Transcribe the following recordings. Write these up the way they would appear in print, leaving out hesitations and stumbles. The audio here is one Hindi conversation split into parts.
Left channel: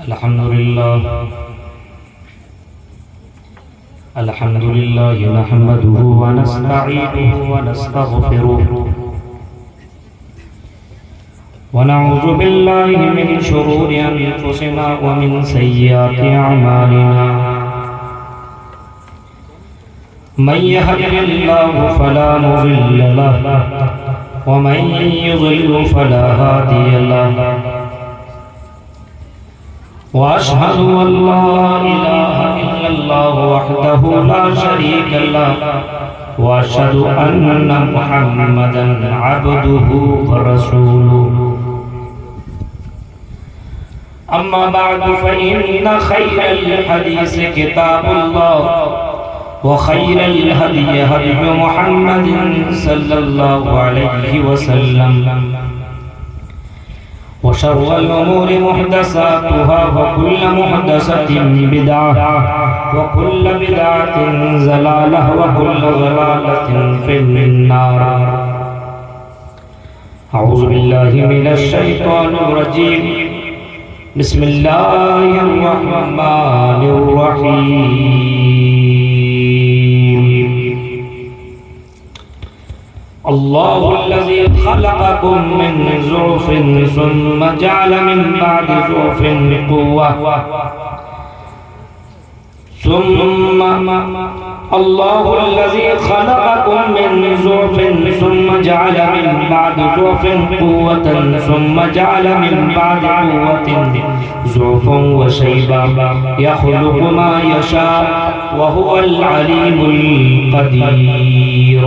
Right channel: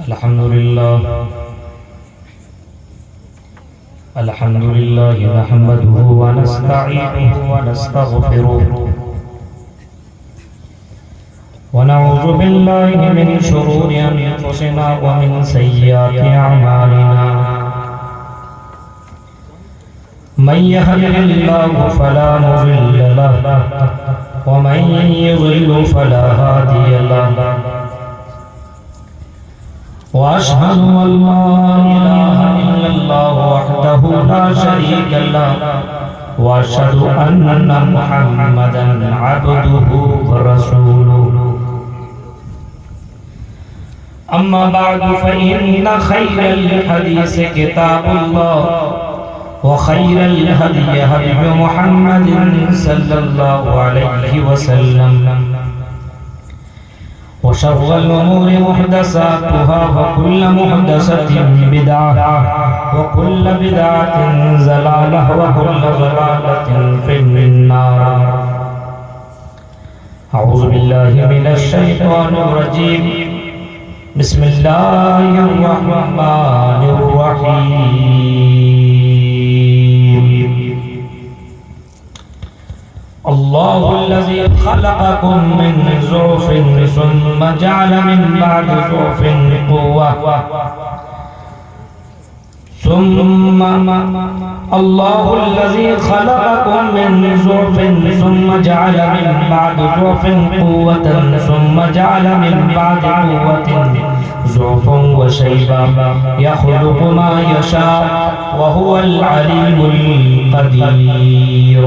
अल्हम्दुलिल्लाह नहमदुहु व नस्तईनुहु व नस्तगफिरुह व नऊज़ु बिल्लाहि मिन शुरूरि अनफुसिना व मिन सय्यिआति अअमालिना मन यहदिहिल्लाहु फला मुज़िल्ल लहु व मन युज़लिल फला हादिय लहु वअशहदु अल्ला इलाहा इल्लल्लाह वहदहु ला शरीक लहु वअशहदु अन्ना मुहम्मदन अब्दुहु व रसूलुहु अम्मा बअदु फइन्न खैरल हदीस किताबुल्लाह व खैरल हदी हदी मुहम्मदिन सल्लल्लाहु अलैहि वसल्लम व शर्रल उमूरि मुहदसातुहा व कुल्लु मुहदसतिन बिदअह व कुल्लु बिदअतिन ज़लालह व कुल्लु ज़लालतिन फिन्नार। अऊज़ु बिल्लाहि मिनश शैतानिर रजीम। बिस्मिल्लाहिर रहमानिर रहीम। अल्लाहुल्लज़ी खलक़कुम मिन ज़ुअफ़िन सुम्मा जअल मिन बअदि ज़ुअफ़िन क़ुव्वह अल्लाहुल्लज़ी खलक़कुम मिन ज़ुअफ़िन सुम्मा जअल मिन बअदि ज़ुअफ़िन क़ुव्वतन सुम्मा जअल मिन बअदि क़ुव्वतिन ज़ुअफ़न व शैबा यख़्लुक़ु मा यशा व हुवल अलीमुल क़दीर।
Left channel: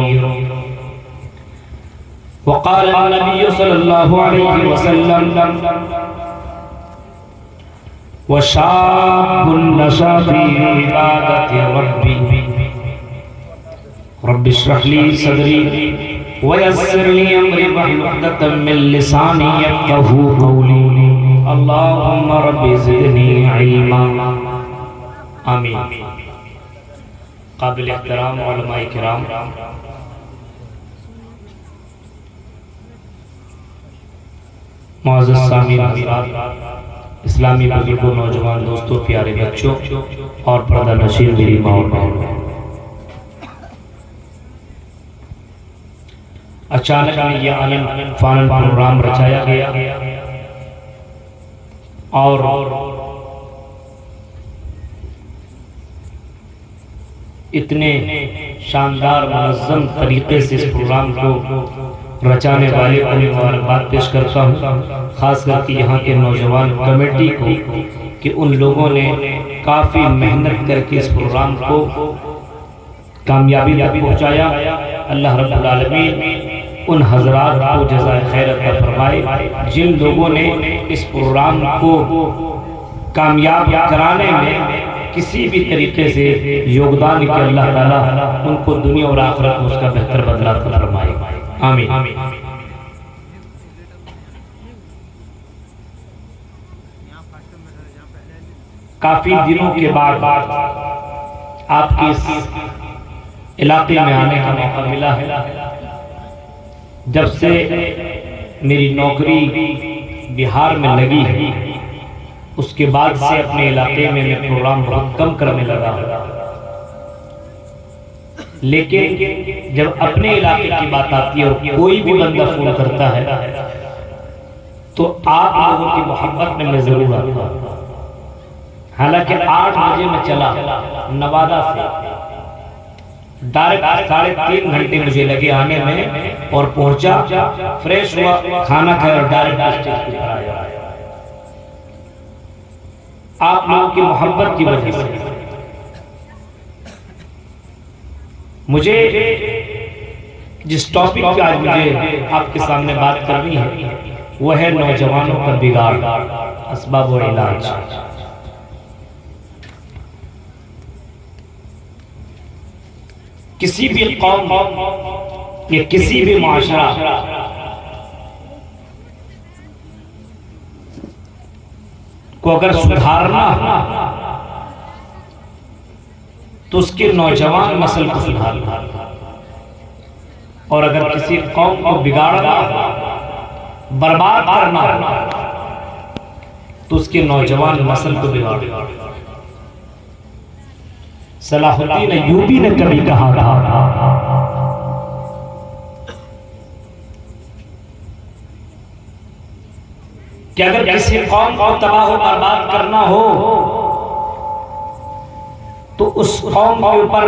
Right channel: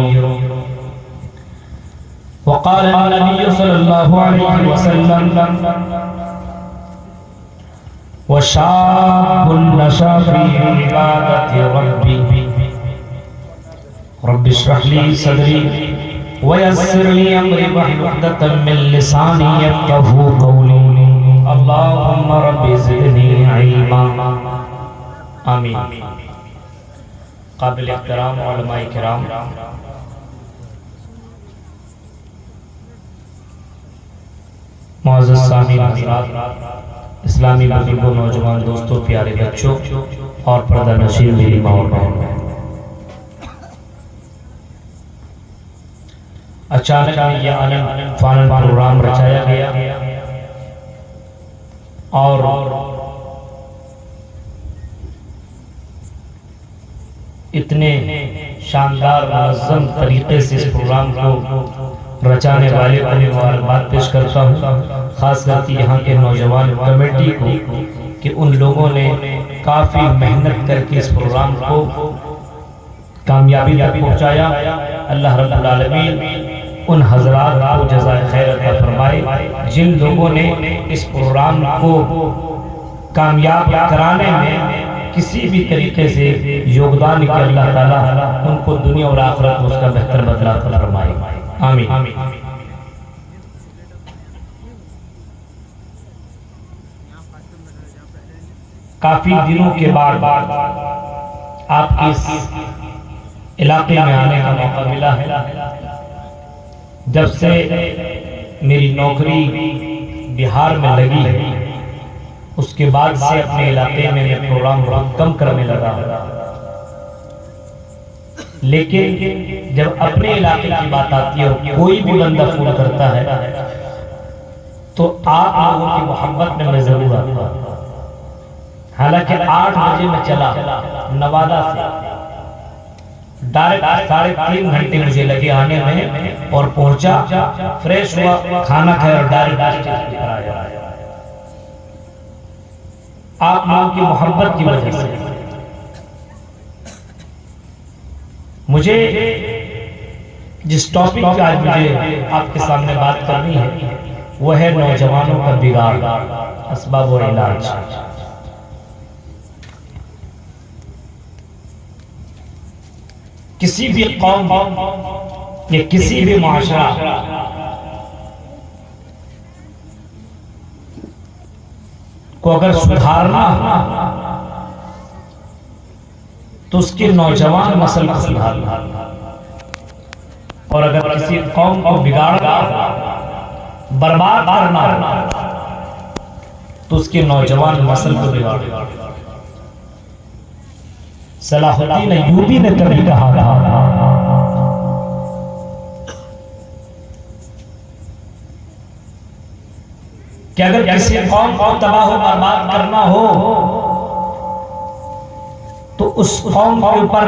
वक़ाल नबी सल्लल्लाहु अलैहि वसल्लम वशाबुन नशा फी इबादति रब्बी रब्बि इश्रह ली सदरी व यस्सिर ली अमरी वहलुल उक़दतम मिन लिसानी यफ़क़हू क़ौली अल्लाहुम्मा रब्बि ज़िदनी इल्मा। आमीन। काबिल एहतराम उलमाए किराम, मुअज़्ज़ज़ सामीन हज़रात, इस्लामी बुजुर्गों, नौजवान दोस्तों, प्यारे बच्चों और पर्दा नशीर मेरी माँ बहन, अचानक यह आनन फानन प्रोग्राम रचाया गया और इतने शानदार मुनज़्ज़म तरीके से इस प्रोग्राम को रचाने वाले को मुबारकबाद पेश करता हूँ, खास करके यहाँ के नौजवान कमेटी को कि उन लोगों ने काफ़ी मेहनत करके इस प्रोग्राम को कामयाबी तक पहुँचाया। अल्लाह रब्बुल आलमीन उन हज़रात को जज़ाए खैर अता फरमाए जिन लोगों ने इस प्रोग्राम को कामयाब कराने में किसी भी तरीके से योगदान किया। अल्लाह ताला उनको दुनिया और आखिरत में उसका बेहतर बदला अता फरमाए। आमीन। काफी दिनों के बाद आपके इस इलाके में आने का मौका मिला है। जब से मेरी नौकरी बिहार में लगी है उसके बाद से अपने इलाके में मैं प्रोग्राम बहुत कम करने लगा, लेकिन जब अपने इलाके की बात आती है और कोई भी बंदा फोन करता है तो आप लोगों की मोहब्बत में मैं जरूर आता हूं। हालांकि 8 बजे मैं चला नवादा से, डायरेक्ट 3.5 घंटे मुझे लगे आने में और पहुंचा, फ्रेश हुआ, खाना खाया और डायरेक्ट स्टेज पर आया। आप लोगों की मोहब्बत की वजह से मुझे जिस टॉपिक पे आज मुझे आपके सामने बात करनी है वह है नौजवानों का बिगाड़, असबाब और इलाज। किसी भी कौम या किसी भी माशरा को अगर सुधारना तो उसके नौजवान नस्ल को सुधारना, और अगर किसी कौम को बिगाड़ना, बर्बाद करना तो तो उसके नौजवान नस्ल को बिगाड़। सलाहुद्दीन अय्यूबी ने कभी कहा था कि अगर किसी कौम को तबाह बर्बाद करना हो तो उस कौम के ऊपर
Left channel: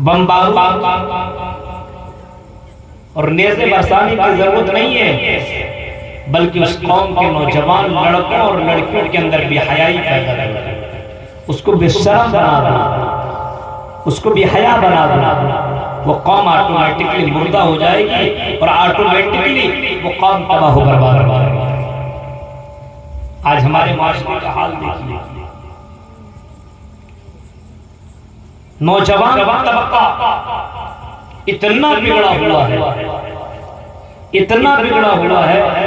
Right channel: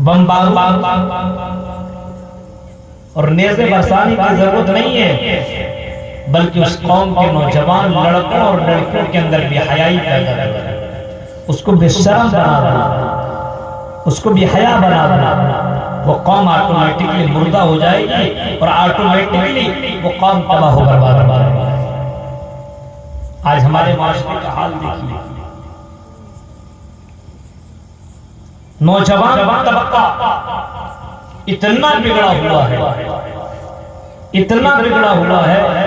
बमबारी और नेज़े बरसाने की जरूरत नहीं है, बल्कि उस कौम के नौजवान लड़कों और लड़कियों के अंदर बेहयाई पैदा करना, उसको बेशर्म बना देना, उसको बेहया बना देना। वो कौम ऑटोमेटिकली मुर्दा हो जाएगी और ऑटोमेटिकली वो कौम तबाह बर्बाद हो जाएगी। आज हमारे माशरे का हाल देखिए, नौजवान तबका इतना बिगड़ा हुआ है, इतना बिगड़ा हुआ है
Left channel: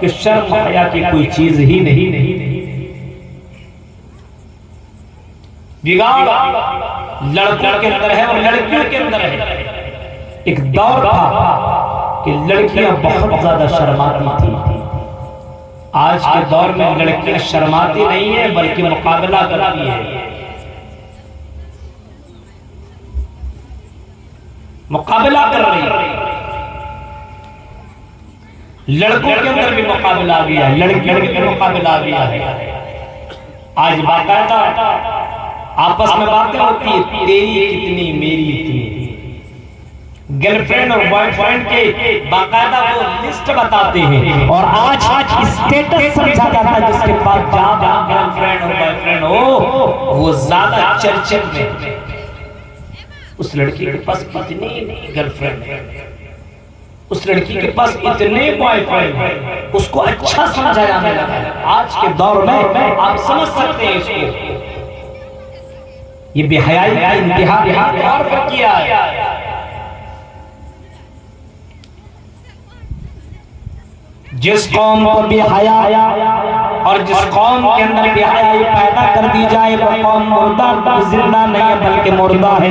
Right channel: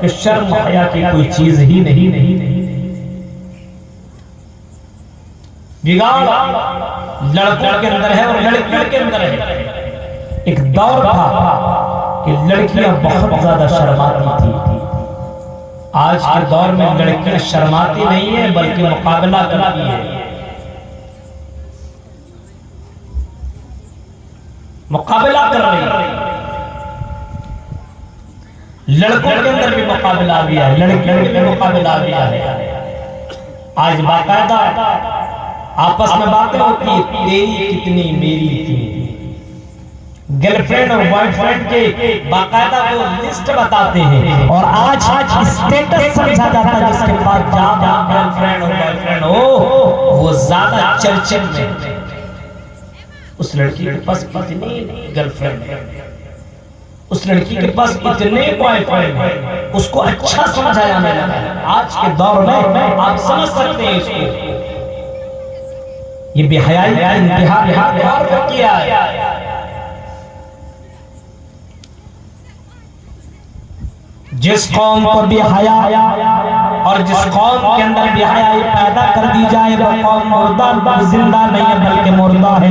कि शर्म हया की कोई चीज ही नहीं। बिगाड़ लड़कों के अंदर है और लड़कियों के अंदर है। एक दौर था कि लड़कियां बहुत ज्यादा शर्माती थी। आज के दौर में लड़कियां शर्माती नहीं है बल्कि मुकाबला करती है, मुकाबला कर रही है। लड़कों के अंदर भी मुकाबला आ गया है, लड़कियों के भी मुकाबला आ गया है। आज बाकायदा आपस में बातें होती है, तेरी कितनी मेरी थी। गर्लफ्रेंड और बॉयफ्रेंड के बाकायदा वो लिस्ट बताते हैं और आज स्टेटस समझा जाता है जिसके पास ज्यादा गर्लफ्रेंड और बॉयफ्रेंड हो वो ज्यादा चर्चे में। उस लड़की के पास कितनी गर्लफ्रेंड है, उस लड़की के पास इतने बॉयफ्रेंड है, उसको अच्छा समझा जाने लगा है। आज के दौर में आप समझ सकते हैं इसको, ये बेहयाई का इंतहा किया है। जिस कौम को बेहया और जिस कौम के अंदर बेहयाई पैदा कर दी जाए वो कौम मुर्दा जिंदा नहीं है बल्कि मुर्दा है।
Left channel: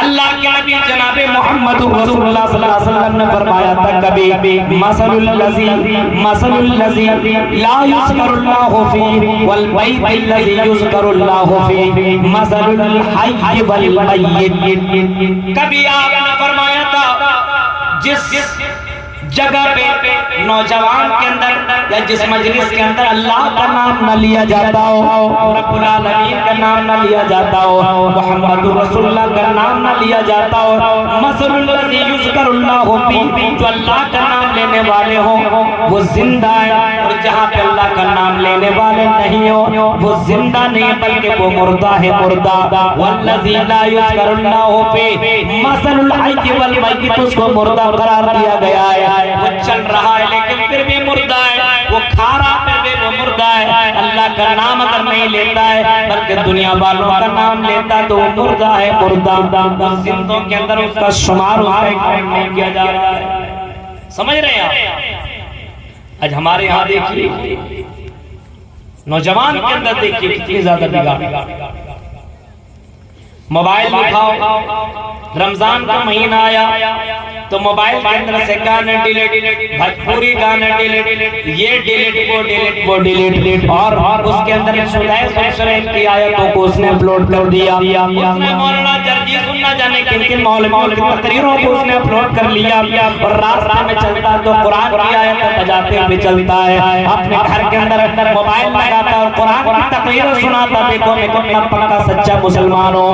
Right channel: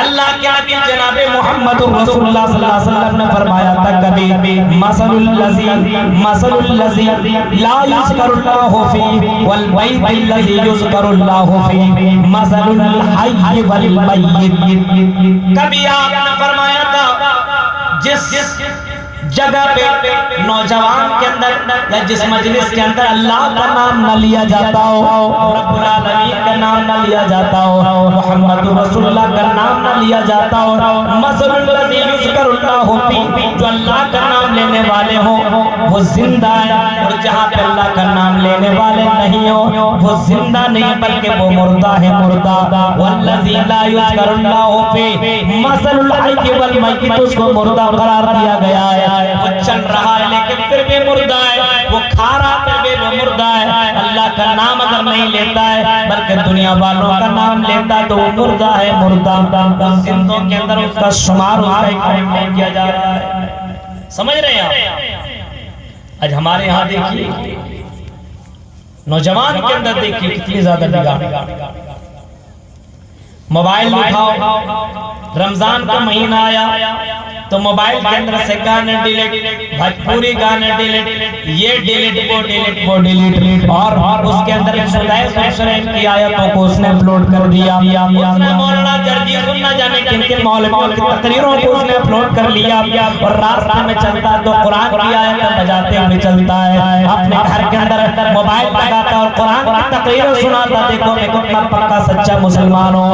अल्लाह के नबी जनाबे मोहम्मद रसूलुल्लाह सल्लल्लाहु अलैहि वसल्लम ने फरमाया था कभी मसलुल लज़ी ला युज़करुल्लाहु फीहि वल बैतिल लज़ी युज़करुल्लाहु फीहि मसलुल हय्य वल मय्यित। कभी आपने फरमाया था जिस जगह पे नौजवान के अंदर या जिस मजलिस के अंदर अल्लाह का नाम न लिया जाता हो, रब्बुल आलमीन का नाम न लिया जाता हो, मोहम्मद रसूलुल्लाह का नाम न लिया जाता हो, मसलुल लज़ी युज़करुल्लाहु फीहि, जो अल्लाह का नाम लेने वाले हो वो जिंदा है, और जहाँ पे अल्लाह का नाम लेने वाले नहीं हो वो जिंदा नहीं बल्कि वो मुर्दा है, मुर्दा। वल्लज़ी ला युज़करुल्लाहु फीहि मसलुल हय्य वल मय्यित, उसको मुर्दा करार दिया गया है। वो चल रहा है लेकिन फिर भी मुर्दा है, वो खा रहा फिर भी वो मुर्दा है। अल्लाह का नाम अगर नहीं लेता है बल्कि दुनिया वालों का नाम लेता तो वो मुर्दा है, मुर्दा। जिंदों के अंदर उसका शुमार उसका एक नहीं किया जा रहा है। समझ रहे हैं आप? आज हमारे यहाँ देखिए नौजवान के अंदर देखिए कितनी ज्यादा बिगाड़। मोबाइल उठाओ, रमजान का महीना आया तो मोबाइल के अंदर से गाने डिलीट, भोजपुरी गाने डिलीट, ये डिलीट वो डिलीट और उसके अंदर की आयतों को उसने अपलोड कर दिया। उसने मौलाना जर्जी सुनना जाने किन मौलवियों की तकरीरों को उसने अपलोड कर लिया और रास्ते में चलता तो कुरान की आयत बजाते हुए चलता है। अपने घर के अंदर मोबाइल लगाता और कुरान की तकरीर सुनाता। देखो मैं कितना पक्का सच्चा मुसलमान हूँ।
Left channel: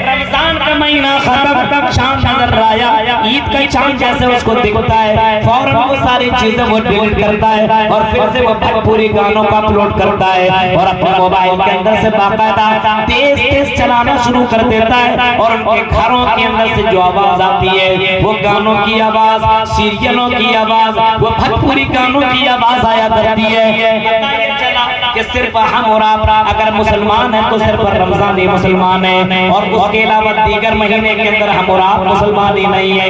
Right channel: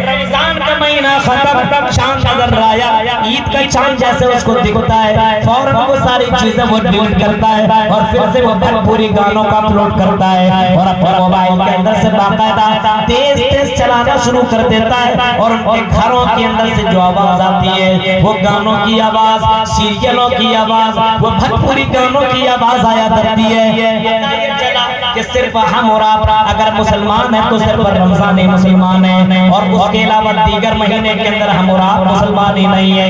रमजान का महीना खत्म, चांद नजर आया, ईद का चांद जैसे उसको दिखता है फौरन वो सारी चीजें वो डिलीट करता है और फिर से वो पूरी गानों का अपलोड करता है और अपने मोबाइल के अंदर से बाकायदा तेज चलाना शुरू कर देता है। और उनके घरों के अंदर से जो आवाज आती है वो गानों की आवाज, सीरियलों की आवाज, वो भोजपुरी गानों की आवाज आया करती है। कि सिर्फ हम और आप अगर मुसलमान हैं तो सिर्फ रमजान ही मुसलमान है और उसके अलावा दीगर महीने के अंदर हम और आप मुसलमान ही नहीं है।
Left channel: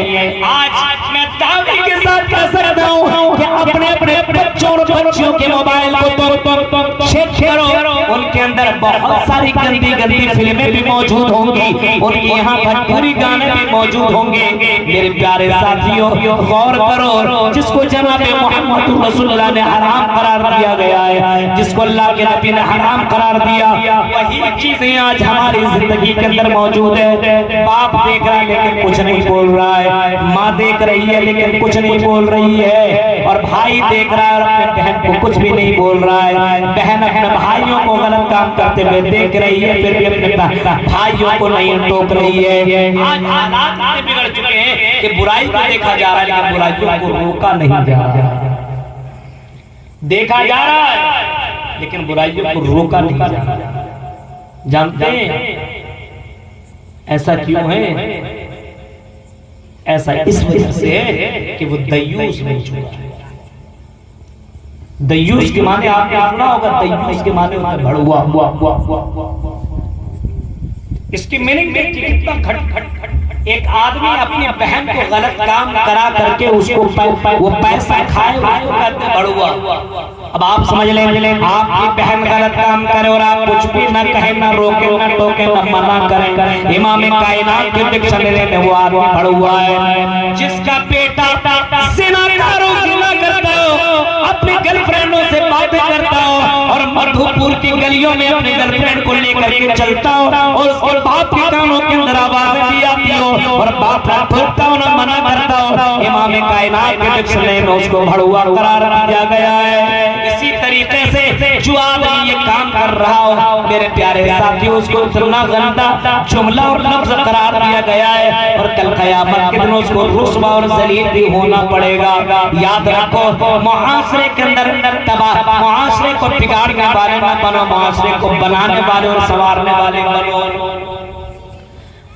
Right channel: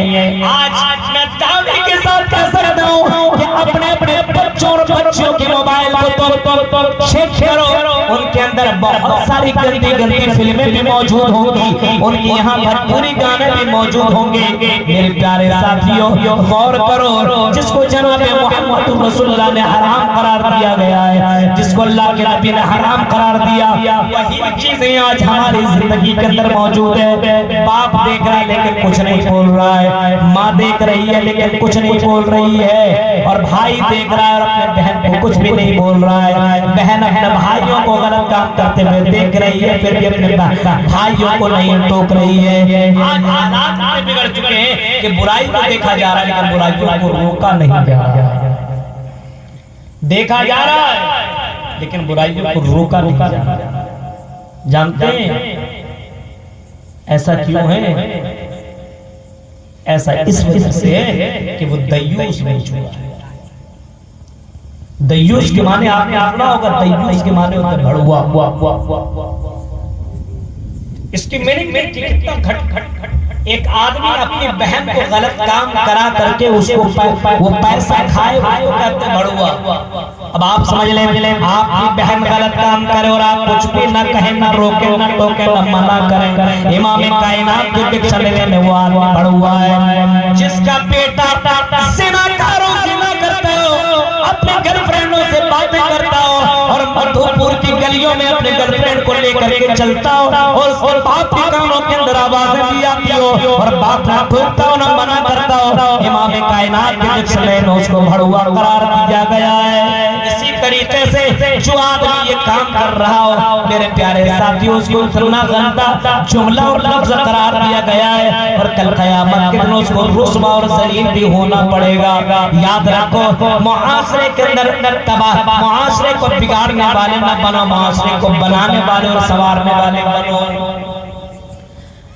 आज मैं दावे के साथ कह सकता हूँ कि अपने बच्चों और बच्चियों के मोबाइल को चेक करो, उनके अंदर बहुत सारी गंदी फिल्म भी मौजूद होंगी, उनके यहाँ भोजपुरी गाने भी मौजूद होंगे। मेरे प्यारे साथियों गौर करो, जिसको जनाब मोहम्मद रसूलुल्लाह ने हराम करार दिया गया है, जिसको अल्लाह के नबी ने हराम करार दिया, वही चीजें आज हमारी जिंदगी के अंदर मौजूद है। बाप देख रहा है लेकिन कुछ नहीं बोल रहा है, माँ देख रही है लेकिन कुछ नहीं बोल रही है, और भाई देख रहा है और अपने बहन को कुछ भी नहीं बोल रहा है। बहन अपने भाइयों को गलत काम करते हुए देख रही है, फिर भी अपने भाइयों को नहीं टोक रही है। आज हालात इतने बिगड़ चुके हैं कि बुराई को देखा जा रहा है लेकिन बुराइयों को रोका नहीं जा रहा। देखा जा रहा है लेकिन बुराइयों को रोका नहीं जा रहा। जानते हैं ऐसा क्यों है? ऐसा इस वजह से कि वो दय्यूस बन चुका है। दय्यूस के माने आपने सुना होगा, दय्यूस के माने होता है भड़ुआ। इसकी मीनिंग कितना खट एक आदमी अपनी बहन को गलत काम करा करके उसको वो पैसा खाए, उसको कहते हैं भड़ुआ। अब आप समझ ले, आपकी बहन गलत काम करे और आप कुछ भी न कहें, न रोके, न टोके, न मना करें, इमाम कायनात के दीक्षा लेने में वो आदमी भड़ुआ है। जिसका बेटा जिना करता हो, अपनी गर्लफ्रेंडों से बातें करता हो और मधुपुर की गलियों में अपने गर्लफ्रेंड को लेकर के चलता हो और उसके बाप की कानों के अंदर आवाजें दी आती हो और बाप ना ठोकता हो ना मना करता हो, इमाम कायनात के दीक्षा लेने में उसको भड़ुआ करार दिया गया है। इसी तरीके से जो आदमी ये काम कर रहा हो, मेरे प्यारे साथियों, उसको इतना गंदा जुमला और लफ्ज करार दिया गया है और कल क़यामत के दिन उसको रुस्वा और जलील भी होना पड़ेगा। याद रखो, मुआशरे के अंदर तबाह, मुआशरे को बिगाड़ने वाले न बनो, मुआशरे को बनाने वाले और संवारने वाले बनो।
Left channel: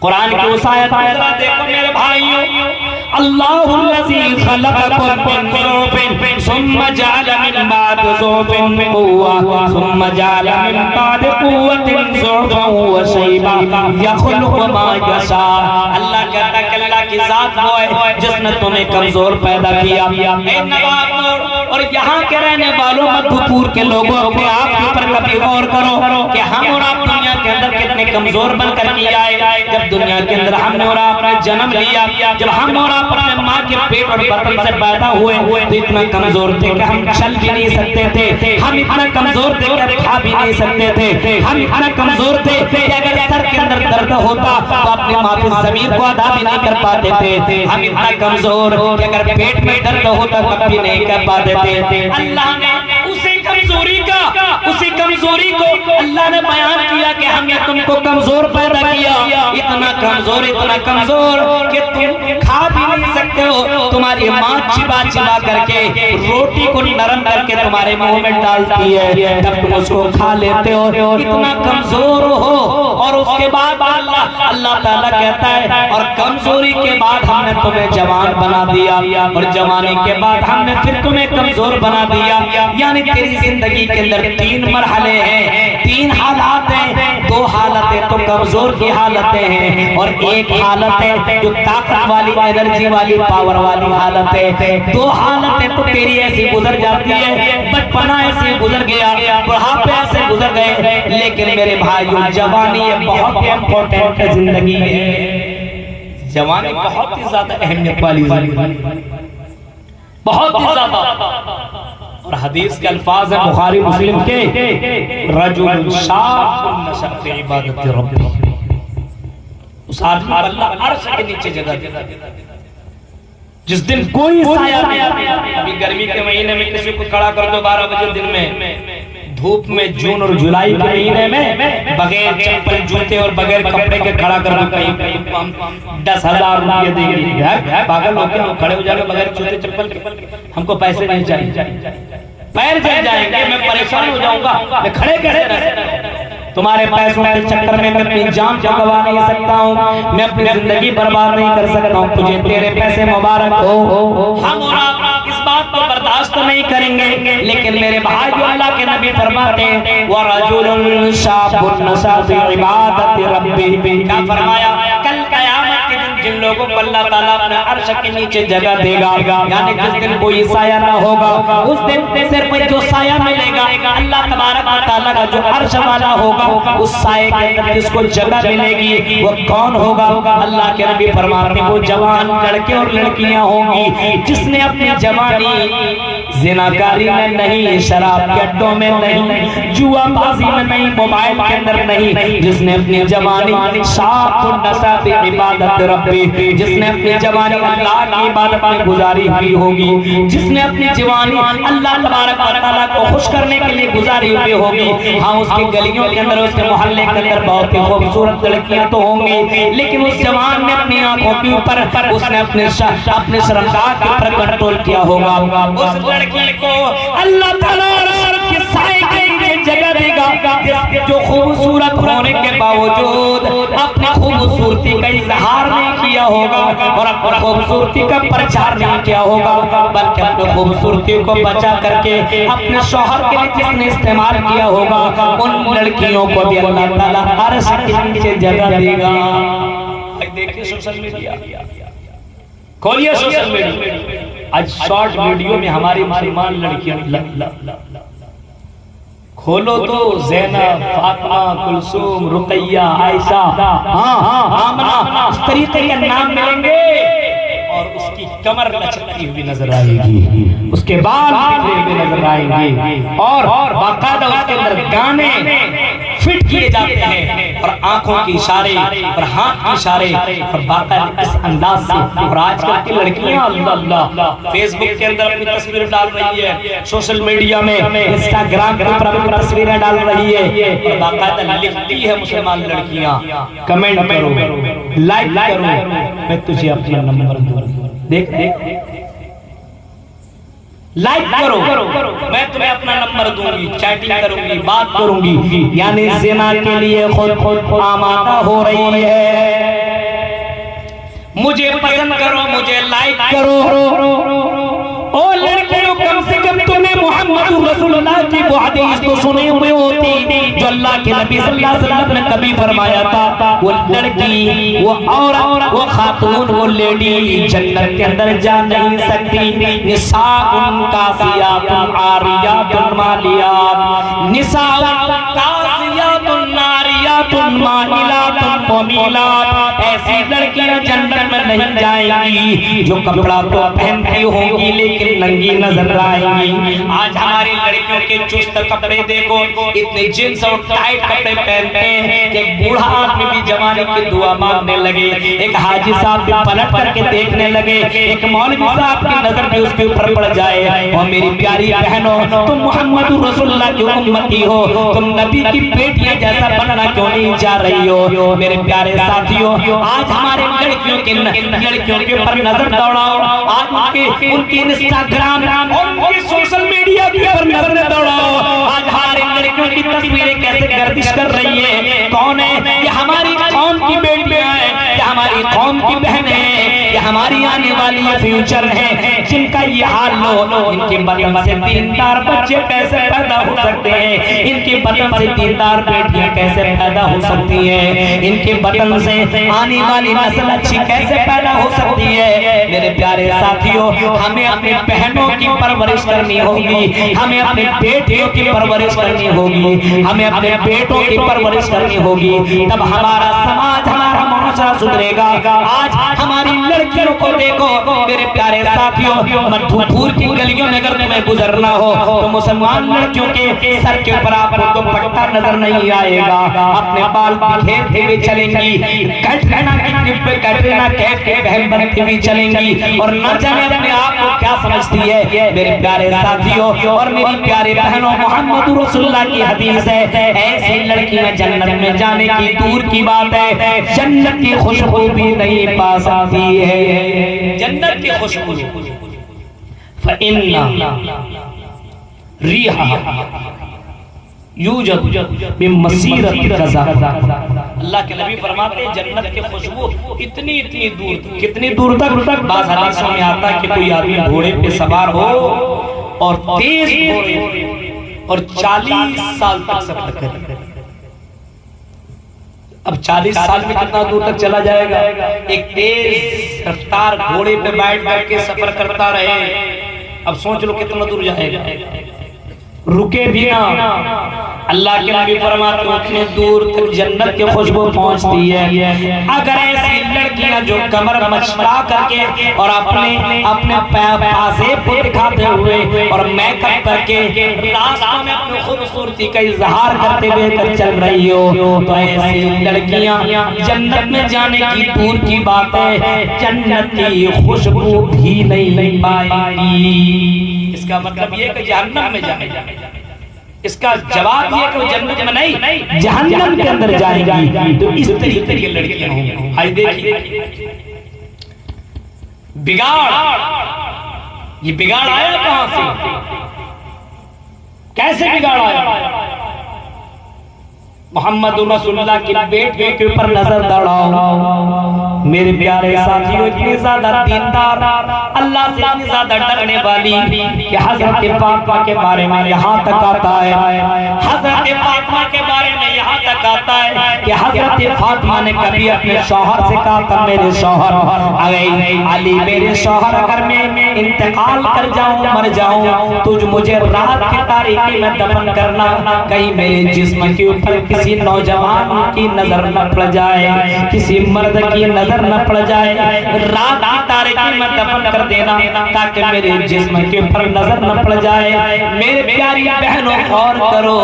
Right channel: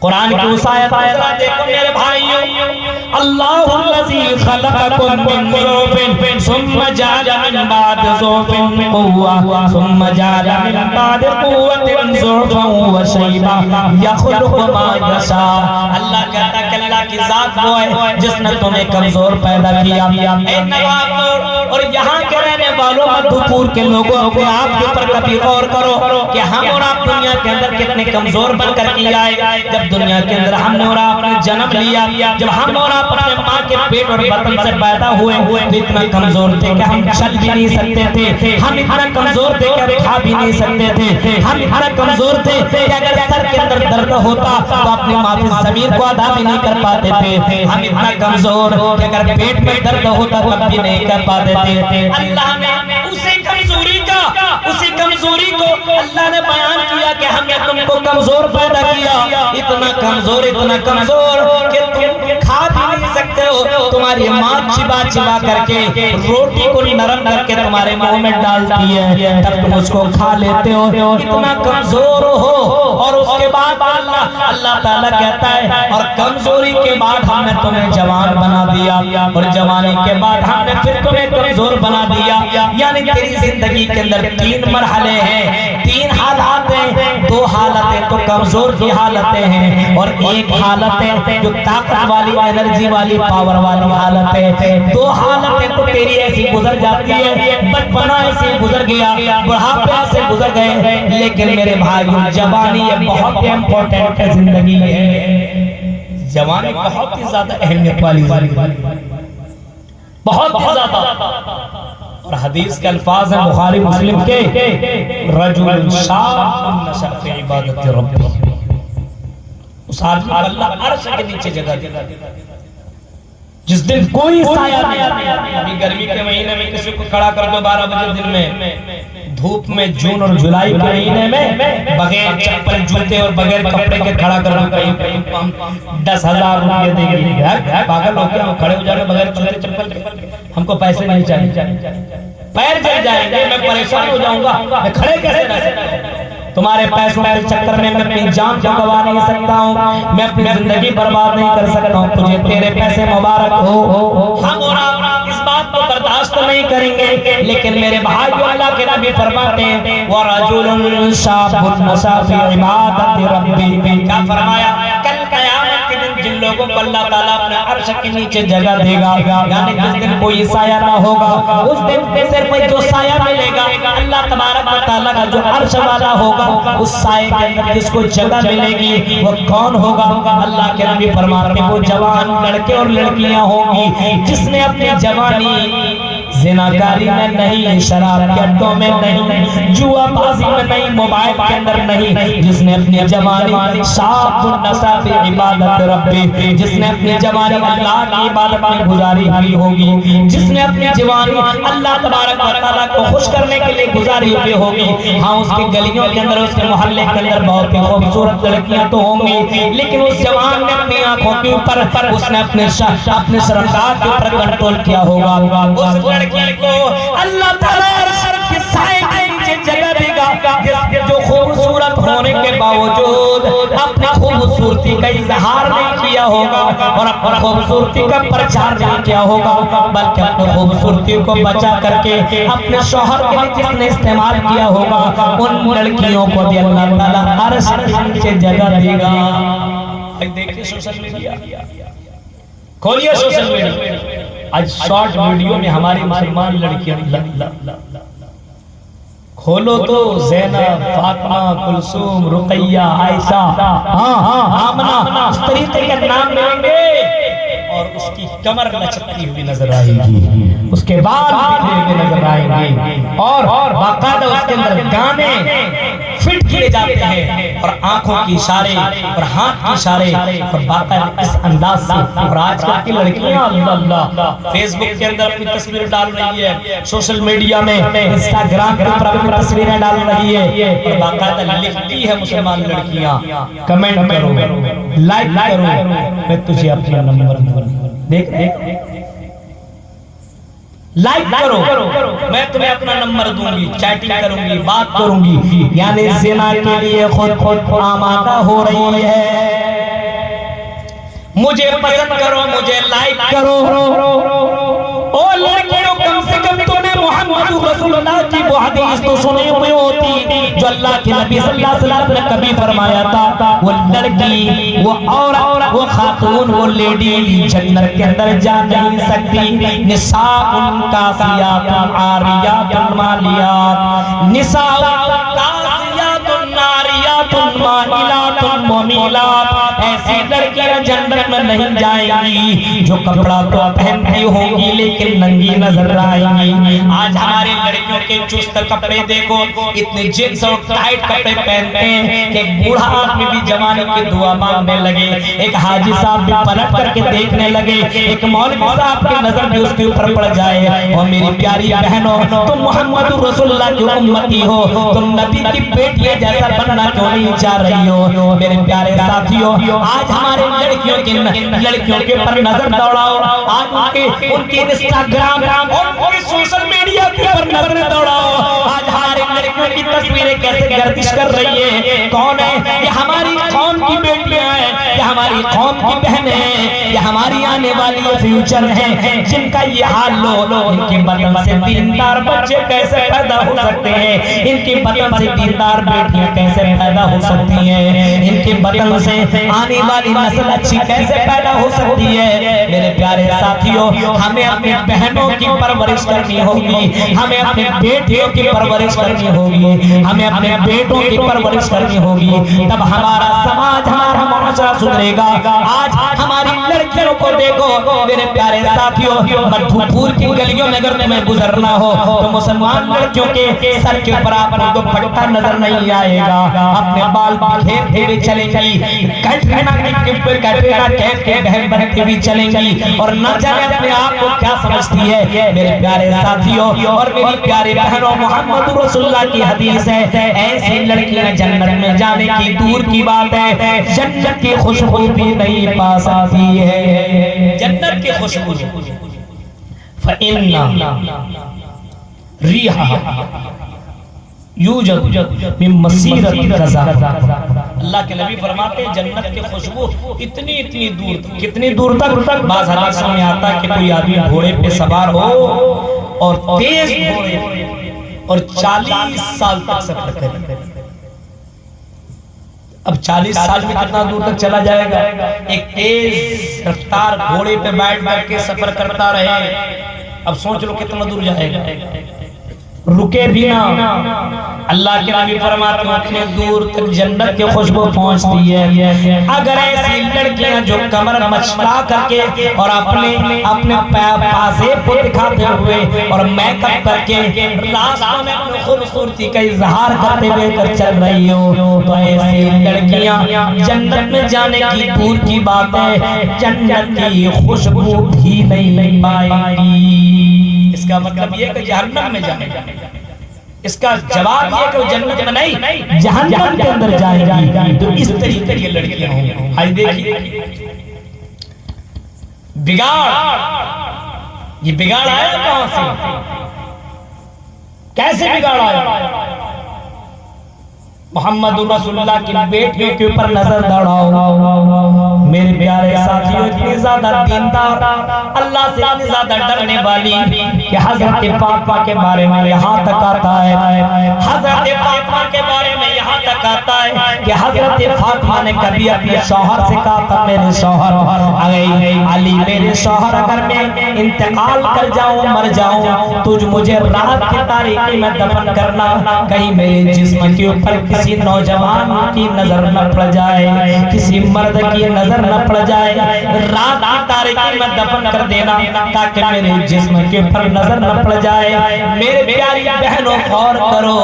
कुरान की उस आयत को जरा देखो मेरे भाइयों, अल्लाहुल्लज़ी खलक़कुम मिन ज़ुल्फिन सुम्मा जअला मिन बाद ज़ुल्फिन क़ुव्वा सुम्मा जअला मिन बाद क़ुव्वतिन ज़ुल्फन व शैबा यख़लुक़ु मा यशा। अल्लाह कहता है कि अल्लाह की जात वो है जिसने तुम्हें कमजोर पैदा किया। ए नवाब और यहाँ के रहने वालों मधुपुर के लोगों को आपके ऊपर कभी गौर करो कि हम और आप दुनिया के अंदर कितने कमजोर बनकर के आए। जब दुनिया के अंदर हमने और आपने जन्म लिया, जब हम और आप अपने माँ के पेट और बटन से पैदा हुए तो इतना कमजोर थे कि हम चल भी नहीं सकते थे, हम इतना कमजोर थे कि हम खा भी नहीं सकते थे, हम इतना कमजोर थे कि अगर सर के अंदर दर्द होता तो अपनी माँ की ज़मीर को अदा भी नहीं कर पाते थे, हम इतना कमजोर कि अगर पेट में दर्द होता तब भी नहीं कर पाते थे। अल्लाह ने उसी कमजोरी को अल्लाह ने बयान किया कि हमने तुमको कमजोर पैदा किया, इतना कमजोर कि तुम खा भी नहीं सकते हो। तुम्हारी माँ चिबा करके रोटी को नरम करके तुम्हारे मुंह में डालती है, तब तुम उसको खा लेते हो, इतना कमजोर हो। और उसके बाद अल्लाह ताला कहता है और कमजोरी के बाद हमने तुम्हें जवान बना दिया और जवानी के बाद हमने फिर तुम्हें कमजोर बना दिया। यानी तेरी जिंदगी के अंदर 3 मरहले हैं, 3 हालात हैं। 2 हालतें तो कमजोर की हालतें हैं और एक हालत है जो ताकत वाली, एनर्जी वाली, पावर वाली हालत है। 2 हालतें तो तेरी ऐसी गुजर जाती है, बचपना ऐसे गुजर गया, बुढ़ापे ऐसे गुजर गए, लेकिन मेरे भाइयों जवानी बहुत इम्पोर्टेंट है जिंदगी में। जवानी बहुत ही ज्यादा अहमियत वाली, बहुत ही ज्यादा। और हदीस के अल्फाज है बुखारी मुस्लिम के, रजुल शाबुन नशअ फी इबादति रब्बी, उस आदमी को अल्लाह अर्श के नीचे जगह देगा जिस दिन कोई साया नहीं। अभी गर्मी के महीने में किसी को खड़ा कर दो 12 बजे दिन में, धूप में जून और जुलाई के महीने में बगैर चप्पल जूते और बगैर कपड़े के खड़ा कर दो, कहीं 10,000 रुपये देंगे। पागल होकर हम खड़े हो जाएंगे बगैर जूते चप्पल, हमको पैसे नहीं चाहिए, पैर जल जाएंगे, मैं परेशान हो जाऊंगा, मैं खड़े कैसे रह सकता? तुम्हारे पैसों के चक्कर में मैं अपनी जान गंवा नहीं सकता हूँ, मैं अपनी जिंदगी बर्बाद नहीं कर सकता हूँ। तुझे तेरे पैसे मुबारक हो। हम और आप इस बात को बर्दाश्त नहीं करेंगे, लेकिन मेरे भाई अल्लाह के नबी फरमाते हैं व रजुलुन शाबुन नशअ फी इबादति रब्बी। क्या फरमाया? कल क़यामत के दिन जिन लोगों को अल्लाह ताला अपने अर्श के नीचे जगह देगा, यानी जिस दिन कोई साया ना होगा, उस दिन सिर्फ जो साया मिलेगा अल्लाह तबारक व तआला का जो अर्श वाला होगा उस साए के अंदर जिसको जगह मिलेगी वो कौन होगा? अल्लाह के नबी फरमाते वो जवान लड़के और लड़कियां होंगी जिसने अपनी जवानी ज़िनाकारी में नहीं, शराब के अड्डों में नहीं, जुआबाजी में नहीं, मोबाइल के अंदर नहीं, जिसने अपनी जवानी शाबुन नशा बि इबादत रब्बी, जिसने अपनी जवानी अल्लाह की इबादत में गुजारी हुई होगी, जिसने अपनी जवानी अल्लाह तबारक व तआला को खुश करने के लिए गुजारी हुई होगी। हाँ, उसकी गलियों के अंदर, उसके मोहल्ले के अंदर बहुत ही खूबसूरत लड़कियां तो होंगी, लेकिन उस जवान ने अपनी आंखों के ऊपर उसने अपने शर्मगाह के ऊपर कंट्रोल किया होगा। उस लड़की को अल्लाह ताला के साए के नीचे जगह देगा, जिसके जो खूबसूरत होने के बावजूद अपनी खूबसूरती का इजहार नहीं किया होगा और अपनी खूबसूरती का प्रचार नहीं किया होगा, बल्कि अपनी खूबसूरती को बचा करके अपने शौहर के लिए जिसने इस्तेमाल किया होगा, उन लड़कियों को भी अल्लाह ताला अर्श के नीचे जगह देगा। देखिए सोशल मीडिया, खोलिए सोशल मीडिया, आज शॉर्ट वीडियो में हमारी मुसलमान लड़कियां खोलो तो ज़ैनब, फातिमा, कुलसूम, रुकैया, आयशा, आमना, इस तरीके के नाम मिलेंगे और उसकी कमर लचकती हुई नजर आएगी, उसके बाल बिखरे हुए नजर आएंगे और बाकायदा उसके अंदर गाने फिट किए जाते हैं और आंखों की इशारे और हाथ की इशारे और बाकायदा इस अंदाज से। और आजकल की लड़कियां अल्लाह फेसबुक के अंदर अपनी तस्वीरें डाल रही है, सोशल मीडिया में इंस्टाग्राम के ऊपर अपनी तस्वीरें डाल रही है, बाकायदा लिखती है मुसलमान लड़कियां, कमेंट करो, लाइक करो, मैं तुझे अपना नंबर दूंगा, देख लाइक करो, मैं तुम्हें अपना नंबर दूंगी, चैटिंग करूंगी, बात करूंगी, यानी ज़िना के लिए खुद आमादा हो रही है। मुझे पसंद करो, मुझे लाइक करो। ओ लड़कियों, कम से कम तुमने मोहम्मद रसूलुल्लाह की वो हदीस तो सुनी हुई होती जो अल्लाह के नबी सल्लल्लाहु अलैहि वसल्लम ने कभी फरमाया था, वो लड़की, वो औरत, वो खातून, वो लेडी जन्नत के अंदर जा नहीं सकती। निसाउन कासियातुन आरियातुन मालियात, निसाउन कासियातुन नारियातुन माइलातुन मुमिलात, ऐसी लड़कियां जन्नत में नहीं जाएंगी जो कपड़ा तो पहनती होंगी लेकिन नंगी नजर आएंगी। आज हमारे लड़कियों के चुस्त कपड़े देखो, इतने जींस और टाइट कपड़े पहनते हैं कि एक बूढ़ा आदमी भी जवानी की दुआ मांगने लगे, एक हाजी साहब भी पलट करके देखने लगे, एक मौलवी साहब की नजर भी उसके ऊपर पड़ जाए। और मेरी प्यारी बहनों, तुम मोहम्मद रसूलुल्लाह की उम्मती हो, तुम नबी की बेटियां जैसा बनना क्यों नहीं चाह रही हो? मेरे प्यारे साथियों, आज हमारे लड़कियों के ऊपर नजर दौड़ाओ, आज उनके इंस्टाग्राम और उनके सोशल मीडिया के ऊपर नजर दौड़ाओ। आज हमारे लड़कियों की तस्वीरें कैसे गर्दिश कर रही है, कौन है ये? हमारी कौम की बेटियां हैं, ये हमारी कौम की बहनें हैं, ये हमारी आने वाली फ्यूचर है, जिनका ये हाल लो। इनके बदन से दीनदार बच्चे कैसे पैदा हो सकते हैं? इनके बदन से दीनदार बेटियां कैसे पैदा हो सकती हैं? इनके बदन से आने वाली नस्ल अच्छी कैसे पैदा हो सकती है? मेरे प्यारे साथियों, हमें अपनी बहनों की परवरिश करनी होगी, हमें अपने बेटियों की परवरिश करनी होगी, हमें अपने बेटों की परवरिश करनी होगी, तब हमारा समाज, हमारा माशरा सुधरेगा। आज हमारी लड़कियों को देखो मेरे प्यारे साथियों, मधुपुर की गलियों में अगर तुम्हें गुजरना हो तो मुसलमान लड़कियों के सर के ऊपर आपको पट्टा नजर नहीं आएगा, अपने बाल बिखेरते हुए चलेंगी, कैटरीना कैफ के बहन बनते हुए चलेंगी और न जाने अपने आप को क्या समझती है। मेरे प्यारे साथियों और मेरी प्यारे बहनों, मोहम्मद रसूलुल्लाह की हदीस है, ऐसी लड़कियां जन्नत में जाने की दूर की बात है, जन्नत की खुशबू भी नहीं पा सकती है। जन्नत की खुशबू फइन्ना रिहा यूजद मिन मसीरत कज़ा। अल्लाह के नबी फरमाते हैं जन्नत की खुशबू इतनी दूर तक, कितनी दूर तक? बाज़ हदीसों में आता है कि कोई आदमी घोड़े पे सवार हो और तेज घोड़े पे और 40 साल तक सफर करे। अब 40 साल में कितना दूर तक चला जाएगा? एक तेज रफ्तार घोड़े पे बैठ करके सफर करता रहे, अब सोच लो कितना दूर जाएगा। रुके भी ना, अल्लाह के नबी फरमाते हैं उतने दूर तक जन्नत की खुशबू पहुंचती है। अगर ऐसी लड़कियां जो कमर मचका करके और अपने अपने पासे पे दिखाते हुए और मेकअप करके रास्तों में अपनी खूबसूरती का इजहार करते हुए चल रही हो, तो ऐसी लड़कियां जन्नत में जाने की दूर की बात है, जन्नत की खुशबू भी नहीं पाएंगी। इसका मतलब ये कि जहन्नम में जाने, इसका जवाब ये कि वो जन्नत में नहीं जहन्नम के अंदर जाएगी। तो इस तरीके की लड़कियां होंगी। आज देखिए बिगाड़, ये बिगाड़ आया कहां से, कैसे बिगाड़ आया? मोहम्मद रसूलुल्लाह की बेटी के ऊपर नजर दौड़ाओ मेरे प्यारे साथियों, इतनी ज्यादा दीनदार, अल्लाह से इतनी ज्यादा डरने वाली कि हजरत फातिमा के बारे में यहाँ तक आता है, हजरत फातिमा के बारे में यहाँ तक आता है कि हजरत फातिमा ने कभी अपने शौहर से कहा था, मेरे शौहर अली, मेरे शौहर अगर मैं इंतकाल कर जाऊं, मर जाऊं, तुझ मुझे रात की तारीकी में दफन करना, कहीं मेरे जिस्म के ऊपर किसी नौजवान की नजर न पड़ जाए, किसी मर्द की नजर न पड़ जाए, रात की तारीकी में दफन कर देना ताकि मेरे जिस्म के ऊपर नजर न पड़ जाए। मेरे प्यारी बहनों गौर करो,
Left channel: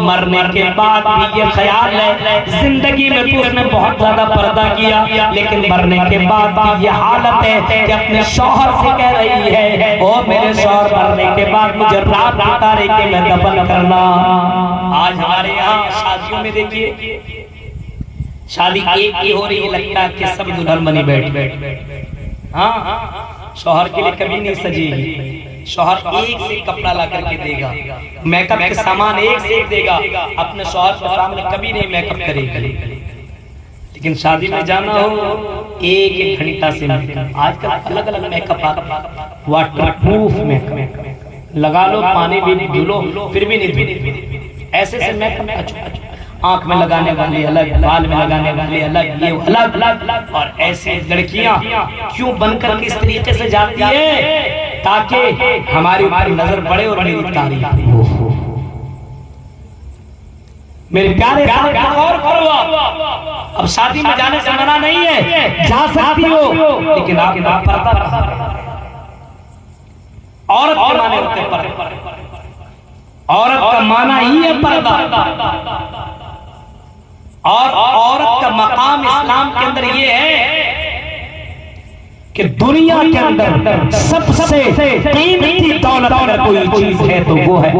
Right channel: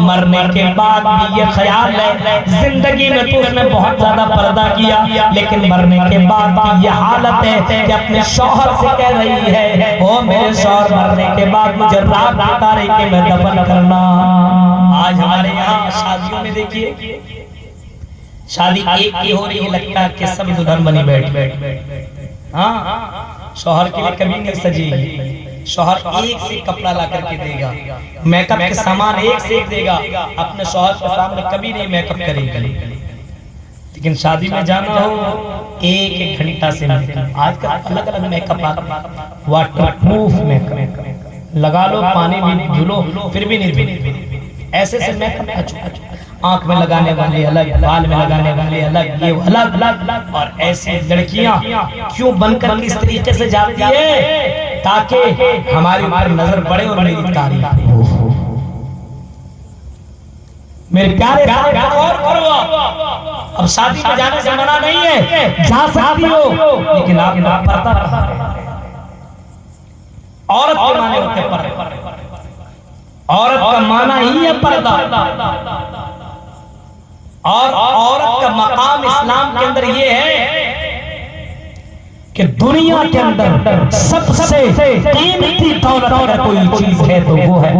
मरने के बाद भी ये ख्याल है, जिंदगी में तो उसने बहुत ज्यादा पर्दा किया, लेकिन मरने के बाद भी ये हालत है कि अपने शौहर से कह रही है, ओ मेरे शौहर मरने के बाद मुझे रात की तारीकी में दफन करना। आज हमारे यहाँ शादियों में देखिए, शादी एक ही हो रही है, लगता है कि सब दुल्हन बनी बैठ, हाँ शौहर के लिए कभी नहीं सजेगी, शौहर एक से कपड़ा ला करके देगा, मेकअप के सामान एक से एक देगा, अपने शौहर के सामने कभी नहीं मेकअप करेगा। लेकिन शादी में जाना हो एक एक घंटा से मेकअप, आजकल अलग अलग मेकअप आता, वाटर प्रूफ मेकअप लगा लो, पानी भी धुलो फिर भी नहीं, ऐसे से मेकअप, आंख में लगाने वाले अलग, बाल में लगाने वाले अलग, ये अलग। और ऐसी लड़कियां क्यों बनकर इस तरीके से जाती है ताकि हमारी ऊपर नजर पड़े और मेरी तारीफ हो। मेरे प्यारे और करो, अब शादी में जाने से मना नहीं है, जा सकती हो, लेकिन आप पर्दा औरत के माने होते पर्दा, औरत का माना ही है पर्दा, और औरत का मकाम इस्लाम के अंदर ये है कि दुनिया के अंदर सबसे कीमती दौलत अगर कोई चीज है तो वो है,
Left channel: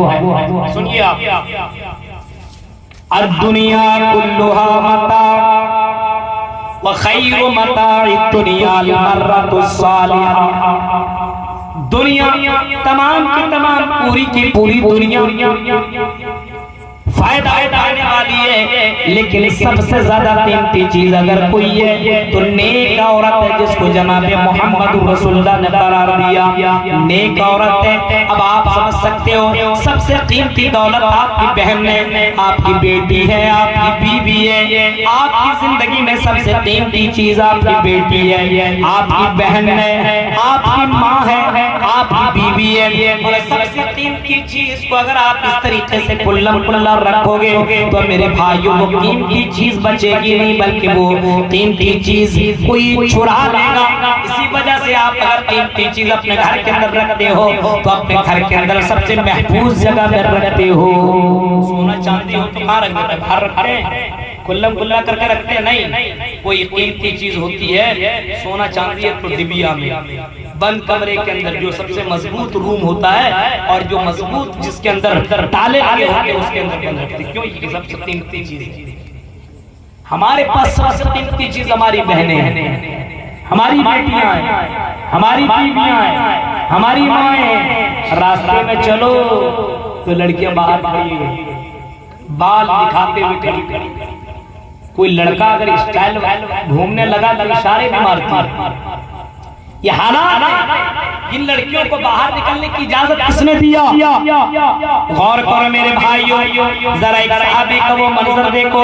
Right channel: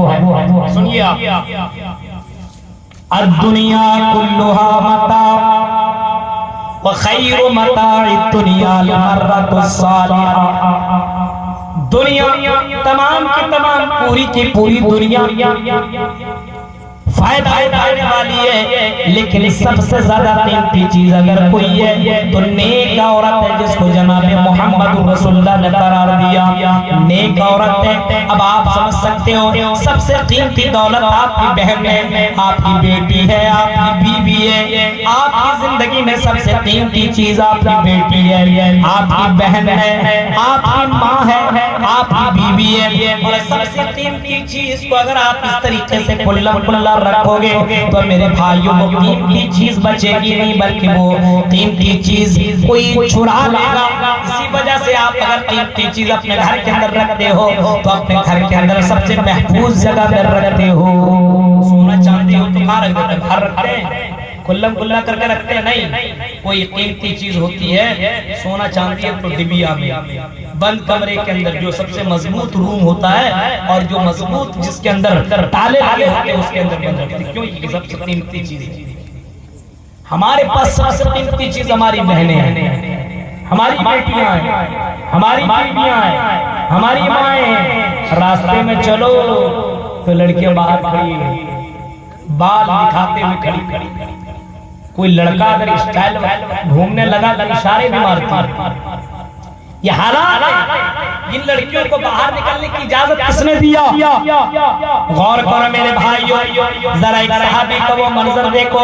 सुनिए आप, दुनिया कुल्लुहा मता व खैरु मताइ दुनिया अल-मर्रतुस सालिहा। दुनिया तमाम की तमाम पूरी की पूरी दुनिया फायदा उठाने वाली है, लेकिन सबसे ज्यादा कीमती चीज अगर कोई है तो नेक औरत है, जिसको जनाबे मोहम्मद रसूलुल्लाह ने करार दिया नेक औरत है। अब आप समझ सकते हो, सबसे कीमती दौलत आपकी बहन है, आपकी बेटी है, आपकी बीवी है, आपकी जिंदगी में सबसे कीमती चीज आपकी बेटी है, आपकी बहन है, आपकी माँ है, आपकी बीवी है। ये सबसे कीमती चीज को अगर आप इस तरीके से खुल्लम खुल्ला रखोगे तो मेरे भाइयों वो कीमती चीज बचेगी नहीं, बल्कि वो कीमती चीज कोई चुरा लेगा। इसी वजह से आप अगर कीमती चीज अपने घर के अंदर रखते हो तो अपने घर के अंदर सबसे महफूज जगह पर रखते हो। सोना चांदी हो तो कहाँ रखते हैं? बाहर रखते हैं, खुल्लम खुल्ला करके रखते हैं नहीं। कोई कीमती चीज होती है, सोना चांदी है तो डिबिया में बंद कमरे के अंदर, जो सबसे मजबूत रूम होता है और जो मजबूत जिसके अंदर ताले लगे होते हैं उसके अंदर बंद रखते हैं। क्यों? ये सबसे कीमती चीज है। हमारे पास सबसे कीमती चीज हमारी बहनें हैं, हमारी बेटियां हैं, हमारी बीवियां हैं, हमारी माएं हैं। रास्ते में चलो तो लड़कियां बाहर खड़ी है, बाल दिखाते हुए खड़ी। कोई लड़का अगर स्टाइल घूमने लगा तो इशारे भी मारती है। ये हालात है, इन लड़कियों को बाहर निकलने की इजाजत किसने दिया? गौर करो मेरे भाइयों, जरा एक सहाबी का वो मंजर देखो।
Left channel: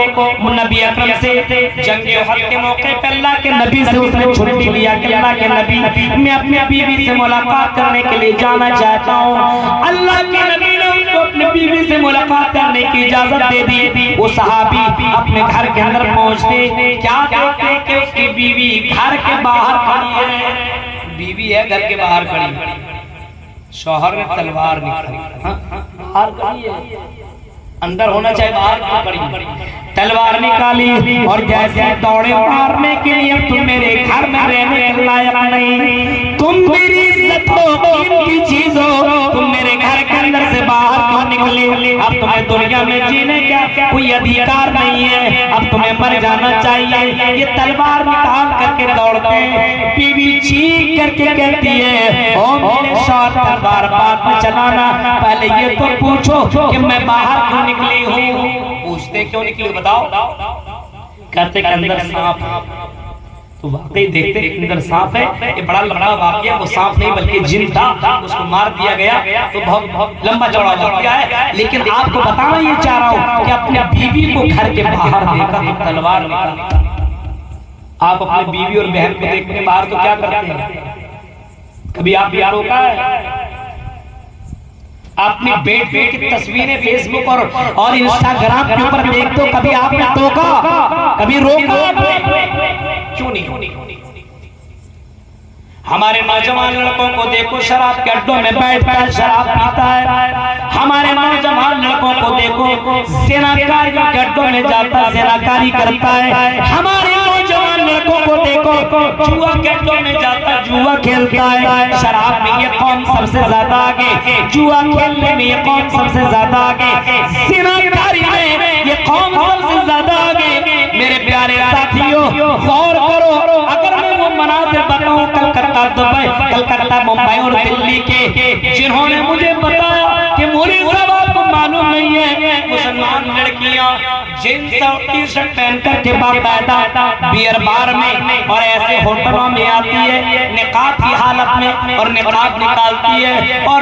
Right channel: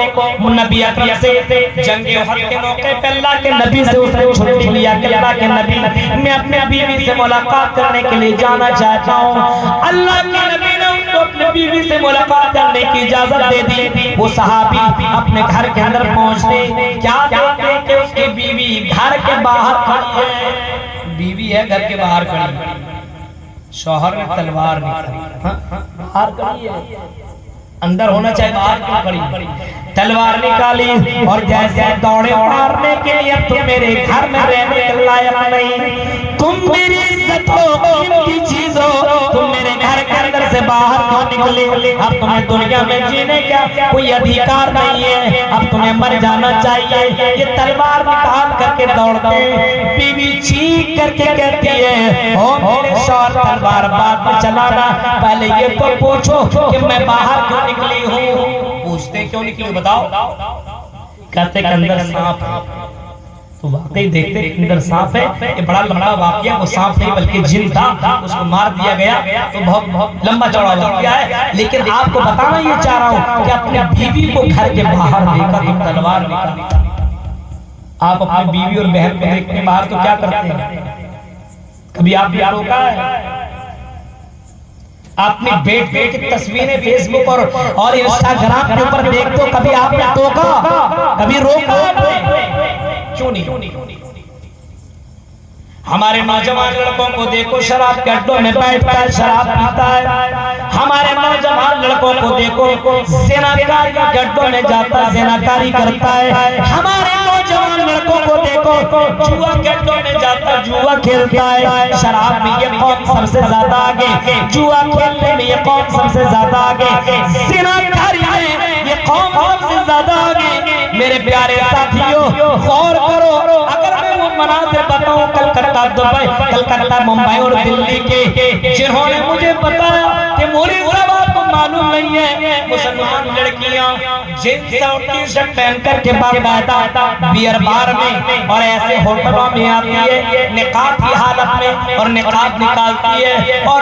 नबी अकरम से जंगे उहद के मौके पे अल्लाह के नबी से उसने छुट्टी लिया कि अल्लाह के नबी, मैं अपने बीवी से मुलाकात करने के लिए जाना चाहता हूँ। अल्लाह के नबी ने उसको अपने बीवी से मुलाकात करने की इजाजत दे दी। वो सहाबी अपने घर के अंदर पहुंचते, क्या देखते कि उसकी बीवी घर के बाहर खड़ी है। बीवी है घर के बाहर खड़ी, शौहर ने तलवार निकाली, बाहर खड़ी है, अंदर होना चाहिए, बाहर क्यों खड़ी, तलवार निकाली और जैसे दौड़े मारने के लिए, तुम मेरे घर में रहने के लायक नहीं, तुम मेरी इज्जत हो, इनकी चीज हो, तुम मेरे घर के अंदर से बाहर क्यों निकले, अब तुम्हें दुनिया में जीने का कोई अधिकार नहीं है, अब तुम्हें मर जाना चाहिए। ये तलवार निकाल करके दौड़ते, बीवी चीख करके कहती है, ओ मेरे शौहर तलवार बात में चलाना, पहले ये तो पूछो कि मैं बाहर क्यों निकली हूँ। पूछते क्यों निकली बताओ, कहते के अंदर सांप है। तो वाकई देखते अंदर सांप है, ये बड़ा लंबा वाकया, वो सांप नहीं बल्कि जिन था, उसको मार दिया गया। तो बहुत लंबा चौड़ा वाकया है, लेकिन आपको बताना ये चाह रहा हूँ कि अपने बीवी को घर के बाहर देखा तो तलवार निकाली। आप अपनी बीवी और बहन को देखने बाहर तो क्या करते हैं, कभी आप भी होगा अपनी बेटे की तस्वीरें फेसबुक और इंस्टाग्राम के ऊपर देखते हो, कभी आपने टोका, कभी रोका, क्यों नहीं। हमारे नौजवान लड़कों को देखो शराब के अड्डों में बैठ शराब पीता है, हमारे नौजवान लड़कों को देखो सेनाकारी के अड्डों में जाता सेनाकारी करता है, हमारे नौजवान लड़कों को देखो जुआ के अड्डों में जाता जुआ खेलता है। शराब में ये कौन सबसे ज्यादा आगे, जुआ खेलने में ये कौन सबसे ज्यादा आगे, सेनाकारी में ये कौन सबसे ज्यादा आगे। मेरे प्यारे साथियों गौर करो, अगर मैं वो मनाज़िर बताऊं कलकत्ता, दुबई, कलकत्ता, मुंबई और दिल्ली के, जिन्होंने मुझे बताया कि मुझे को मालूम नहीं है, मुसलमान लड़कियां जींस और टी शर्ट पहन कर के बाकायदा बियर बार में और ऐसे होटलों में आती है निकाब की हालत में, और निकाब निकालती है और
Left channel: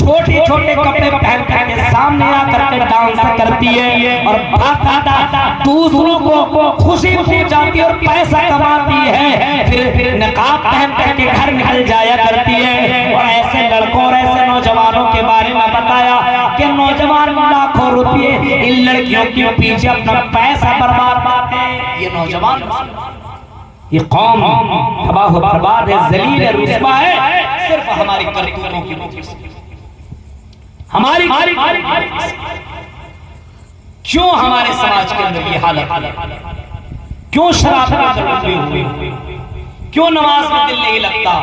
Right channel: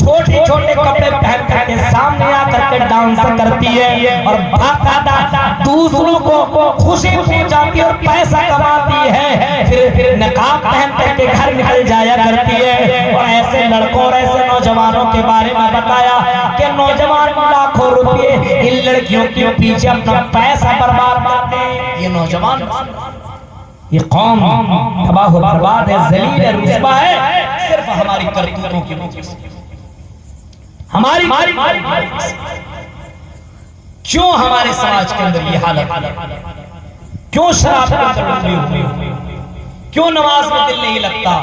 छोटे छोटे कपड़े पहन करके सामने आकर के डांस करती है और बाकायदा दूसरों को खुशी पहुंचाती है और पैसा कमाती है, फिर निकाब पहन करके घर निकल जाया करती है। और ऐसे लड़कों और ऐसे नौजवानों के बारे में बताया कि नौजवान लाखों रुपए इन लड़कियों के पीछे अपना पैसा बर्बाद करते हैं। ये नौजवान, ये कौम तबाह बर्बाद है, जलील है, रुस्वा है, सिर्फ हमारी करतूतों की वजह से। हमारी क्यों हमारे समाज के अंदर ये हालत, क्यों शराब के अंदर हुई, क्यों नमाज में दिल नहीं लगता,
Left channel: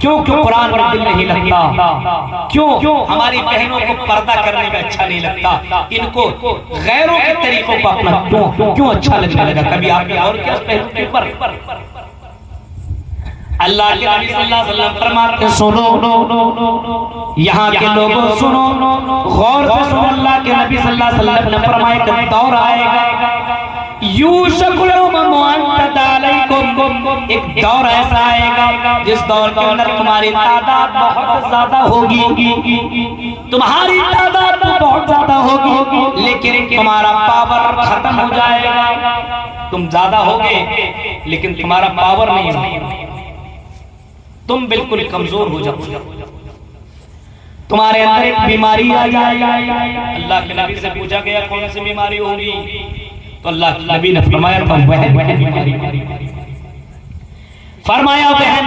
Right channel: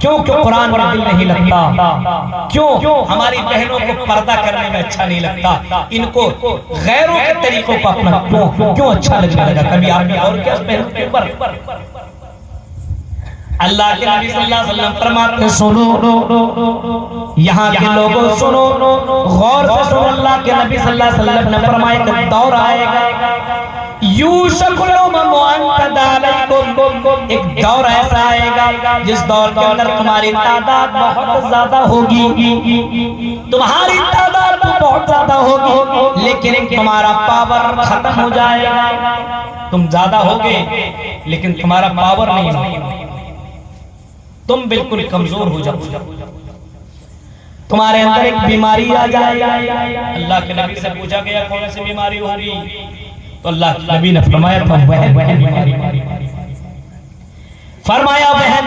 क्यों कुरान में दिल नहीं लगता, क्यों हमारी बहनों को पर्दा करने में अच्छा नहीं लगता, इनको गैरों के तरीकों को अपना क्यों अच्छा लगने लगा। कभी आपने और क्या अल्लाह के नबी सल्लल्लाहु अलैहि वसल्लम फरमाते, सुनो यहाँ के लोगों सुनो, गौर से सुनो, अल्लाह के नबी सल्लल्लाहु अलैहि वसल्लम ने फरमाया कि दौर आएगा, एक दौर ऐसा आएगा जिस दौर के अंदर तुम्हारी तादाद बहुत ज्यादा होगी, तुम्हारी तादाद तो बहुत ज्यादा होगी, लेकिन तुम्हारा पावर खत्म हो जाएगा। तुम ज्यादा होगे लेकिन तुम्हारा पावर नहीं होगा, तुम बिल्कुल कमजोर हो जाओगे, तुम्हारे अंदर एक बीमारी आ जाएगी। अल्लाह के नबी से पूछा गया कौन सी बीमारी होगी, तो अल्लाह के नबी ने फरमाया बहन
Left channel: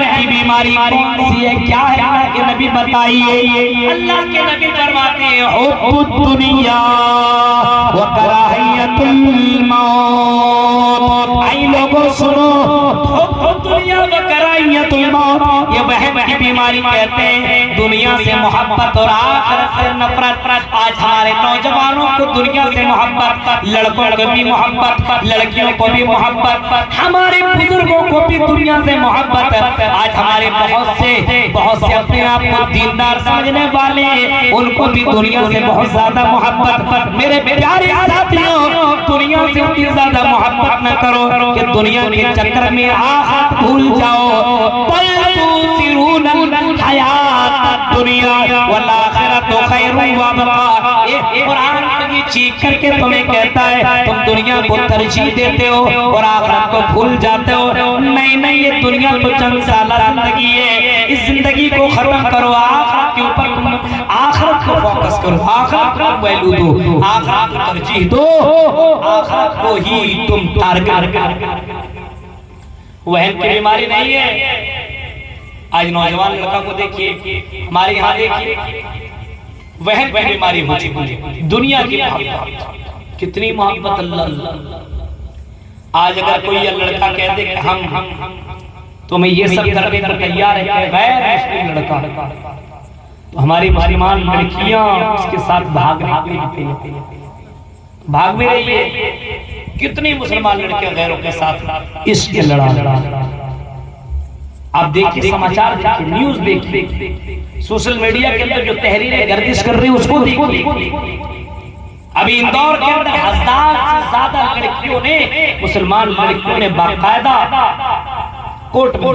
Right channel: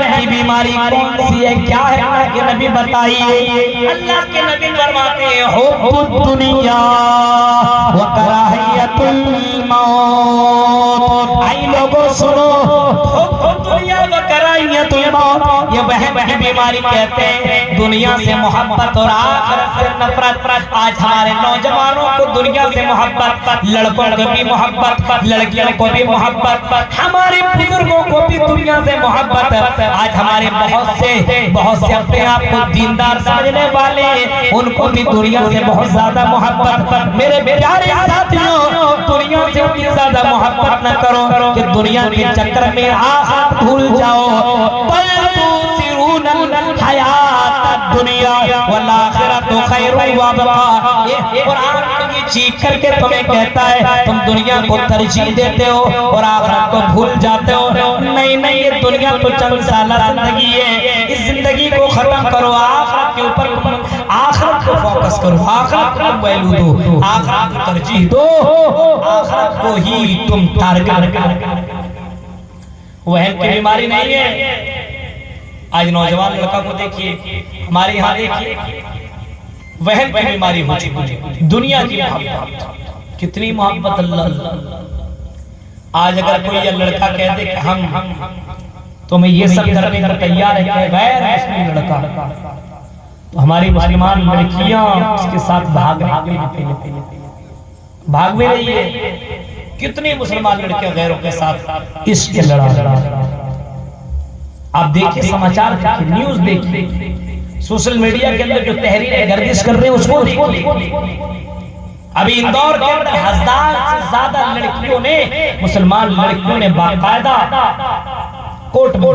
की बीमारी कौन सी है, क्या है, अल्लाह के नबी बताइए। अल्लाह के नबी फरमाते हैं हुब्बुद दुनिया व कराहियतुल मौत। आई लोगों सुनो, हुब्बुद दुनिया व कराहियतुल मौत, ये बहन की बीमारी कहते हैं, दुनिया से मोहब्बत और आखिरत से नफरत। आज हमारे नौजवानों को दुनिया से मोहब्बत, लड़कों को भी मोहब्बत, लड़कियों को भी मोहब्बत, हमारे बुजुर्गों को भी दुनिया से मोहब्बत। आज हमारे बहुत से अपने आप को दीनदार समझने वाले, उनको भी दुनिया से बहुत ज्यादा मोहब्बत। मेरे प्यारे साथियों, दुनिया से इतनी ज्यादा मोहब्बत न करो कि दुनिया के चक्कर में आखिरत भूल जाओ। चीख करके तुम्हें कहता है तुम दुनिया को तरजीह देते हो और आखिरत को भूल जाते हो। नहीं नहीं, ये दुनिया तो चंद साला जिंदगी है, इस जिंदगी को खत्म करो, आखिरत के ऊपर आखिरत को फोकस करो, आखिरत को वैल्यू दो, आखिरत को तरजीह दो, आखिरत को ही तुम टारगेट। वहन की बीमारी नहीं है। आज नौजवान लड़का को देखिए, हमारे यहाँ देखिए, वहन की बीमारी हो चुकी है। दुनिया की मोहब्बत, कितनी मोहब्बत अल्लाह। आज अगर कोई लड़का कह दे कि हम तो मैं ये सब करने पर तैयार है, गैर मुस्लिम लड़का, तो हमारी मुसलमान लड़कियां उसके साथ भाग रही है। कितनी मुसलमान लड़कियां गैरों के साथ इश्क लड़ा रहा है। आप देखिए, समाचार देखिए, न्यूज देखिए, सोशल मीडिया के अंदर जो तहरीरें गर्दिश कर रहे हैं उसको देखिए। अभी इंदौर के अंदर 1000 से ज्यादा लड़कियों ने, मुसलमान लड़कियों ने बाकायदा कोर्ट में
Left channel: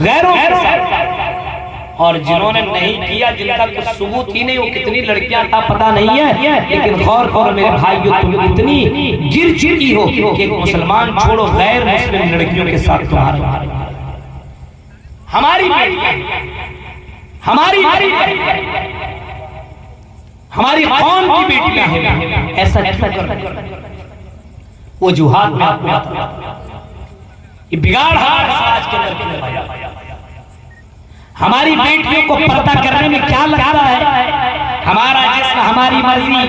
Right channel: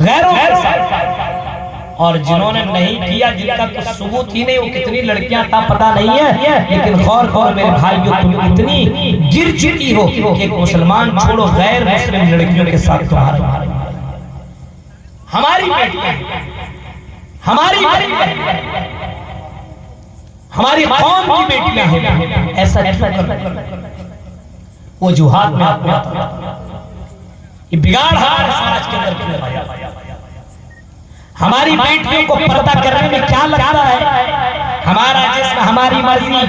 गैरों के साथ, और जिन्होंने नहीं किया, जिनका कुछ सबूत ही नहीं, वो कितनी लड़कियां था पता नहीं है, लेकिन गौर करो मेरे भाइयों, तुम इतनी गिर चुकी हो कि मुसलमान छोड़ो, गैर मुस्लिम लड़कियों के साथ तुम्हारा, हमारी बेटियां, हमारी हमारी कौम की बेटियां हैं, ऐसा वो जुहाद में आपको आता, ये बिगाड़ हमारे समाज के अंदर क्यों आया? हमारी बेटियों को पर्दा करने में क्या लगता है? हमारा जिस्म हमारी मर्जी।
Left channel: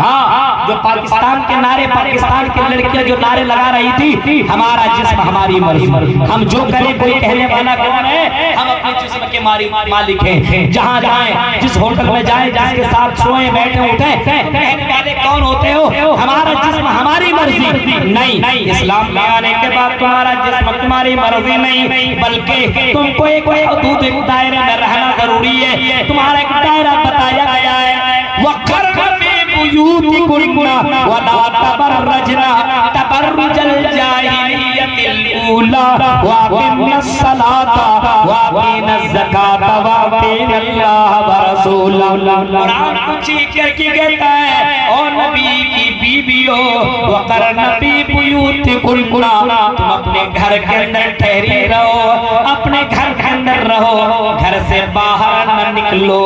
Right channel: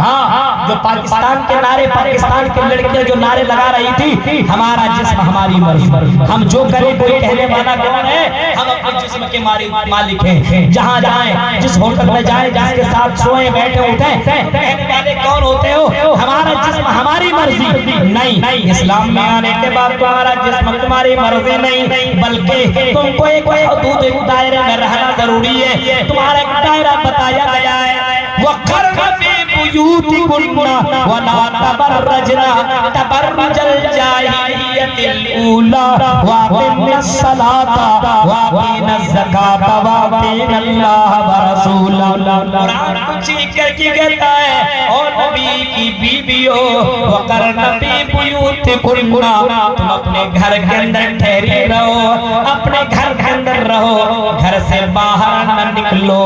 हाँ, जो पाकिस्तान के नारे, पाकिस्तान के लड़कियां जो नारे लगा रही थी, हमारा जिस्म हमारी मर्जी, हम जो करें कोई कहने वाला कौन है? हम अपने जिस्म के मालिक हैं। जहाँ जाए, जिस होटल में जाए, जिसके साथ सोए बैठे उठे, कहने वाले कौन होते हो? हमारा जिस्म हमारी मर्जी नहीं। इस्लाम में आने के बाद तुम्हारा जिस्म तुम्हारी मर्जी नहीं, बल्कि तुमको एक दायरे में रहना जरूरी है। तुम्हारा एक दायरा बताया गया है, वक़र्न फी बुयूतिकुन्ना वला तबर्रजना तबर्रुजल जाहिलियतिल ऊला वअक़िमिस सलाता वअक़ीनज़ ज़काता वअतीअल्लाह व रसूलहु। कुरान कुछ करके कहता है, और नबी की बीवियों, वक़र्न फी बुयूतिकुन्ना, तुम अपने घर के अंदर ठहरी रहो, अपने घर के अंदर रहो, घर से बाहर न निकलो,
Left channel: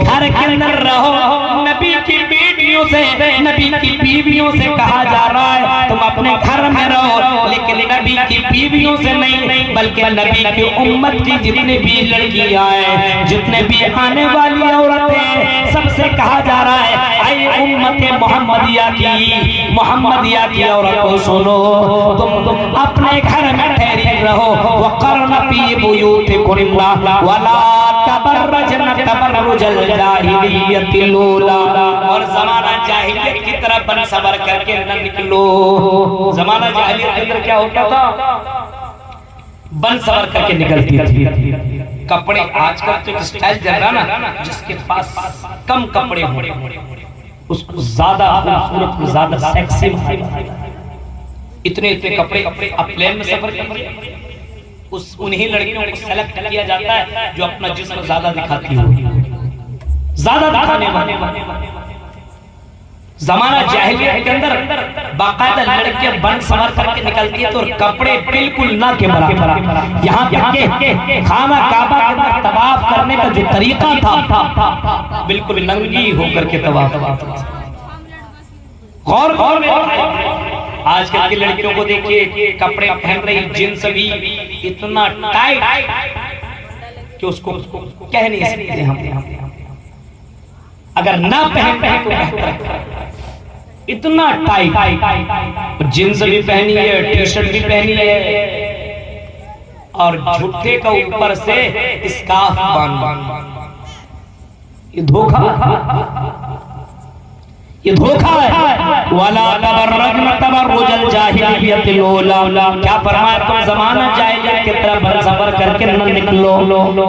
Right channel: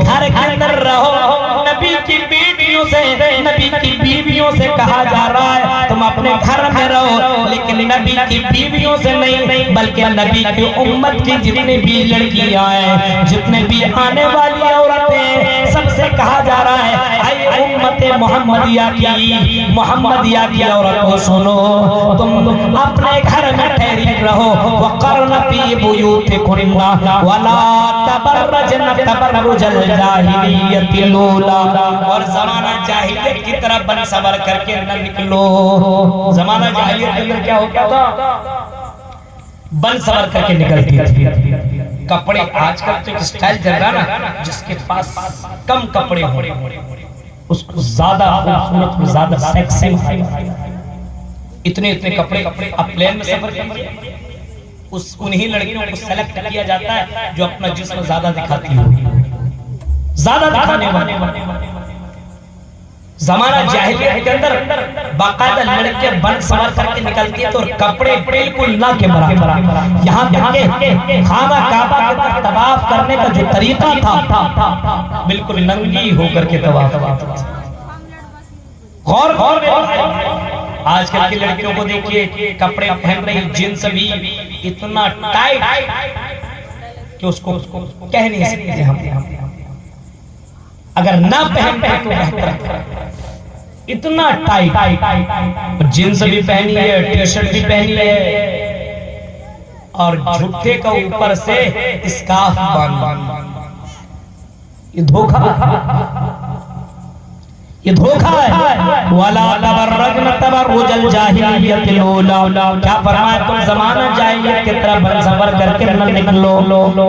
घर के अंदर रहो। नबी की बीवियों से कहा जा रहा है तुम अपने घर में रहो, लेकिन नबी की बीवियों से नहीं, बल्कि नबी की उम्मत की जितने भी लड़कियां हैं, जितने भी आने वाली औरतें, सबसे कहा जा रहा है, ऐ उम्मते मोहम्मदिया की औरतों सुनो, तुम अपने घर में ठहरी रहो, वक़र्न फी बुयूतिकुन्ना वला तबर्रजना तबर्रुजल जाहिलियतिल ऊला, और जमाना जाहिलियत की तरह बन सवर करके न निकलो। जमाना जाहिलियत के अंदर क्या होता था? बन सवर करके निकलती थी। कपड़े आजकल तो स्टाइल चल रहा ना, जिसके पास कम कपड़े हो उसको ज्यादा खूबसूरत, ज्यादा सेक्सी, इतने कपड़े, अब प्लेन में सफर करिए, उन्हीं लड़कियों को सेलेक्ट किया जाता है जो अपना जिस्म ज्यादा दिखाती हो, ज्यादा दिखाने वाले। जमाना जाहिलियत के अंदर बाकायदा लड़कियां बन सवर करके निकलती है, तो कपड़े बिल्कुल ना के बराबर। यहाँ तक के खाना काबा के अंदर तवाफ करने का जो तरीका था, बिल्कुल नंगी होकर के तवाफ। गौर में आजकल की लड़कियों को देखिए, कपड़े पहन रही, जींस भी इतना टाइट कि उसको कह नहीं सकते हम, अगर ना पहन तो इतना टाइट, जींस भी पहनी है, टी शर्ट भी पहनी है, और झुट्टे का ऊपर से स्कार्फ बांध। ये धोखा है। वाला तबर्रजन तबर्रुजल जाहिलियतिल ऊला, क्या फरमाया? तुम जमाना जाहिलियत की तरह बन सवर करके न निकलो।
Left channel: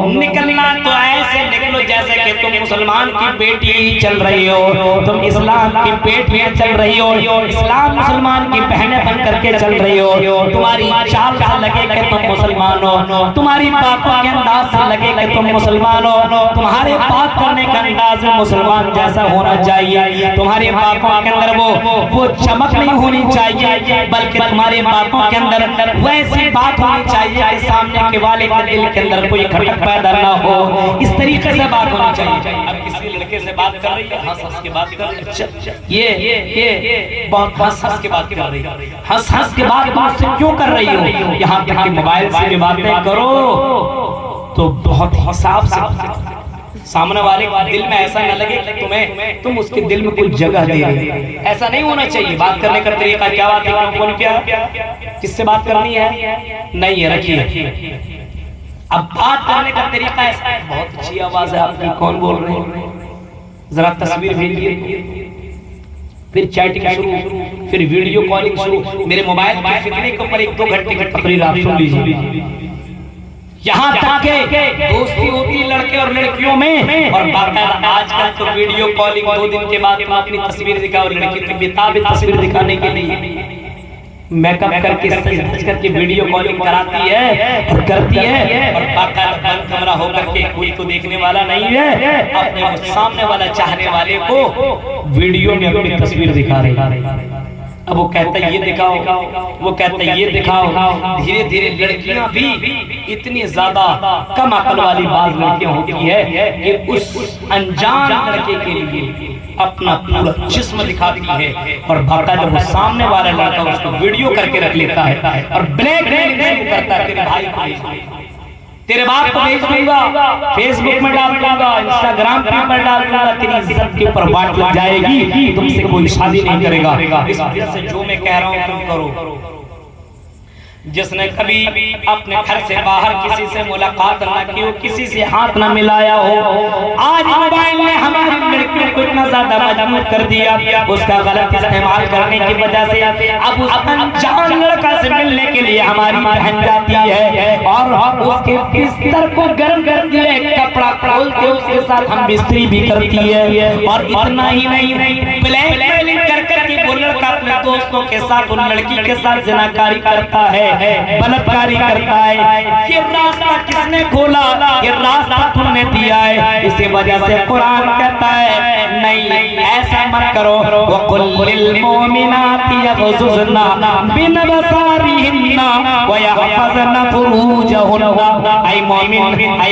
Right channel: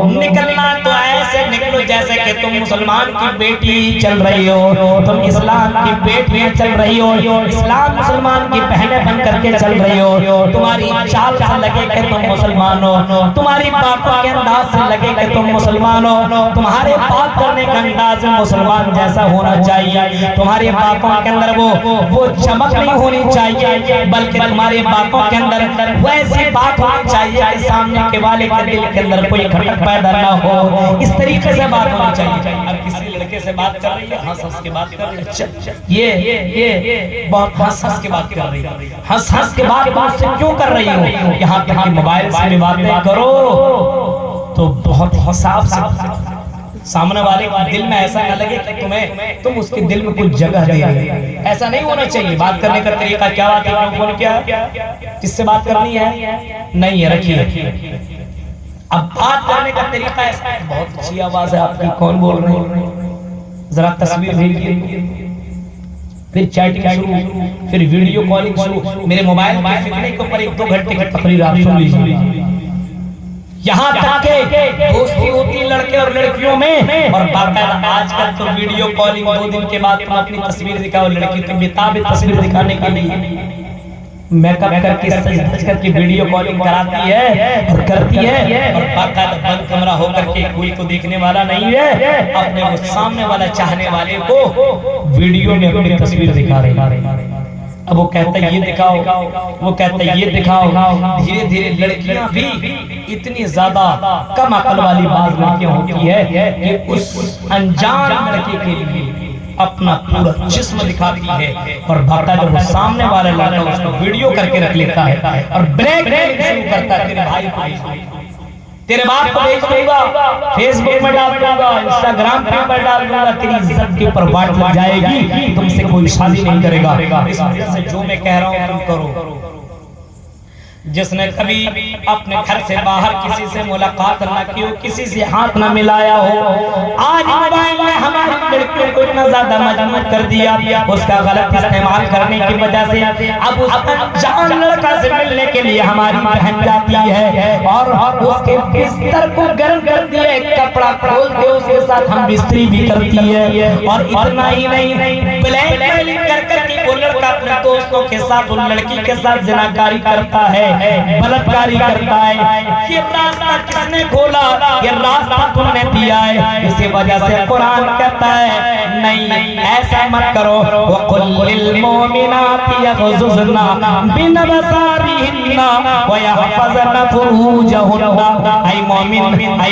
निकलना तो ऐसे निकलो जैसे कि तुम मुसलमान की बेटी चल रही हो, तुम इस्लाम की बेटी चल रही हो, इस्लाम मुसलमान की बहनें बन करके चल रही हो। तुम्हारी चाल से लगे कि तुम मुसलमान हो, तुम्हारी बातों के अंदाज से लगे कि तुम मुसलमान हो, तुम्हारे बात करने का अंदाज मुसलमान जैसा होना चाहिए, तुम्हारी बातों के अंदर वो चमक नहीं होनी चाहिए, बल्कि तुम्हारी बातों के अंदर वैसी बात होनी चाहिए कि सामने के वाले के दिल के अंदर कोई खटक पैदा ना हो। इस तरीके से बात होनी चाहिए। अब किसी लड़के से बात कर रही है, हंस हंस के बात कर रही है। अच्छा ये बहुत हंस हंस के बात कर रही है, हंस हंस के बात मुझसे क्यों कर रही हो? यहाँ तक कि मोबाइल से भी बातें करो तो बहुत हिसाब से, सामने वाले के दिल में ऐसा न लगे कि तुम उसके दिल में कुछ जगह दे रहे हो। ऐसा नहीं होना चाहिए। बात करने का तरीका क्या बात क्या किससे बात करनी है नहीं है, रखिए। अब बात करने का तरीका ऐसा है, बहुत अच्छी आवाज है आपकी, कौन बोल रहे हैं, जरा तस्वीर भेजिए, फिर चैटिंग शुरू, फिर वीडियो कॉलिंग शुरू। मेरे मोबाइल के फिरने के ऊपर 1-2 घंटे की तकरीर आप सुन लीजिए। यहाँ तक के दोस्ती होती है लड़के और लड़कियों में, और बाकायदा आजकल तो वीडियो कॉलिंग 2 दिन के बाद तुम अपनी तस्वीर दिखाओ। लड़की तो बेताब तस्वीर दिखाने के लिए मेकअप करके सज करके वीडियो कॉलिंग कराती है और करती है, और बाकायदा बंद कमरा होकर के कोई तो देखने वाला नहीं है, अपने सामने वाला चाहने वाले को वीडियो में अपनी तस्वीर दिखा रहे। अब वो कहता है ये दिखाओ, वो कहता है ये दिखाओ। धीरे धीरे लड़कियां भी इतनी ज्यादा कम अकल वाली बात लड़कियां होती है कि उस अनजान लड़के के लिए अपना पूरा जिस्म दिखाती है, और भाटा जब वो सामने वाला लड़का उसको वीडियो करके रख लेता है और ब्लैकमेल करता है, तेरे भाई को, तेरे बाप को भेज दूंगा, फेसबुक में डाल दूंगा, इंस्टाग्राम पे डाल दूंगा, तेरी इज्जत के ऊपर बात लग जाएगी, तुमसे कोई शादी नहीं करेगा। इस वजह से जो मैं कह रहा हूं तुम करो। जिसने कभी अपने घर से बाहर किसी से मुलाकात न की हो, किसी से हाथ न मिलाया हो, आज मोबाइल में हमारी लड़कियों को इतना ज्यादा मजबूर कर दिया, उसका गलत इस्तेमाल करने की वजह से अब उस अनजान लड़का से मिलने के लिए हमारी बहन जाती है और उसके बिस्तर को गर्म करती है, कपड़ा खोल के उसके साथ हम बिस्तरी भी करती है। और इतना ही नहीं, ब्लैकमेलिंग कर करके वो लड़का अपने दोस्तों के साथ, उन लड़की के साथ जनाकारी करता है, बलात्कारी करता है। ये रास्ता किसने खोला? ये रास्ता तुमने दिया है। इसी वजह से कुरान कहता है नहीं, ऐसा मत करो। वकुल्लिल मोमिनाति यग़ज़ुज़ना मिन अबसारिहिन्ना व यहफ़ज़ना फुरूजहुन्ना। ऐ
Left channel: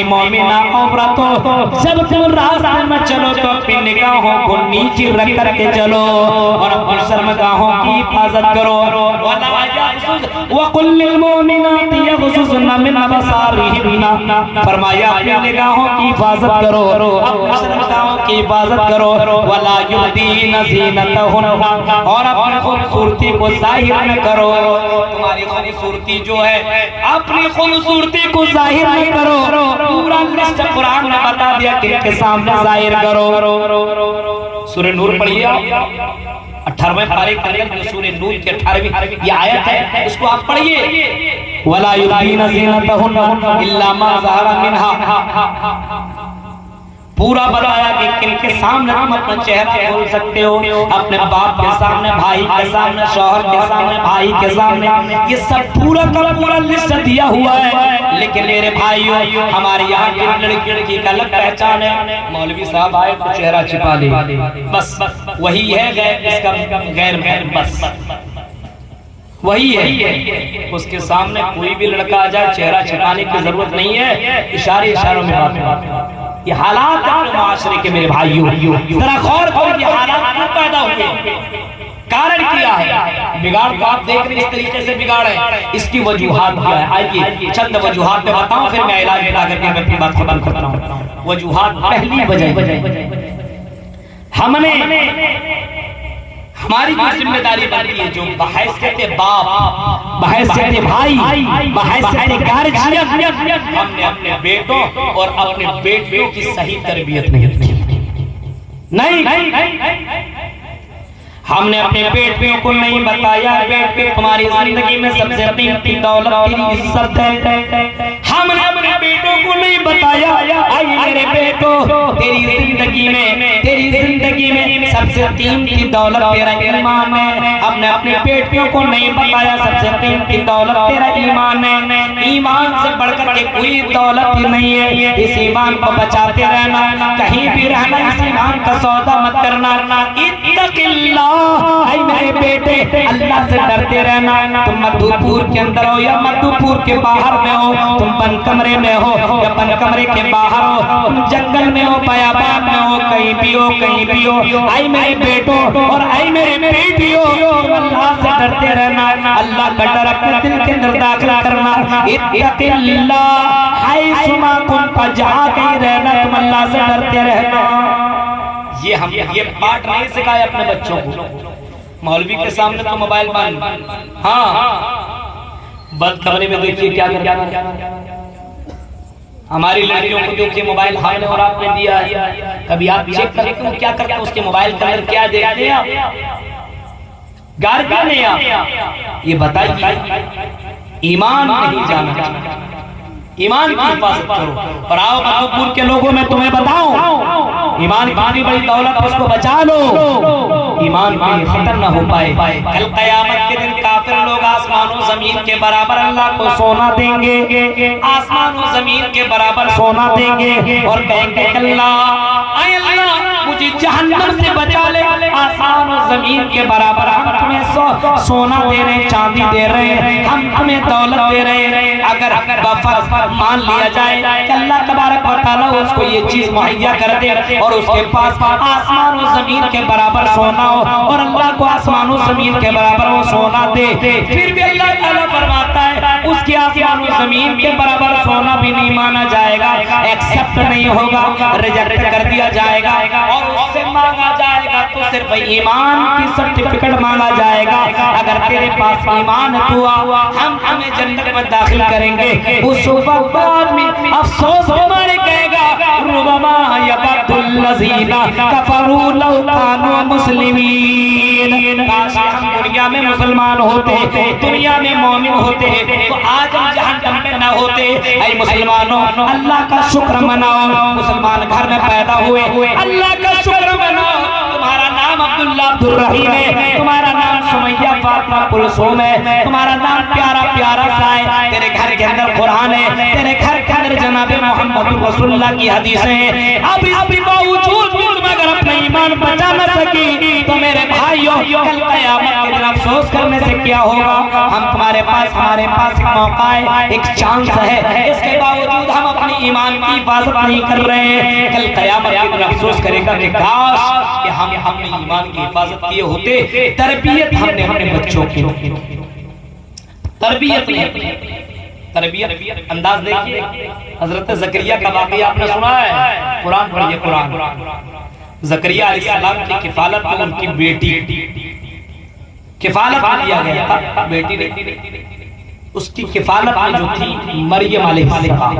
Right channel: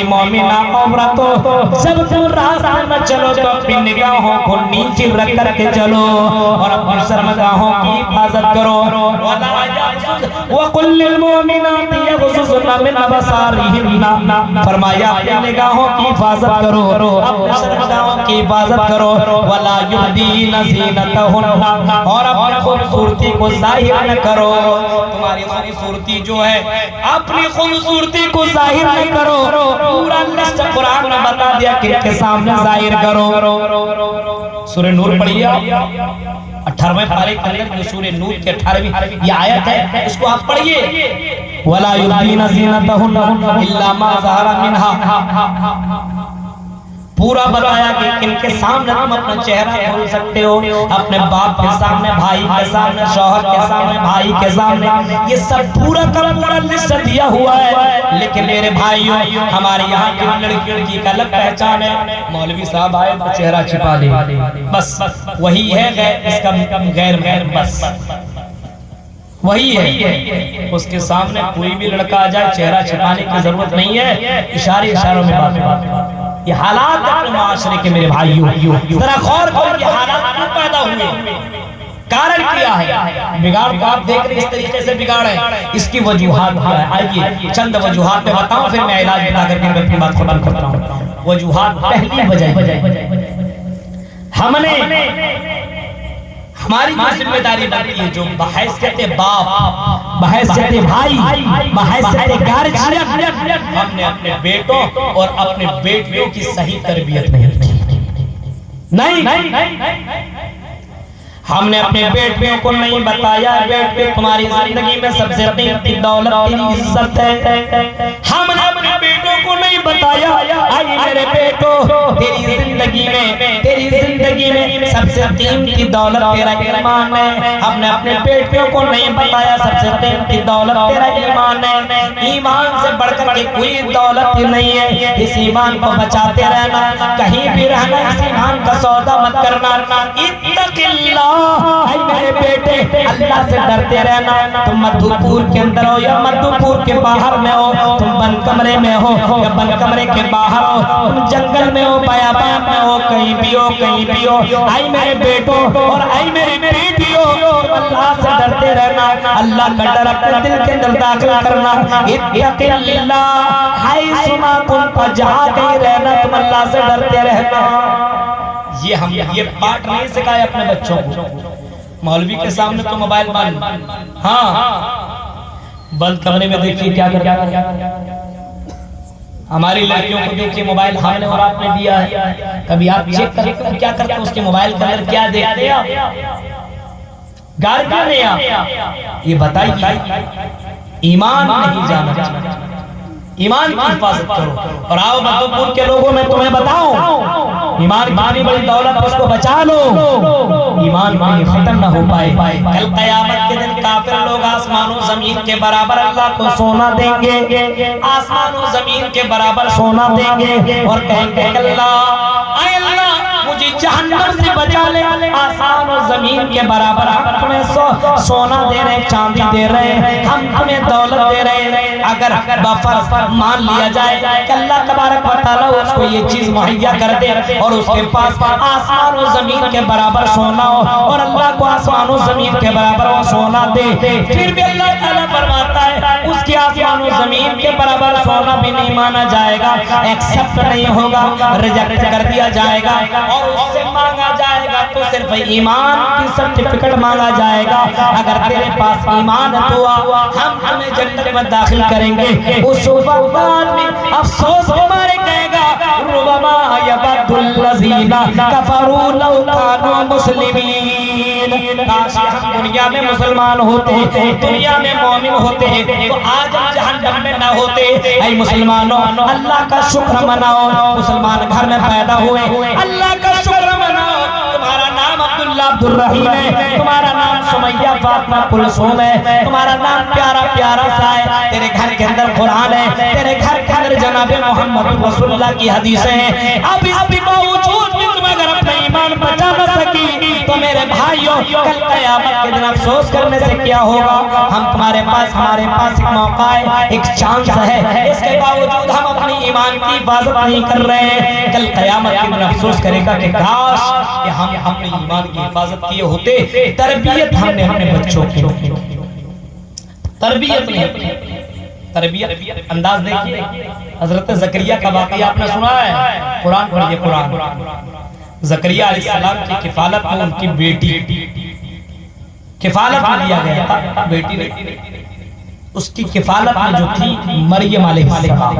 मोमिना औरतों, जब तुम रास्ते में चलो तो अपनी निगाहों को नीचे रख करके चलो और अपनी शर्मगाहों की हिफाजत करो। वकुल्लिल मोमिनाति यग़ज़ुज़ना मिन अबसारिहिन्ना, फरमाया अपनी निगाहों की हिफाजत करो, अपनी शर्मगाहों की हिफाजत करो। वला युबदीना ज़ीनतहुन्ना, और अपनी खूबसूरती को जाहिर न करो। तुम्हारी खूबसूरती जो है, अपनी खूबसूरती को जाहिर न करो। पूरा लिस्ट कुरान में बता दिया कि के सामने जाहिर करो। सूरह नूर पढ़िए, 18वें पारे के अंदर सूरह नूर के 18वीं ये आयत है, इसको आप पढ़िए। वला युबदीना ज़ीनतहुन्ना इल्ला मा ज़हरा मिनहा, पूरा बताया कि किनके सामने तुम अपना चेहरा खोल सकते हो, अपने बाप के सामने, भाई के सामने, शौहर के सामने, भाई के सामने, ये सब पूरा का पूरा लिस्ट दिया हुआ है। लेकिन मेरे भाइयों, हमारे यहाँ की लड़की का अलग पहचान है, मौलवी साहब आए तो चेहरा छिपा दे, बस वही है इसका गैर, बस वही है। उसके सामने कोई भी लड़का आ जाए, चेहरा छिपाने की जरूरत नहीं है, इशारों में बात। ये हालात अपने माशरे के मेरे भाइयों, जरा गौर करो, ये हालात क्यों पैदा हुए, कारण क्या है? बिगाड़ तो आप देख रहे इस तरीके से बिगाड़ है, इसकी वजूहात क्या है? आइए चंद वजूहात में बताऊं, फिर मैं इलाज बता करके मैं अपनी बात खत्म करता हूं। वजूहात, पहली वजह, हमने हमारी जो जिम्मेदारी बनती है, जो बहैसियत बाप, बहैसियत भाई, बहैसियत गार्जियन, हमने अपने बेटों और अपने बेटियों की सही तरबियत नहीं, हमने अपने बेटियों को नहीं बताया बेटे तुम्हारी जिंदगी में सबसे कीमती दौलत तेरी इज्जत है। हमने अपने बेटों को नहीं बताया आई मेरे बेटो, तेरी जिंदगी में सबसे कीमती दौलत तेरा ईमान है। हमने अपने बेटियों को नहीं बताया सबसे कीमती दौलत तेरा ईमान है। ईमान से बढ़कर के कोई दौलत ही नहीं है। इस ईमान को बचाते रहना, कहीं भी रहना, इस ईमान का सौदा मत करना। इत्तक़िल्लाह, मेरे बेटे अल्लाह से डरते रहना। तुम मधुपुर के अंदर हो या मधुपुर के बाहर में हो, तुम बंद कमरे में हो या बंद कमरे के बाहर हो, तुम जंगल में हो, बयाबान में हो, कहीं भी हो, आई मेरे बेटों और आई मेरी बेटियों, अल्लाह से डरते रहना, अल्लाह का डर अपने दिल के अंदर दाखिल करना। इत्तक़िल्लाह हैसुमा कुंत, जहां कहीं रहना तुम अल्लाह से डरते रहना। ये पाठ नहीं सिखाए अपने बच्चों को। मौलवी के सामने तो मोबाइल बंद, हाँ बंद कमरे में देखिए क्या कर, हमारी लड़कियों को देखिए मोबाइल हमने और आपने दिया है, कभी आप चेक करें क्या करते हैं उसके मोबाइल के अंदर, क्या देखते हैं आप, गार क्या नहीं आप, ये बताइए। ईमान नहीं जाना, ईमान की हिफाजत करो। और आओ मधुपुर के लोगों में तुम्हें बताओ, ईमान की बड़ी दौलत, उसको बचा लो, ईमान कहीं खत्म ना हो पाए। कल क़यामत के दिन काफिर लोग आसमानों जमीन के बराबर अल्लाह को सोना देंगे, आसमानों जमीन के बराबर सोना देंगे और कहेंगे अल्लाह मुझे जहन्नम से बचा ले, आसमान और जमीन के बराबर हम तुम्हें सोना दे रहे हैं, चांदी दे रहे हैं, हम तुम्हें दौलत दे रहे हैं। अगर बफर्ज मान लिया जाए कि अल्लाह तबारक व तआला उसको ये चीज मुहैया कर दे और उसके पास आसमान और जमीन के बराबर सोना हो और अल्लाह को आसमान और जमीन के बराबर वो सोना दे, फिर भी अल्लाह ताला फरमाता है उसकी आसमान और जमीन के बराबर सोना भी नहीं माना जाएगा, एक्सेप्ट नहीं होगा, रिजेक्ट कर दिया जाएगा और उससे मांगा जाएगा तो सिर्फ ईमान की सर्टिफिकेट मांगा जाएगा। अगर तेरे पास ईमान है तो हम हमें जन्नत में दाखिल करेंगे। उस वक्त आदमी अफसोस के मारे कहेगा रुबमा यबदुल्लज़ीना कफरू लौ कानू मुस्लिमीन, काश हम दुनिया में मुसलमान होते, दुनिया में मोमिन होते तो आज हम जहन्नम में ना होते। ऐ मुसलमानों अल्लाह का शुक्र मनाओ, मुसलमान घर में पैदा हुए, अल्लाह का शुक्र मनाओ। तुम्हारा नाम अब्दुल्ला अब्दुर्रहीम है, तुम्हारा नाम सुमैया फातिमा कुलसूम है, तुम्हारा नाम प्यारा प्यारा सा है, तेरे घर के अंदर कुरान है, तेरे घर के अंदर जनाब मोहम्मद रसूलुल्लाह की हदीसें हैं। अब इसके बावजूद भी तुम अगर अपना ईमान बचा न सके तो मेरे भाइयों कल क़यामत के दिन अफसोस करने से क्या होगा। हम हमारे पास एक मौका है, एक चांस है, इसके बावजूद हम अपनी ईमान की हिफाजत नहीं कर रहे हैं। कल क़यामत के दिन अफसोस करेगा कि काश कि हम अपने ईमान की हिफाजत किए होते। तरबियत हमने अपने बच्चों की, तरबियत अंदाज देखिए। हजरत ज़करिया का वाक़या आपने सुना है, कुरान पढ़िए, कुरान। ज़करिया अलैहिस्सलाम की किफालत में उनकी बेटी किफालत में दिया गया था, बेटी नहीं, उसकी किफालत में जो थी मरियम अलैहिस्सलाम,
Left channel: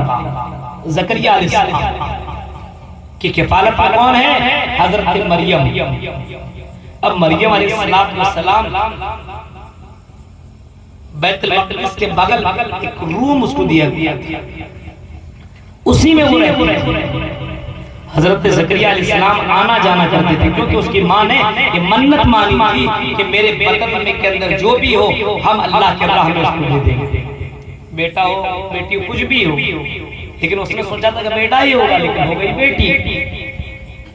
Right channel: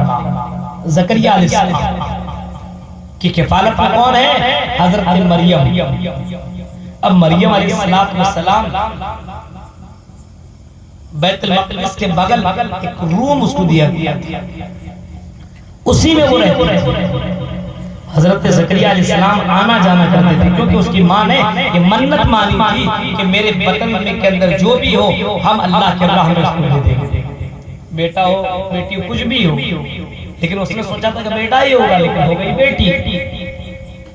ज़करिया अलैहिस्सलाम की किफालत में कौन है, हजरत मरियम। अब मरियम अलैहिस्सलाम बैतुल मक़दिस के बगल एक रूम उसको दिया गया, उसी में वो रहते थे। हजरत ज़करिया अलैहिस्सलाम आना जाना करते थे क्योंकि उसकी माँ ने ये मन्नत मानी थी कि मेरे बतन में के अंदर जो भी हो हम अल्लाह के राह में उसको दे देंगे, बेटा हो बेटी हो कुछ भी हो। लेकिन उसने सोचा था कि बेटा ही होगा, लेकिन हो गई बेटी।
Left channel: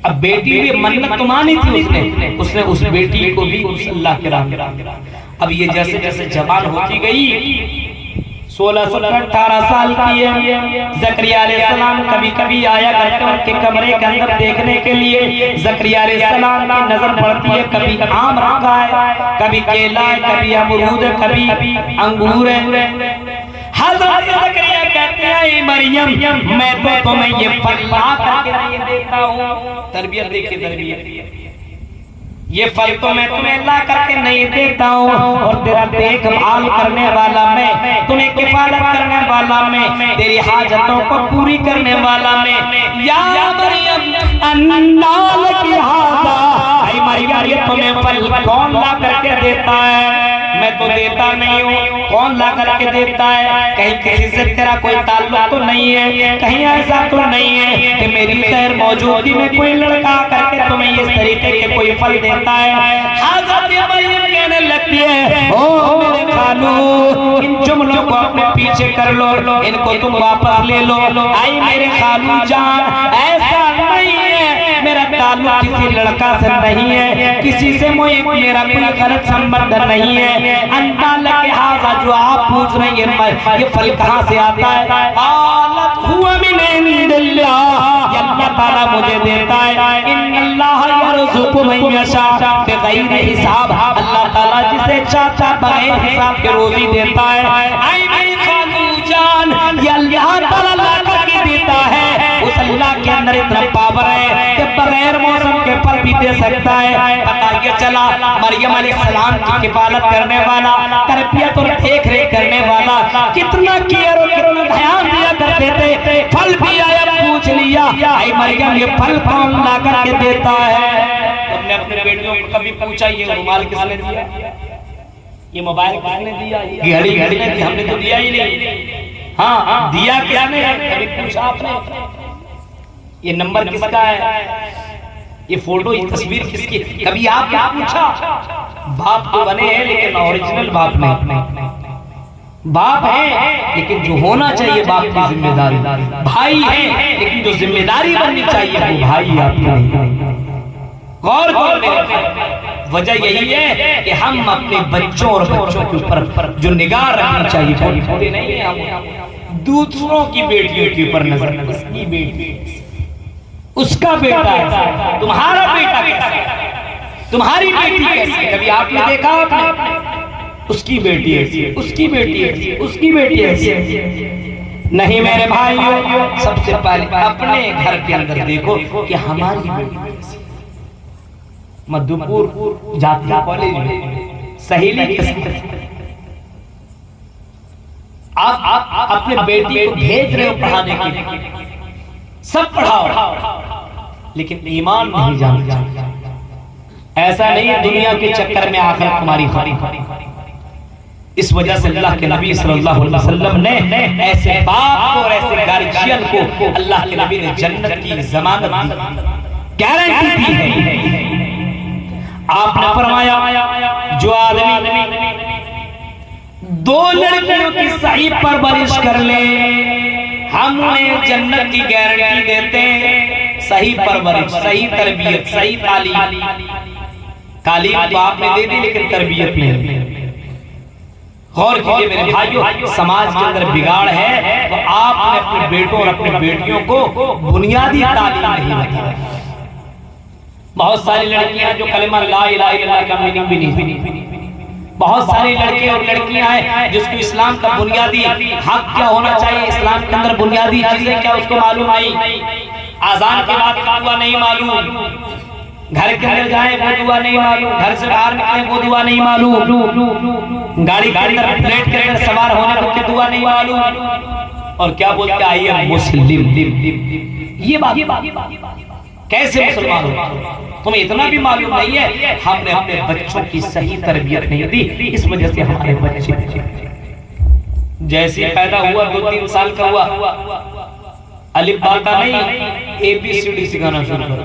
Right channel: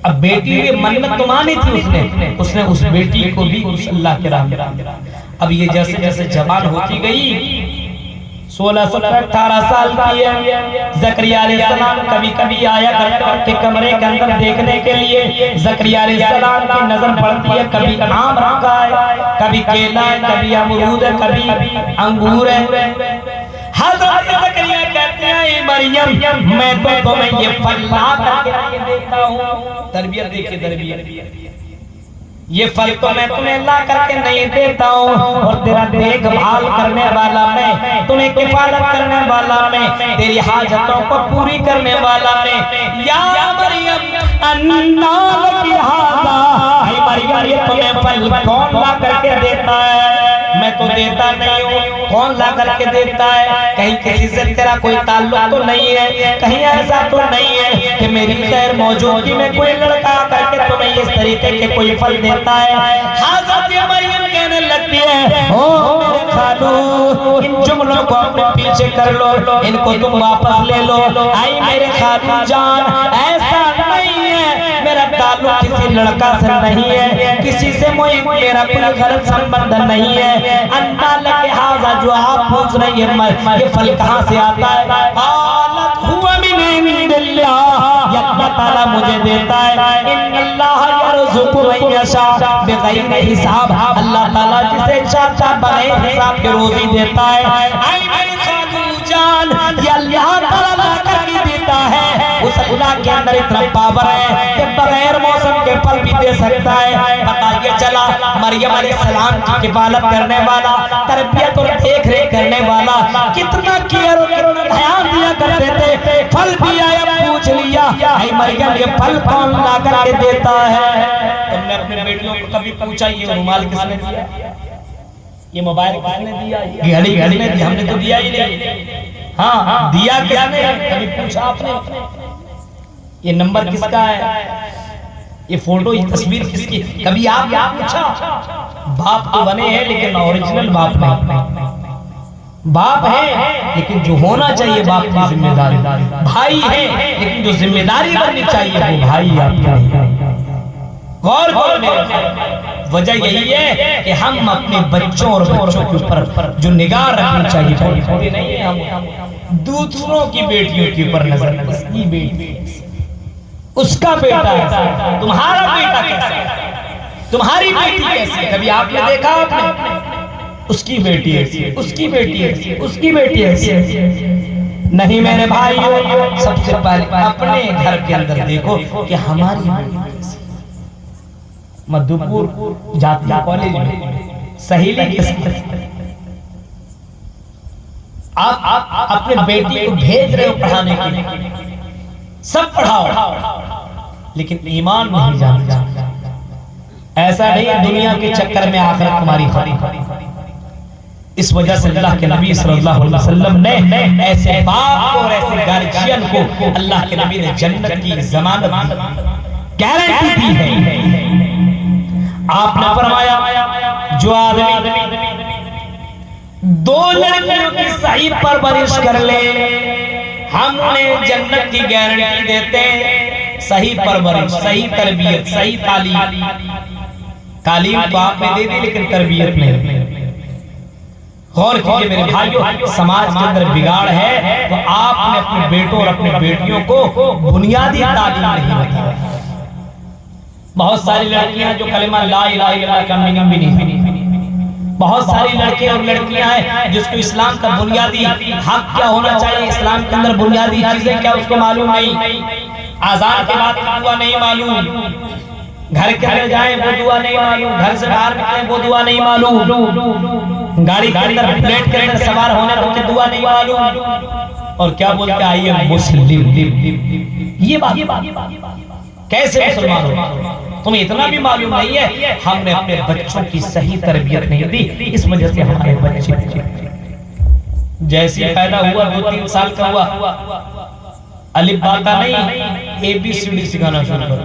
अब बेटी ने मन्नत तो मानी थी उसने उस बेटी को भी उस अल्लाह के राह में। अब ये जैसे जैसे जवान होती गई, 16-18 साल की है, ज़करिया अलैहिस्सलाम कभी कभी आया करते उनके कमरे के अंदर देखने के लिए। ज़करिया अलैहिस्सलाम की नजर पड़ती है, कभी आम रखा है, कभी केला है, कभी अमरूद है, कभी अंगूर है। हज़रत ज़करिया कहते हैं मरियम मैं तो तुम्हें ये फल ला करके नहीं देता हूँ। तरबियत देखिए, तरबियत, ये फल तो मैं तुम्हें ला करके नहीं देता हूँ और तेरा देखभाल करने वाला मैं, तुम्हें किफायत करने वाला मैं, तेरी हाजतों को पूरी करने वाला मैं। या मरियम अन्ना लकी हाज़ा, ऐ मरियम ये तुम्हें फल कौन ला करके देता है, मैं तो देता नहीं हूँ, कौन ला करके देता है। कहीं किसी से तेरा कोई ताल्लुक तो नहीं है, कहीं ऐसा तो नहीं है कि मेरी गैर मौजूदगी में कोई लड़का करके तुम्हें इस तरीके के कोई फल देता है। हज़रत मरियम कहने लगती है ओ मेरे खालू, इन जुमलों को अपने पीछे कर लो, इनको तुम वापस ले लो। आई मेरे खालू जान, ऐसा नहीं है, मेरा ताल्लुक किसी लड़का से नहीं है, किसी से मेरा कोई गलत संबंध नहीं है। अन्ना लके हाज़ा जो आप पूछ रही है ये फल कहाँ से आता है, आलत हुआ मिन इंदिल्लाह, ये अल्लाह ताला मुझे देता है। यरज़ुक़ु मन यशा बिग़ैर हिसाब, अल्लाह ताला जिसे चाहता बगैर हिसाब के रोजी देता है। ऐ मेरी खालू जान, ये अल्लाह ताला ला करके देता है। उस अल्लाह के अंदर इतना पावर है कि बगैर मौसम के फल भी दे सकता है। पता ये चला मरियम अलैहिस्सलाम की किफालत करने वाला, तरबियत और देख रेख करने वाला, कितना केयर और कितना ध्यान दिया करते थे। फल भी आया, पूछ लिया, ऐ मरियम ये फल कौन ला करके देता है? तुमने अपने बेटियों को कभी पूछा ये रुमाल किसने दिया, ये मोबाइल किसने दिया, घड़ी घड़ी ने दी? हमने तो दिया ही नहीं। हाँ, दिया किसने? कभी पूछा आपने? ये नंबर किसका है, ये फोटो, ये तस्वीर किसकी? कभी आपने पूछा? बाप तो बने हैं लेकिन ओरिजिनल बाप नहीं। बाप है लेकिन जो होना चाहिए बाप की जिम्मेदारी, भाई है लेकिन जो जिम्मेदारी बननी चाहिए वो भाई आपकी नहीं। गौर करो मेरे, वजह यही है कि हम अपने बच्चों और बच्चों के ऊपर जो निगाह रखनी चाहिए नहीं है, हम दूसरों की बेटियों के ऊपर नजर, इसकी बेटी, उसका बेटा है, तुम्हारा बेटा कैसा है, तुम्हारी बेटी कैसी है? कभी आपने देखा? आपने उसकी बेटी ऐसी, उसकी बेटी ऐसी, उसकी बेटी ऐसी नहीं। मेरे भाइयों, सबसे पहले अपने घर के अंदर देखो कि हमारी बेटी कैसी। मधुपुर जातिया कॉलेज में सहेली किसकी? आप अपने बेटी को भेज रहे हो पढ़ाने के लिए, सब पढ़ाओ, लेकिन ईमान नहीं जानता। ऐसा नहीं दुनिया के चक्कर में आखिरत तुम्हारी खरी। इस वजह से अल्लाह के नबी सल्लल्लाहु अलैहि वसल्लम ने ऐसे बाप और ऐसे गार्जियन को अल्लाह के नबी ने जन्नत की जमानत दी, गारंटी दी है। आपने फरमाया जो आदमी दो लड़कियों की सही परवरिश कर ले, हम उन्हें जन्नत की गारंटी देते हैं। सही परवरिश, सही तरबियत, सही तालीम तो आपने दे दी लेकिन तरबियत नहीं। गौर कीजिए मेरे भाइयों, समाज के अंदर बिगाड़ है तो आपने अपने बेटों और अपने बेटियों को बुनियादी तालीम नहीं दी। बहुत सारी लड़कियां जो कलमा ला इलाहा इल्लल्लाह का मीनिंग भी नहीं, बहुत सारी लड़के और लड़कियां हैं जिसको इस्लाम का बुनियादी हक क्या होना चाहिए, इस्लाम के अंदर बुनियादी चीजें क्या उसको मालूम नहीं। आजान के बाद दुआ नहीं मालूम, घर के अंदर जाए वो दुआ नहीं मालूम, घर से बाहर निकले वो दुआ नहीं मालूम, गाड़ी के अंदर प्लेट के अंदर सवार होने वक्त दुआ नहीं मालूम, और क्या बोलते आई एम मुस्लिम। ये बात कैसे मुसलमान हो? तुम्हें इतना भी मालूम नहीं है। हमने अपने बच्चों की सही तरबियत नहीं दी, इस वजह से हमारे बच्चे जैसे पैदा हुआ 2-3 साल का हुआ, अलिफ बाता नहीं, ABCD सिखाना शुरू कर।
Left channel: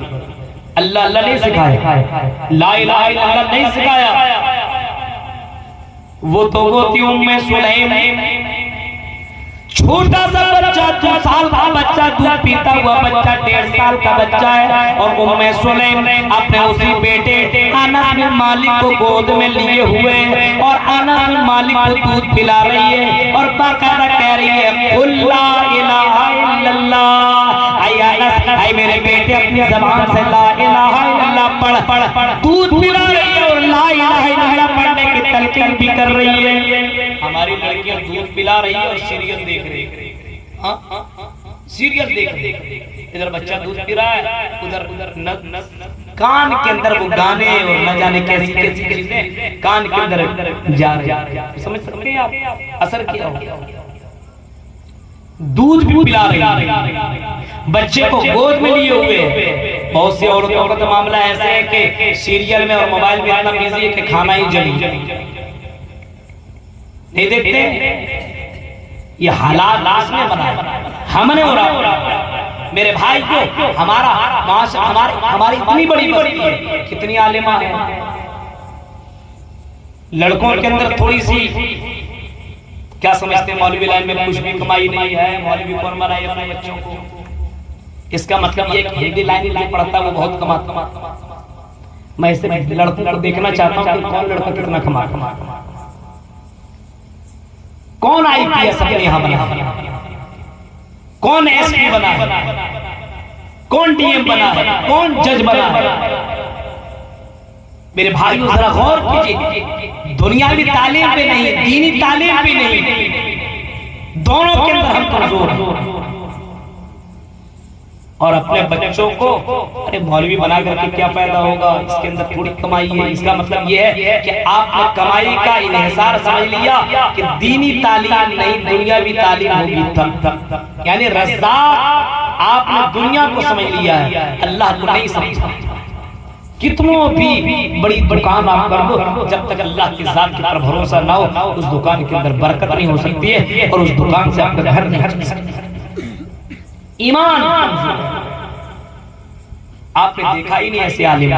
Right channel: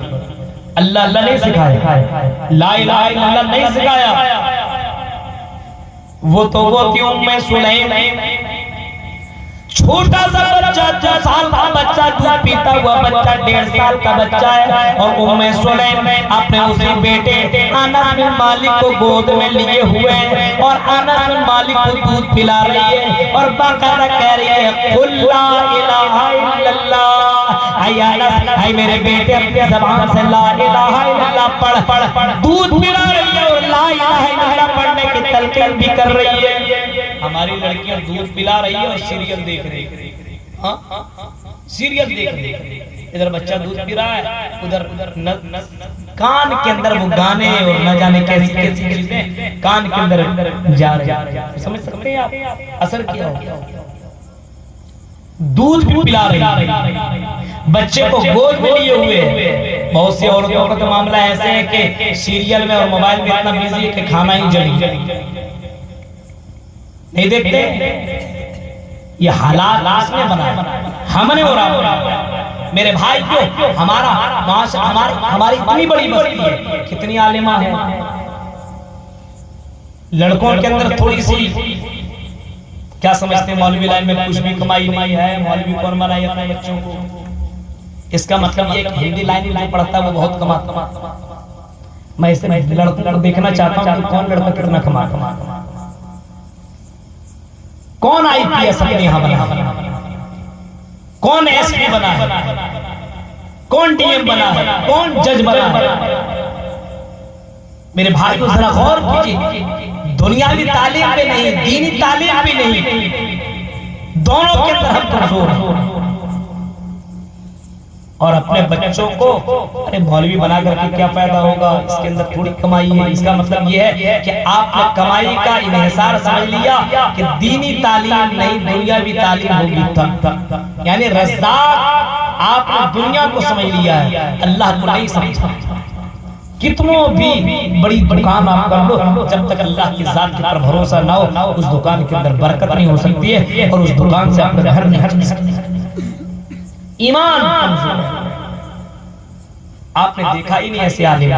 अल्लाह अल्लाह नहीं सिखाया, ला इलाहा इल्लल्लाह नहीं सिखाया। वो तो गोती उम्मे सुलैम, छोटा सा बच्चा, 2 साल का बच्चा, दूध पीता हुआ बच्चा, 1.5 साल का बच्चा है, और उम्मे सुलैम अपने उसी बेटे अनस बिन मालिक को गोद में लिए हुए हैं और अनस बिन मालिक को दूध पिला रही है और बाकायदा कह रही है कुल ला इलाहा इल्लल्लाह। आई अनस, आई मेरे बेटे, अपनी ज़बान से ला इलाहा इल्लल्लाह पढ़। दूध पिला रही है और ला इलाहा इल्लल्लाह पढ़ने की तलकीन भी कर रही है। हमारी लड़कियां दूध पिला रही है और सीरियल देख रही है। सीरियल देख रही है, इधर बच्चा दूध पी रहा है, उधर कान के अंदर वो गाने और न जाने कैसी कैसी चीजें कान के अंदर जा रही है। समझ सकते हैं आप असर क्या हो? दूध भी पिला रही है, बच्चे को गोद में लिए हुए। बहुत सी औरतों का तो मामला ऐसे है कि सीरियल में और मोबाइल में इतना बिजी है कि खाना ही जड़ी नहीं देखते। ये हालात इसने बनाया, हमने उड़ा। मेरे भाई को हमारा हमारी इतनी बड़ी बस्ती है, कितनी आलिमा है। लड़कों के अंदर थोड़ी सी क्या समझते हैं, मौलवी लाइन में कुछ भी कमाई नहीं है, मौलवी कौन मराए अपने बच्चों को। इसका मतलब ये कि हिंदी लाइन में जो पढ़ता है वो बहुत कमाता। मैं ऐसे लड़कों को देखना चाहता हूँ कौन लड़का कितना कमाता, कौन IPS अपने यहाँ बना, कौन SP बना है, कौन DM बना है, कौन जज बना है। मेरे भाइयों जरा गौर कीजिए, दुनियावी तालीम पे नहीं, दीनी तालीम पे नहीं, दोनों के अंदर हम कमजोर हैं। और अपने बच्चों को अरे मौलवी बना करके क्या फायदा होगा, इसके अंदर थोड़ी कमाई है। इसका मतलब यह है कि आपने कमाई का इन्हिसार समझ लिया कि दीनी तालीम नहीं दुनियावी तालीम होगी तब। यानी रज़्ज़ाक़ आपने दुनिया को समझ लिया है, अल्लाह को नहीं समझा। कितनों भी बड़ी दुकान आप कर दो, जब तक अल्लाह की जात के ऊपर भरोसा ना हो उस दुकान के अंदर बरकत नहीं हो सकती है और उस दुकान से आपका घर नहीं चल सकता। ईमान आपने देखा ही नहीं ऐसे आलिम।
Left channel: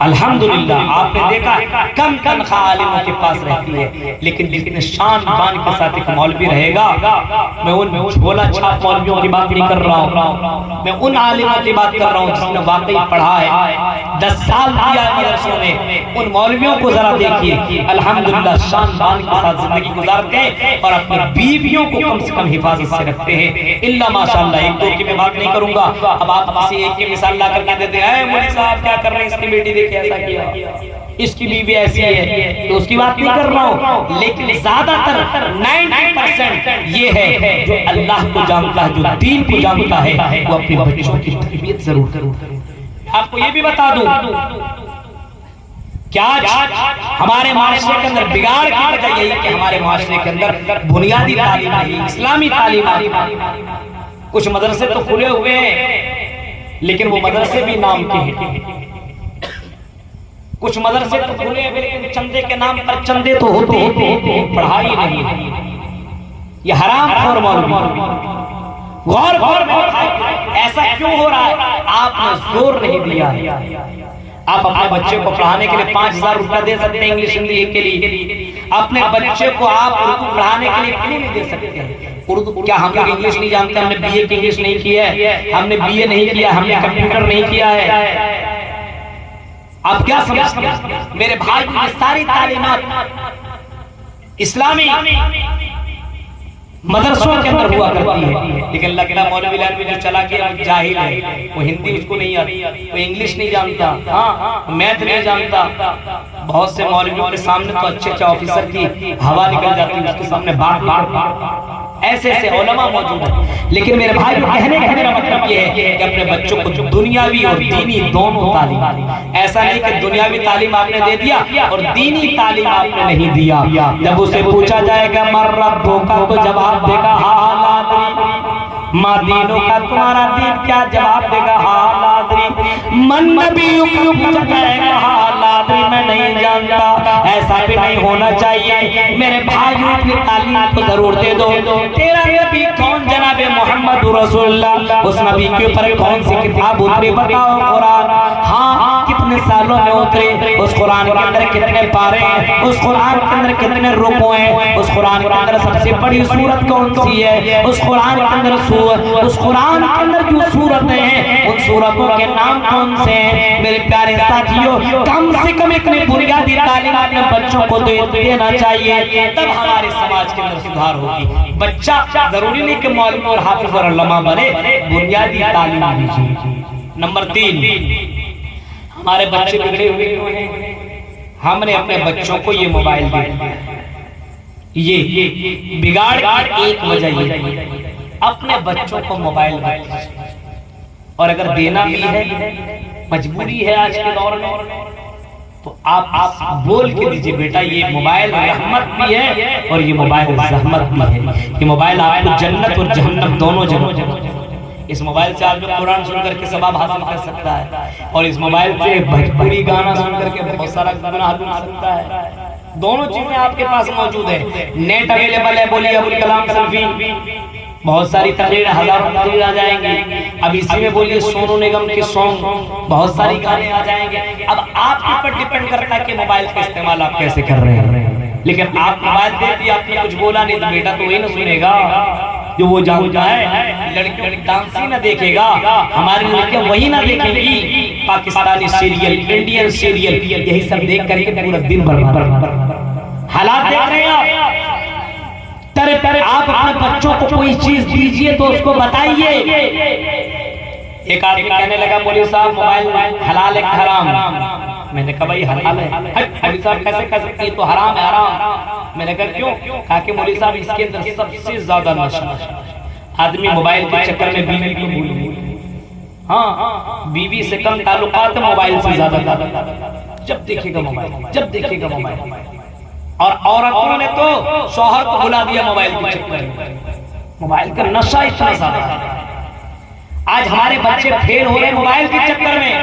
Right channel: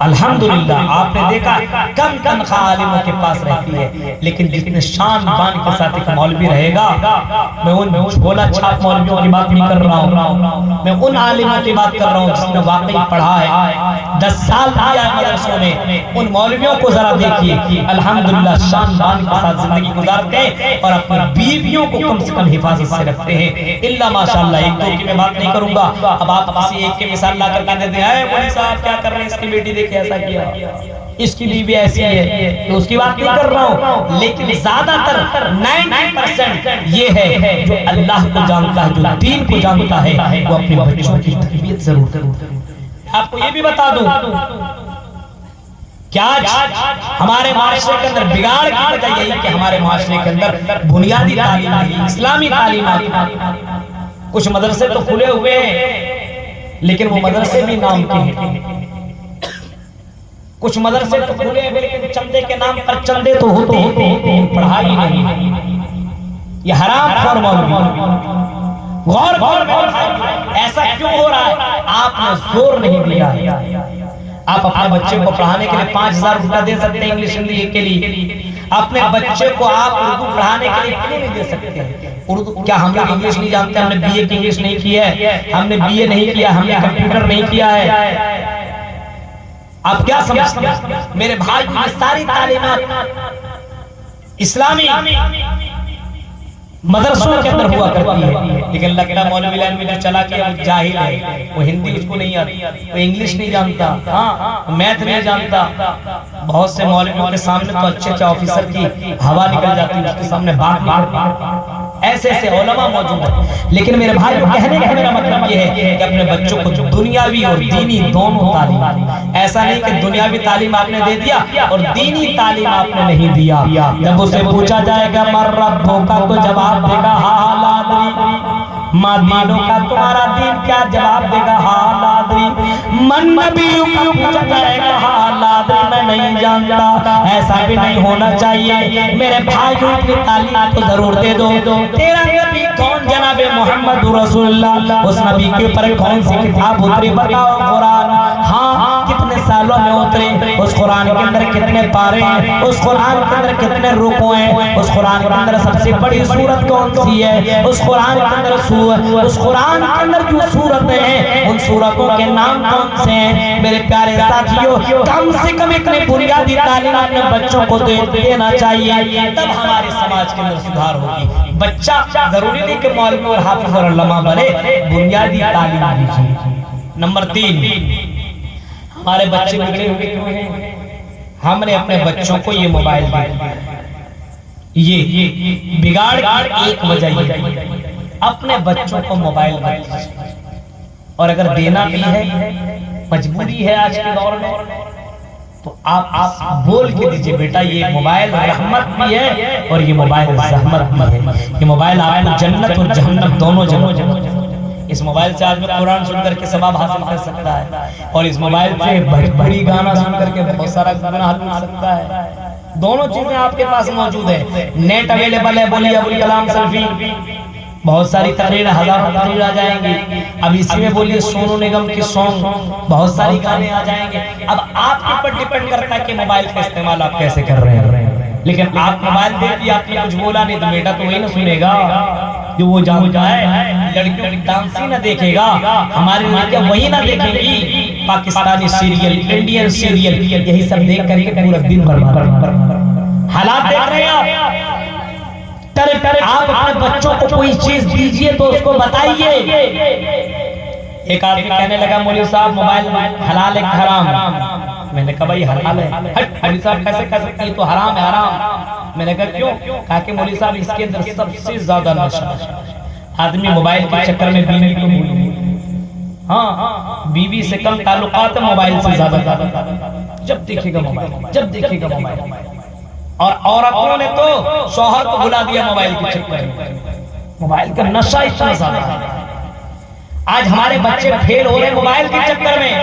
अल्हम्दुलिल्लाह आपने देखा कम तनख्वाह आलिमों के पास रहती है, लेकिन जितने शान बान के साथ एक मौलवी रहेगा, मैं उन झोला छाप मौलवियों की बात नहीं कर रहा हूँ, मैं उन आलिमों की बात कर रहा हूँ जिसने वाकई पढ़ा है, 10 साल दिया मदरसों में। उन मौलवियों को जरा देखिए, अल्हम्दुलिल्लाह शान बान के साथ जिंदगी गुजारते हैं और अपनी बीवियों को कम से कम हिफाजत से रखते हैं। इल्ला माशाअल्लाह, एक दो की मैं बात नहीं करूंगा। अब आप किसी एक की मिसाल ला करके देते हैं, मौलवी साहब क्या कर रहे हैं, इसकी बेटी देखे ऐसा किया, इसकी बीवी ऐसी है, तो उसकी बात नहीं कर रहा हूँ। लेकिन ज्यादातर 90% ये है जो अल्लाह को जानता है, जो दीन को जानता है, वो अपने बच्चों की तरबियत जरूर करे। आपको ये भी बता दूं क्या हमारे माशरे के अंदर बिगाड़ की वजह यही कि हमारे माशरे के अंदर बुनियादी तालीम नहीं, इस्लामी तालीम नहीं। कुछ मदरसे तो खुले हुए हैं, लेकिन वो मदरसे भी नाम के हैं। कुछ मदरसे तो खुले हुए लेकिन चंदे के नाम पर चंदे तो होते हैं, पढ़ाई नहीं। ये हराम और मौलवी गौर ऐसा क्यों हो रहा है? आपने जोर नहीं दिया है। आप अपने बच्चे को पढ़ाने के लिए 5000 रुपया दे सकते हैं इंग्लिश हिंदी के लिए, अपने बच्चे को आप उर्दू पढ़ाने के लिए क्यों नहीं दे सकते? उर्दू क्या हम लोग इंग्लिश नहीं जानते? हमने बीए की इंग्लिश नहीं किया है, हमने बीए नहीं किया, हमने कंप्यूटर नहीं किया है। आप क्या समझते हैं मेरे भाई? ये सारी तालीमात इस्लामी मदरसों के अंदर हुआ करती है, लेकिन लगता मौलवी लाइन में जो चला के जाहिल है, वो हिंदी उसको नहीं आती, वो इंग्लिश नहीं जानता, हाँ मैथ नहीं जानता। बहुत से मौलवियों के सामने तो अच्छे अच्छे ऑफिसर की हवा निकल जाती है, उसके सामने बात ऐसे ऐसे उलमा मौजूद है। लेकिन मेरे भाई को कहने का मेरा मतलब ये है कि अपने बच्चों को दुनियावी और दीनी दोनों तालीम, ऐसा नहीं कि दुनियावी तालीम आपने दे दिया और दीनी तालीम आपने नहीं दिया। जब उसे पूछा जाएगा मर रब्बो का, तो जवाब देगा हाँ लादरी। माँ दीनों का, तुम्हारा दीन क्या? जवाब देगा हाँ लादरी। मन नबियों का पूछा जाएगा हाँ लादरी, मैं नहीं जानता। ऐसा भी नहीं होना चाहिए मेरे भाइयों, अपनी तालीम को जरूर दे दो। तेरा नबी कौन? जनाबे मोहम्मद रसूलुल्लाह। उस नबी के ऊपर कौन सी किताब उतरी? बताओ कुरान। हाँ, कितने सालों में उतरे? उस कुरान के अंदर कितने पारे हैं? उस कुरान के अंदर कितने रुकू हैं? उस कुरान के अंदर सबसे बड़ी सूरत कौन सी है? उस कुरान के अंदर उस कुरान के अंदर जो सूरतें हैं, उन सूरतों के नाम कौन से हैं? मेरे प्यारे साथियों, कम से कम इतने बुनियादी तालीम अपने बच्चों को देना चाहिए, तब हमारे समाज के अंदर सुधार होगी। बच्चा जरूरी नहीं कि मौलवी और हाफिज और उलमा बने, बुनियादी तालीम दीजिए। नंबर 3, हमारे बच्चे बिगड़े हुए क्यों हैं? हमने अपने बच्चों को ये मोबाइल दे दिया। ये बिगाड़ एक वजह ये, अपने बच्चों को मोबाइल मत दीजिए। और अगर देना भी है, मजबूरी है आज के दौर में, तो आप बोल के दीजिए बेटा ये मोबाइल रहमत भी है और ये मोबाइल रहमत भी है। ये मोबाइल आपको जन्नत और जहन्नम दोनों जगह। इस मोबाइल से आदमी कुरान सुनकर के सवाब हासिल कर सकता है, और इस मोबाइल से भोजपुरी गाना सुनकर के बहुत सारा गुनाह मिल सकता है। दोनों चीजें आपके पास मौजूद है। नेट अवेलेबल है, बोलिए अबुल कलाम सल्फी, बहुत सारी तकरीर, हजारों तकरीर आ जाएंगी। अब इसी में बोलिए सोनू निगम के सॉन्ग, बहुत सारी गाने आ जाएंगे। अब आपके ऊपर डिपेंड करता है कि मोबाइल का इस्तेमाल आप कैसे कर रहे हैं। लेकिन आप मोबाइल दे दिया, आपने कुछ बोला नहीं, तो बेटा तो वही ना सुनेगा जो वो जानता है। लड़की डांस ही ना देखेगा, हमारी लड़कियां वही ना देखेगी, पाकिस्तानी सीरियल, इंडियन सीरियल, यही सब देख करके पूरा दिन बर्बाद। हालात देख रहे हैं आप अपने बच्चों को कोई चीज दीजिए तो उसको बताइए एक आदमी कहने लगा मौलवी साहब मोबाइल हलाल है हराम? मैंने कहा भाई हलाल है। मौलवी साहब कैसे कह सकते हैं, तो हराम है हराम। मैंने कहा क्यों? कहा कि मौलवी साहब इसके अंदर सबसे ज्यादा नशा, आदमी मोबाइल के चक्कर में बीवी को भूल, हाँ बीवी से कम ताल्लुकात है, मोबाइल से ज्यादा, जब देखेगा मोबाइल, जब देखेगा मोबाइल। और औरतों ने तो शौहर को बुला दिया मोबाइल के चक्कर में, मोबाइल का नशा इतना ज्यादा है। आज हमारे बच्चे फेल हो रहे हैं मोबाइल के चक्कर में।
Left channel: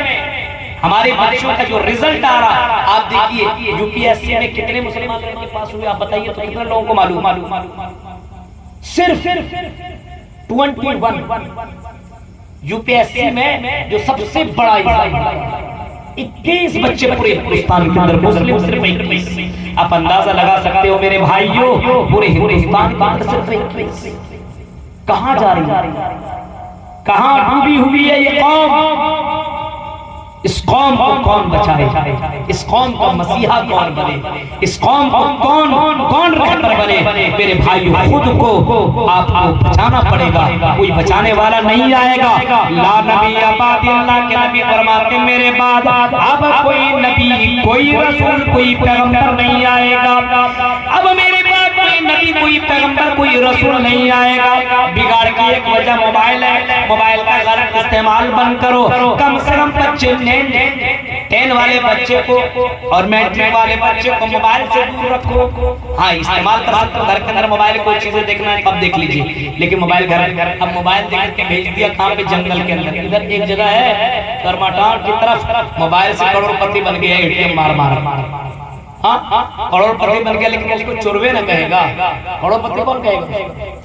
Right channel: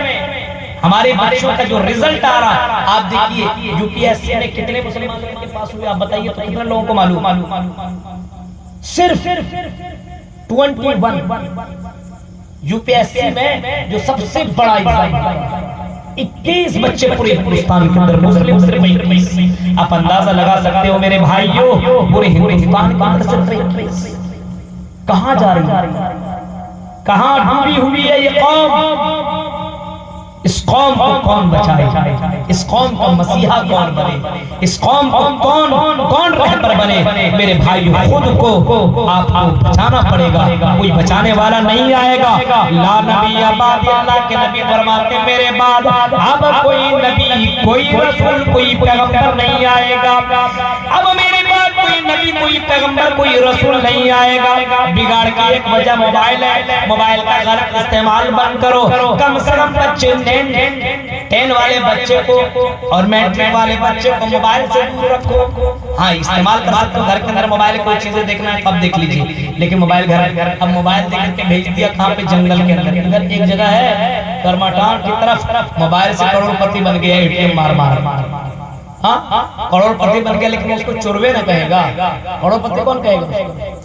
हमारे बच्चों का जो रिजल्ट आ रहा है, आप देखिए यूपीएससी में कितने मुसलमानों के पास हुए, आप बताइए तो कितने लोगों को मालूम? सिर्फ 21। यूपीएससी में जो सबसे बड़ा एग्जाम है, 21 बच्चे पूरे हिंदुस्तान के अंदर, मुस्लिम सिर्फ 21। आप अंदाजा लगा सकते हो मेरे भाइयों, पूरे हिंदुस्तान के अंदर सिर्फ 21। कहां जा रही है, कहां डूबी हुई है ये कौम? इस कौम को कौन बचाए? इस कौम का मसीहा कौन बने? इस कौम को कौन रहबर बने? मेरे भाइयों, खुद को आपको बचाना पड़ेगा, कोई बचाने वाला नहीं आएगा। ला नबी अबाद, अल्लाह के नबी फरमाते मेरे बाद अब कोई नबी, कोई रसूल, कोई पैगंबर नहीं आएगा। अब मेरे बाद कोई नबी, कोई पैगंबर, कोई रसूल नहीं आएगा। बिगाड़ की एक वजह मोबाइल है, मोबाइल का गलत इस्तेमाल बंद करो। कम से कम बच्चे 10 वाले बच्चे को और मैट्रिक वाले बच्चे को मोबाइल से दूर रखो। हाँ इस्तेमाल कर सकते हो, घर के अंदर मोबाइल कोई चीजें देखना है तब देख लीजिए, लेकिन मोबाइल घर, अब मोबाइल देख के भेज दिया कहाँ पे? जंगल के अंदर। इधर एक जगह है करमाटान की तरफ, मोबाइल से करोड़पति बन गया, एटीएम मार मार। हाँ करोड़पति बन गया, लेकिन उसको चोरवे न कहेगा, करोड़पति कौन कहेगा?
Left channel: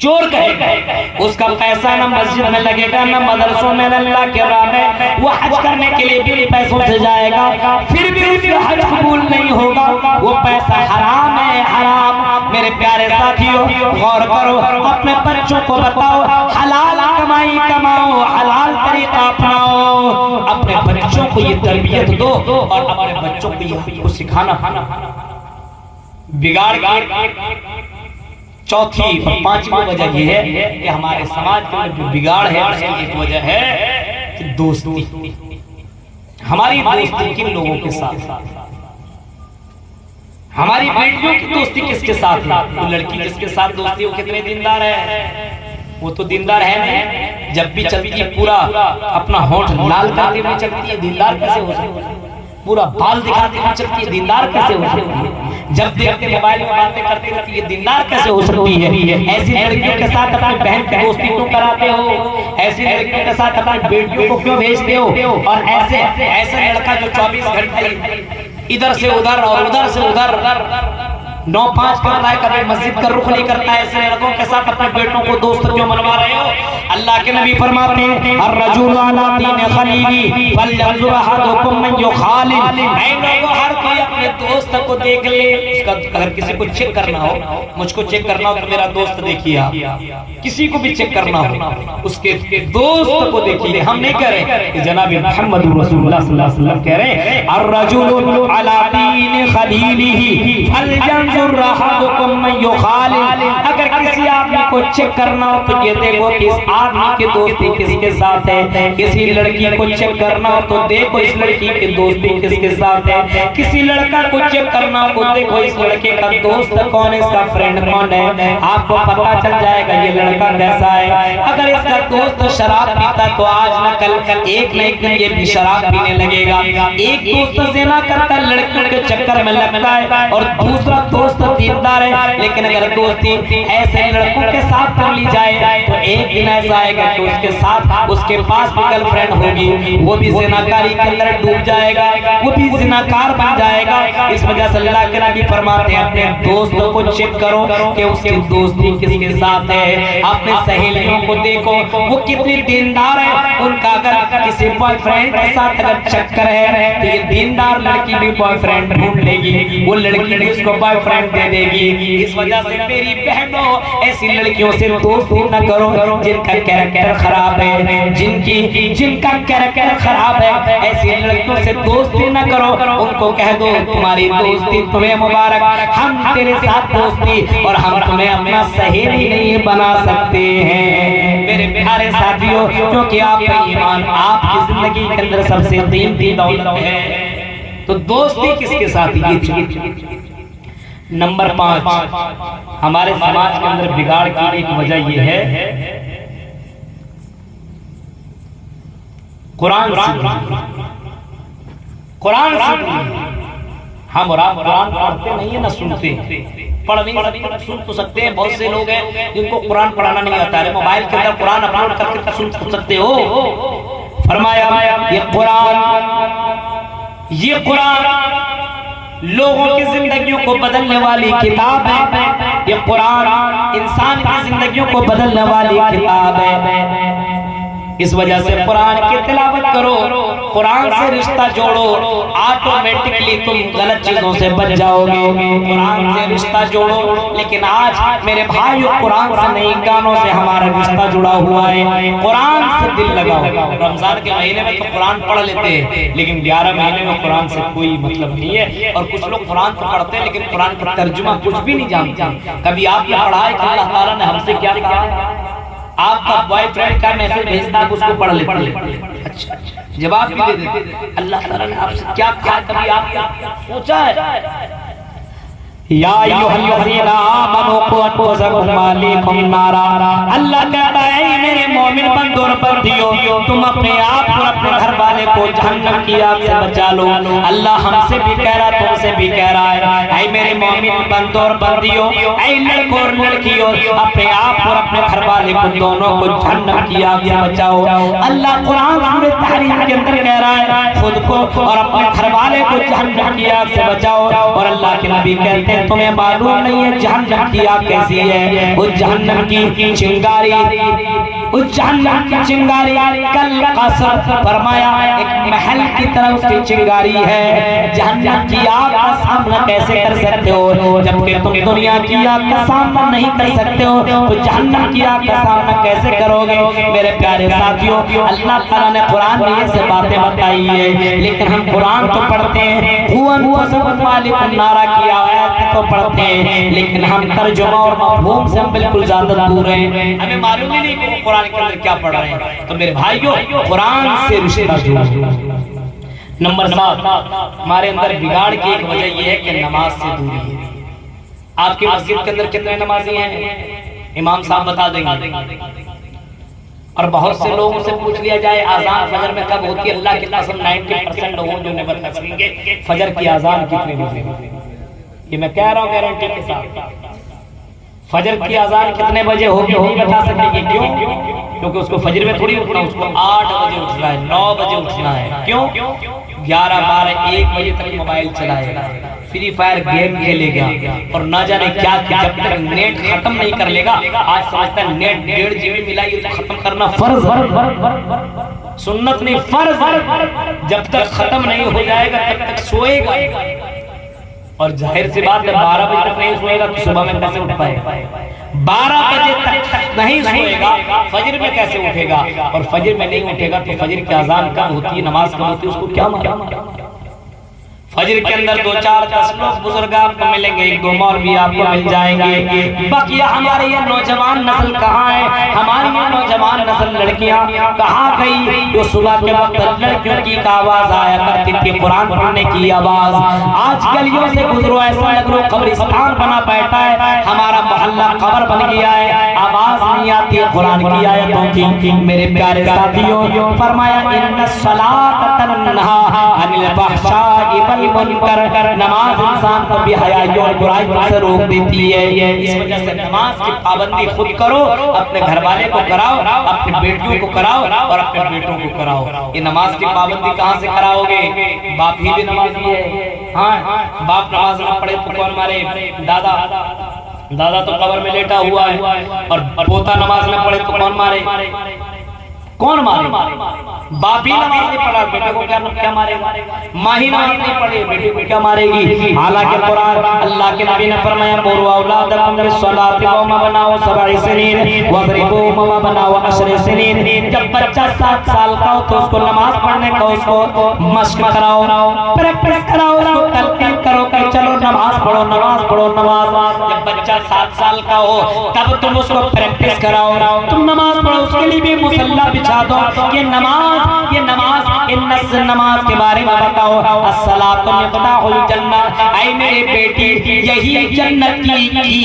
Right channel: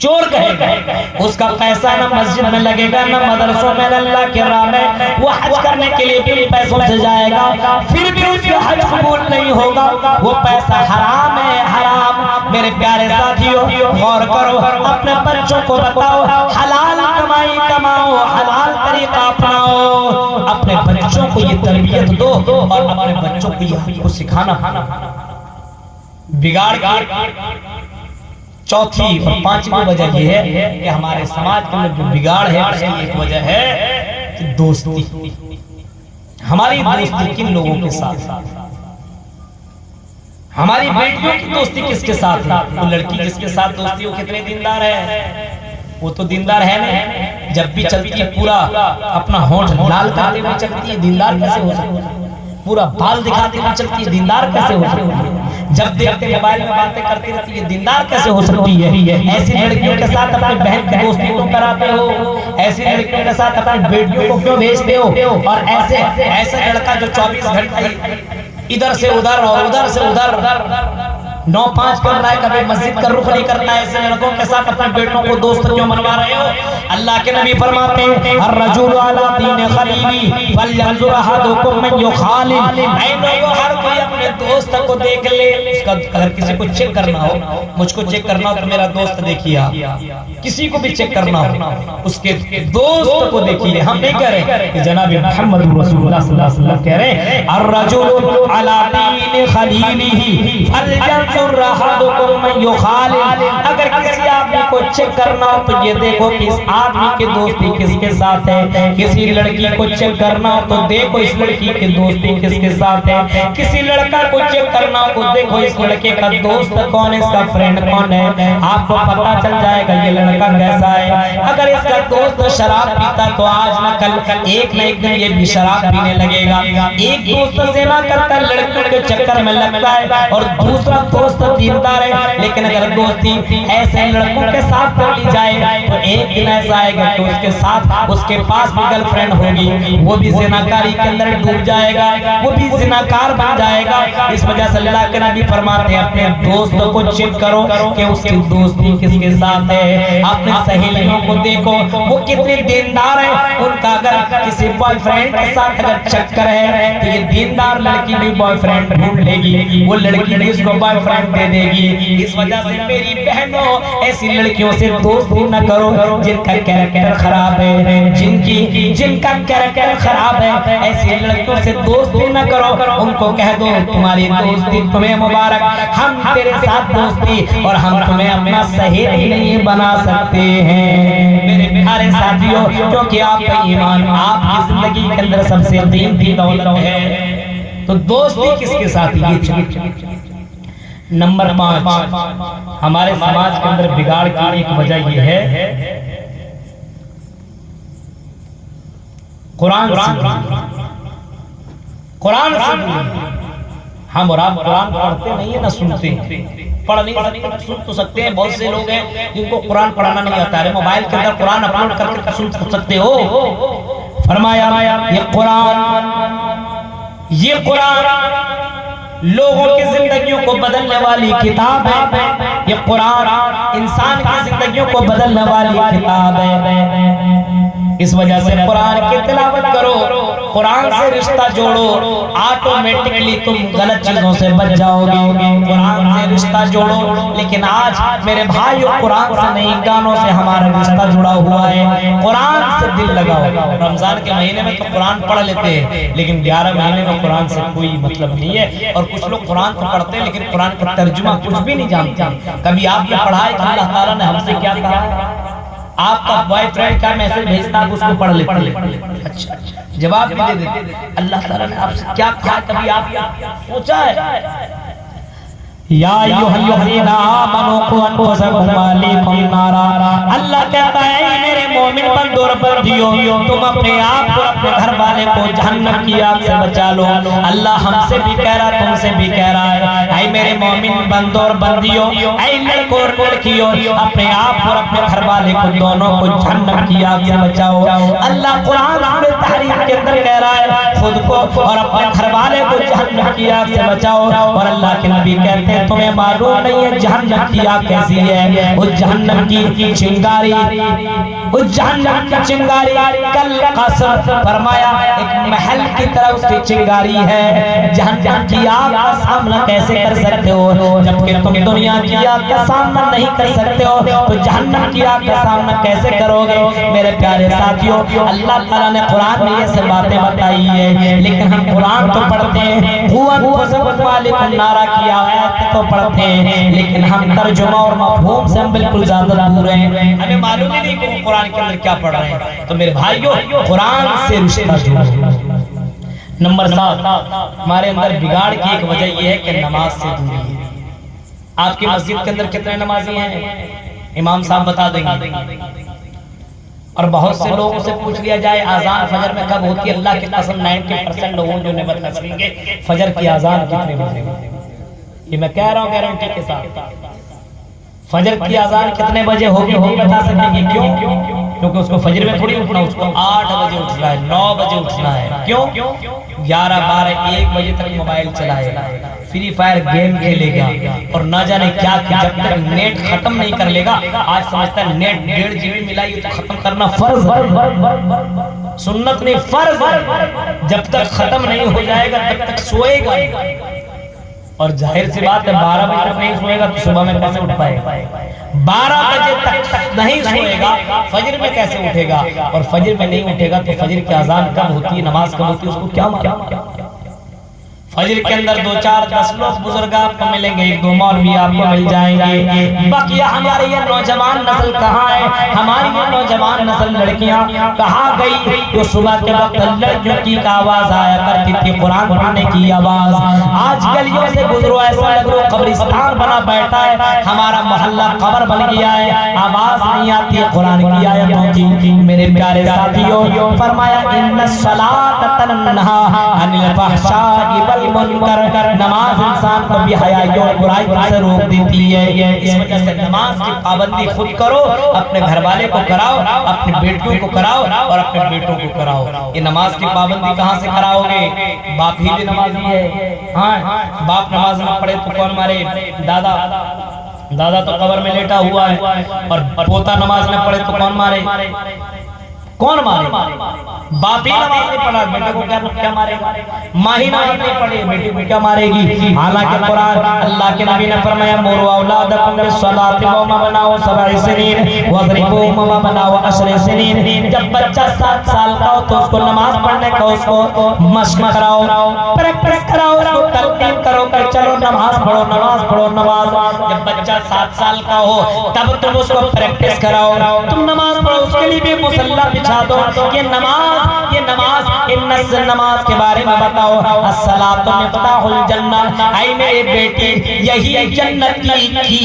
चोर कहेगा। उसका पैसा न मस्जिद में लगेगा, न मदरसों में, न अल्लाह के राह में। वो हज करने के लिए भी पैसों से जाएगा, फिर भी उसका हज कबूल नहीं होगा। वो पैसा हराम है, हराम। मेरे प्यारे साथियों, गौर करो, अपने बच्चों को बताओ हलाल कमाई कमाओ, हलाल तरीका अपनाओ। अपने बच्चों को ये तरबियत दो और अपने बच्चों को ये सिखाना। बिगाड़ के चौथी और 5वीं वजह यह है कि हमारे समाज के अंदर जो बिगाड़ है, उसकी एक वजह है कि दोस्ती। हमारी दोस्ती किन लोगों के साथ? हमारी बेटियों की दोस्ती किसके साथ है? वो लड़की किसके साथ दोस्ती हो? कितने दीनदार है? वो तो दीनदार है नहीं, जब भी चलती है पूरा अपना होंठ लाल करते हुए चलती है, दीनदार कैसे हो सकती है? पूरा बाल दिखाते हुए चलती है, दीनदार कैसे हो सकती है? जब देखते मोबाइल में बातें करती रहती है, दीनदार कैसे हो सकती है? ऐसी लड़कियों के साथ अपनी बहन की दोस्ती क्यों कराते हो? ऐसी लड़कियों के साथ अपनी बेटियों को क्यों भेजते हो? और ऐसे लड़का जो 24 घंटे इधर से उधर और उधर से उधर 9-5 कर रहा है, कभी मस्जिद का रुख नहीं करता है, ऐसे लड़कों के साथ अपने बेटों को दोस्त क्यों बनवा रहे हो? अल्लाह के नबी फरमाते हैं अर्रजुलु अला दीनि खलीली फलयंजुर अहदुकुम मन युखालिल। ऐ लोगों, हर कोई अपने दोस्त को देख ले। उसका अगर किसी को चेक करना हो, मुझको चेक करना हो तो मेरा दोस्त देखिए आप। किसी को भी चेक करना हो उसके दोस्त को देखिए। हम नहीं कह रहे कि जनाब मुहम्मद रसूलुल्लाह सल्लल्लाहु अलैहि वसल्लम कह रहे अर्रजुलु अला दीनि खलीलिही फलयंजुर अहदुकुम मन युखालिल। अगर किसी आदमी को चेक करना हो तो ये देखो कि इस आदमी की दोस्ती किसके साथ है। किसी लड़की को चेक करना हो तो देखो इस लड़की की दोस्ती किसके साथ है। किसी लड़का को चेक करना हो तो देखो इस लड़के का दोस्त कौन है, इसका फ्रेंड कौन है। आपको पता चल जाएगा ये लड़का कैसा है। अगर इसका दोस्त शराब पीता तो आज न कल एक न एक दिन ये भी शराब पीने लगेगा। एक दोस्त से ना करता, लड़के के चक्कर में लगता है, और दूसरा दोस्त दीनदार है। लेकिन अगर दोस्ती ऐसे लड़कों के साथ कर ली जाए तो एक दिन ऐसा आएगा कि उसके साथ उसके पास भी गर्लफ्रेंड होगी, वो भी ज़िनाकारी के अंदर डूब जाएगा, वो भी ज़िनाकार बन जाएगा। इस वजह से अल्लाह के नबी फरमाते हैं अपने दोस्तों को चेक करो कि उसकी दोस्ती किसके साथ है। अपने सहेलियों को देखो वो कितने दीनदार है। उनका अगर किसी बॉयफ्रेंड के साथ अगर चक्कर है तो ये दीनदार लड़की भी बॉयफ्रेंड ढूंढ लेगी, वो लड़की भी उसको बॉयफ्रेंड दे देगी। इस वजह से मेरी बहनों, ऐसी लड़कियों से दोस्ती न करो जिनका कैरेक्टर खराब है, जिनका कैरेक्टर खराब है। ऐसी लड़कियों से दोस्ती न करो, उनको कह दो तुम्हारी दोस्ती तुम्हें मुबारक, हम तेरे साथ दोस्ती और हम तुम्हें अपना सहेली नहीं बना सकते हैं। मेरे प्यारे प्यारे साथियों, क्योंकि आपका ईमान आपकी जिंदगी के अंदर सबसे कीमती दौलत है। तो दोस्ती किसके साथ? ये नंबर 5 हमारे समाज के अंदर बिगाड़ की एक वजह यह है कुरान से हम और आप कुरान पढ़ते नहीं है ना सुनते, पढ़ नहीं सकते, सुन तो सकते हैं। बहुत से लोग हैं जिनको कुरान पढ़ाना नहीं आता है, मोबाइल के अंदर कुरान अपलोड करके सुन सकते हो। फरमाया ये कुरान लोगों की जिंदगियों को बदलने वाली किताब है। ये कुरान इंसान की जिंदगियों को बदलने वाली किताब है। इस वजह से कुरान की तिलावत करो, कुरान से रिश्ता जोड़ो, ऑटोमेटिकली तुम गलत चीजों से बच जाओगे। कुरान से रिश्ता जोड़ो। लेकिन आज मेरे भाइयों कुरान से नहीं, गानों से हमारा रिश्ता जुड़ा हुआ है। कुरान से दिल लगाओ। रमजान के महीने में तो कुरान पढ़ लेते हैं, लेकिन 11 महीने में कुरान से कोई मतलब नहीं है। और कुछ लोग कुरान तो पढ़ते हैं लेकिन कुरान का तर्जुमा कुछ भी नहीं जानते। कभी आपने पढ़ा है कि अल्लाह ताला ने हमसे क्या कहा? आपका बॉयफ्रेंड का मैसेज भेजता है, उसको पढ़ लेते हैं, अच्छा जवाब भी दे देते। अल्लाह ताला ने आपसे क्या क्या कभी आप सोचा है? या अय्युहल्लज़ीना आमनू क़ू अनफुसकुम व अहलीकुम नारा। अल्लाह कहता है मेरे मोमिन बंदों और बंदियों, तुम अपने आप को, अपने घर वाले को जहन्नम की आग से बचा लो। अल्लाह हमसे भी कह रहा है, तुमसे भी कह रहा है, ऐ मेरे मोमिन बंदों और बंदियों, ऐ लड़कों और लड़कियों, अपने आप और अपने घर वाले को, दोनों को जहन्नम की आग से बचाओ। अल्लाह कुरान सूरह तहरीम के अंदर कह रहा है खुद को और अपने घर वाले को जहन्नम की आग से बचाओ। और अल्लाह के नबी कहते हैं तुम्हें मालूम नहीं है जहन्नम की आग कैसी है? उस जहन्नम की चिंगारी, उस जहन्नम की चिंगारी कल कसर फरमाया एक महल की तरह उसकी चिंगारी है। जहन्नम की आग का सामना कैसे कर सकते हो जबकि तुम दुनिया की आग का सामना नहीं कर सकते हो? तो जहन्नम की आग का सामना कैसे करोगे? मेरे प्यारे साथियों, अल्लाह ताला ने कुरान में ये सब बातें बताई है, लेकिन हम कुरान तो पढ़ते हैं, नारा किया है तो पढ़ते हैं, लेकिन हम तर्जुमा और मफहूम से हम बिल्कुल ज्यादा दूर हैं। हमें मालूम ही नहीं कि कुरान के अंदर क्या पढ़ रहे हैं। तो मेरे भाइयों, कुरान से रिश्ता जोड़ो। नंबर 7 हमारे अंदर बिगाड़ की एक वजह यह है कि नमाज से दूरी है। आपकी मस्जिद के अंदर कितने नमाजी हैं? इमाम साहब बता देंगे। और बहुत से लोगों से पूछ लिया जाए आजान फजर में कब होती है? अल्लाह की कसम 90% लोगों जो ने बता सकेंगे फजर की आजान कितने बजे होती है। ये मैं कह रहा हूँ गारंटी के साथ। फजर की आजान कितने बजे होगी वो बता सकेंगे। क्यों? क्योंकि उसको फजर में थोड़ी उठना, उसको 8 बजे उठना है, 9 बजे उठना है। क्यों? 11, 12, 1 बजे तक मोबाइल चलाएगा, फ्री फायर गेम खेलेगा और ना जाने क्या कि जब तक नेट खत्म नहीं कर लेगा। आज समझता है नेट 1.5 GB मिला, ये तो खत्म करना फर्ज है, सुन्नत नहीं फर्ज है। जब तक खत्म नहीं हो जाएगा तब तक सोएगा। और जाहिर सी बात है 12 बजे तक नहीं सोएगा तो सुबह में कैसे उठ पाएगा? 12 बजे तक नहीं सोएगा, फजर में कैसे उठेगा? और फजर में नहीं उठेगा तो फजर की अजान कब होती है, नमाज कब होती है, उसको क्या फजर के अंदर 2, 4, 10 लोग बुजुर्ग आपको मिलेंगे, 1, 2 मौलवी आपको मिल जाएंगे। बकिया हमारी ये नौजवान नस्ल कहाँ है? हमारी ये नौजवान नस्ल लड़कियां कहाँ गई? जो सुबह के वक्त लड़कियों की आवाज आया करती थी, कुरान पढ़ने की आवाज। आज गलियों से गुजरो ऐसा लगो कब्रिस्तान बना बैठा है, हमारा मोहल्ला कब्र बन गया है, आवाज नहीं आती है कुरान की आयतों की। मेरे प्यारे साथियों, फरमाया इन्नस्सलात तनहा अनिल फहशाई वल मुनकर, नमाज इंसान को बेहयाई और बुराई से रोक देती है। इस वजह से नमाज की पाबंदी खुद करो, अपने घर वाले को कराओ, अपने बेटियों को कराओ और अपने बेटों को कराओ। ये नमाज की पाबंदी कहाँ से कराओगे? बाप ही भी नमाजी है। हाँ, बाप नमाज में पढ़े तो कौन मारे? दादा तो कब्र में लेटा हुआ है। और पोता नमाज में पढ़े तो कौन मारे? कौन मारे? बाप ही नमाज नहीं पढ़ा, बेटे को क्या मारेगा? माँ ही नमाज नहीं पढ़ी, बेटे को क्या मारेगी? हालांकि कुरान अल्लाह के नबी ने फरमाया मुरु औलादकुम बिस्सलाति व मबनाउ 7 सनीन वज़रिबुहुम व मबनाउ 10 सनीन। जब बच्चा 7 साल का हो तो उसको नमाज पढ़ने का उसको मशक कराओ, प्रैक्टिस कराओ, उसको तलकीन करो कि चलो नमाज पढ़ो, नमाज पढ़ो, नमाज। जब बच्चा 7 साल का हो तब तुम उसको प्रैक्टिस कराओ, तुम नमाज पढ़ो, उसके लिए भी मुसल्ला बिछा दो, ये नमाज नमाज के बारे में बताओ। अस्सलातु मिफ्ताहुल जन्नह, ऐ मेरे बेटे यही जन्नत की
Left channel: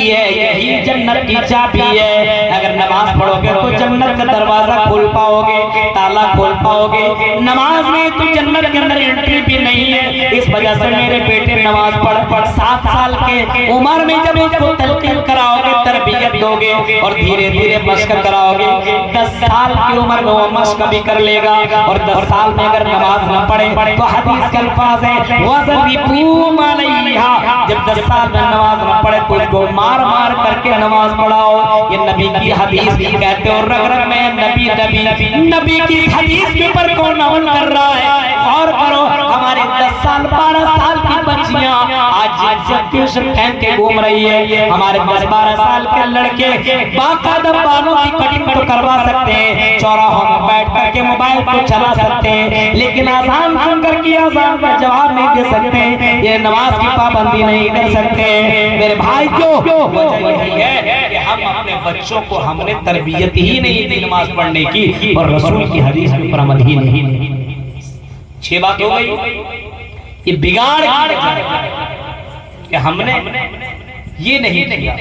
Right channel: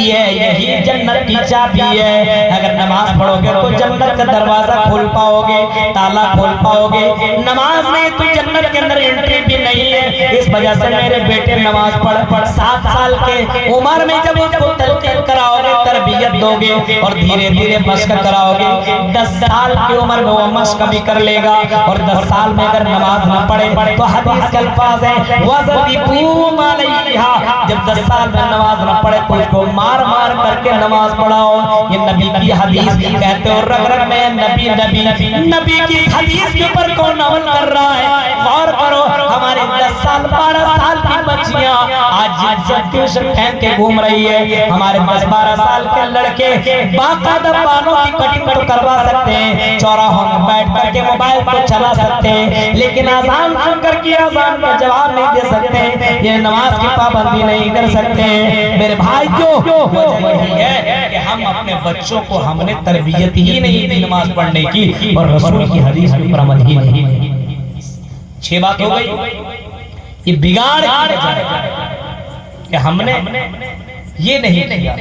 है, यही जन्नत की चाबी है। अगर नमाज पढ़ोगे तो जन्नत का दरवाजा खोल पाओगे, ताला खोल पाओगे। नमाज में तो जन्नत के अंदर एंट्री भी नहीं है। इस वजह से मेरे बेटे नमाज पढ़ 7 साल के उम्र में जब इसको तलकीन कराओगे, तरबियत दोगे और धीरे धीरे मश्क कराओगे, 10 साल की उम्र में वो मश्क भी कर लेगा। और 10 साल में अगर नमाज न पढ़े तो हदीस के अल्फाज है वज़बिकूम अलैहा, जब 10 साल में नमाज न पढ़े तो उसको मार मार करके नमाज पढ़ाओ। ये नबी की हदीस कहते हो, रग रग में नबी नबी नबी की हदीस के ऊपर कौन अमल कर रहा है? गौर करो, हमारे 10 साल 12 साल की बच्चियां आज जब ट्यूशन फेंक के घूम रही है। हमारे 10-12 साल के लड़के बाकायदा बालों की कटिंग तो करवा सकते हैं, चौराहों में बैठ करके मोबाइल को चला सकते हैं, लेकिन आजान सुनकर के आजान का जवाब नहीं दे सकते, ये नमाज की पाबंदी नहीं कर सकते। मेरे भाई क्यों है कि हम अपने बच्चों को हमने तरबियत ही नहीं दी नमाज पढ़ने की, और रसूल की हदीस पर अमल ही नहीं। 6 बात हो गई। ये बिगाड़ कि हमने ये नहीं किया।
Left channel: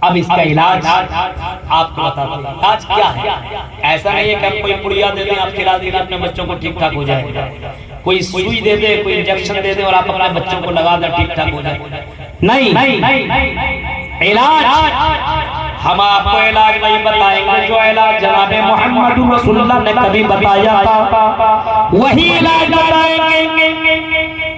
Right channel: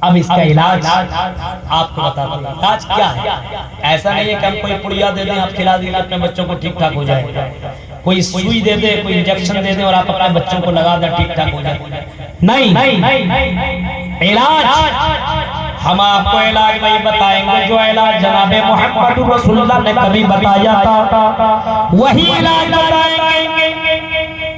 अब इसका इलाज आपको बताता हूं। इलाज क्या है? ऐसा नहीं है कि हम कोई पुड़िया दे दें, आप खिला देंगे, अपने बच्चों को ठीक ठाक हो जाए। कोई सुई दे दे, कोई इंजेक्शन दे दे और आप अपने बच्चों को लगा दे, ठीक ठाक हो जाए। नहीं, इलाज हम आपको इलाज नहीं बताएंगे। जो इलाज जनाबे मोहम्मद रसूलुल्लाह ने कभी बताया था वही इलाज बताएंगे।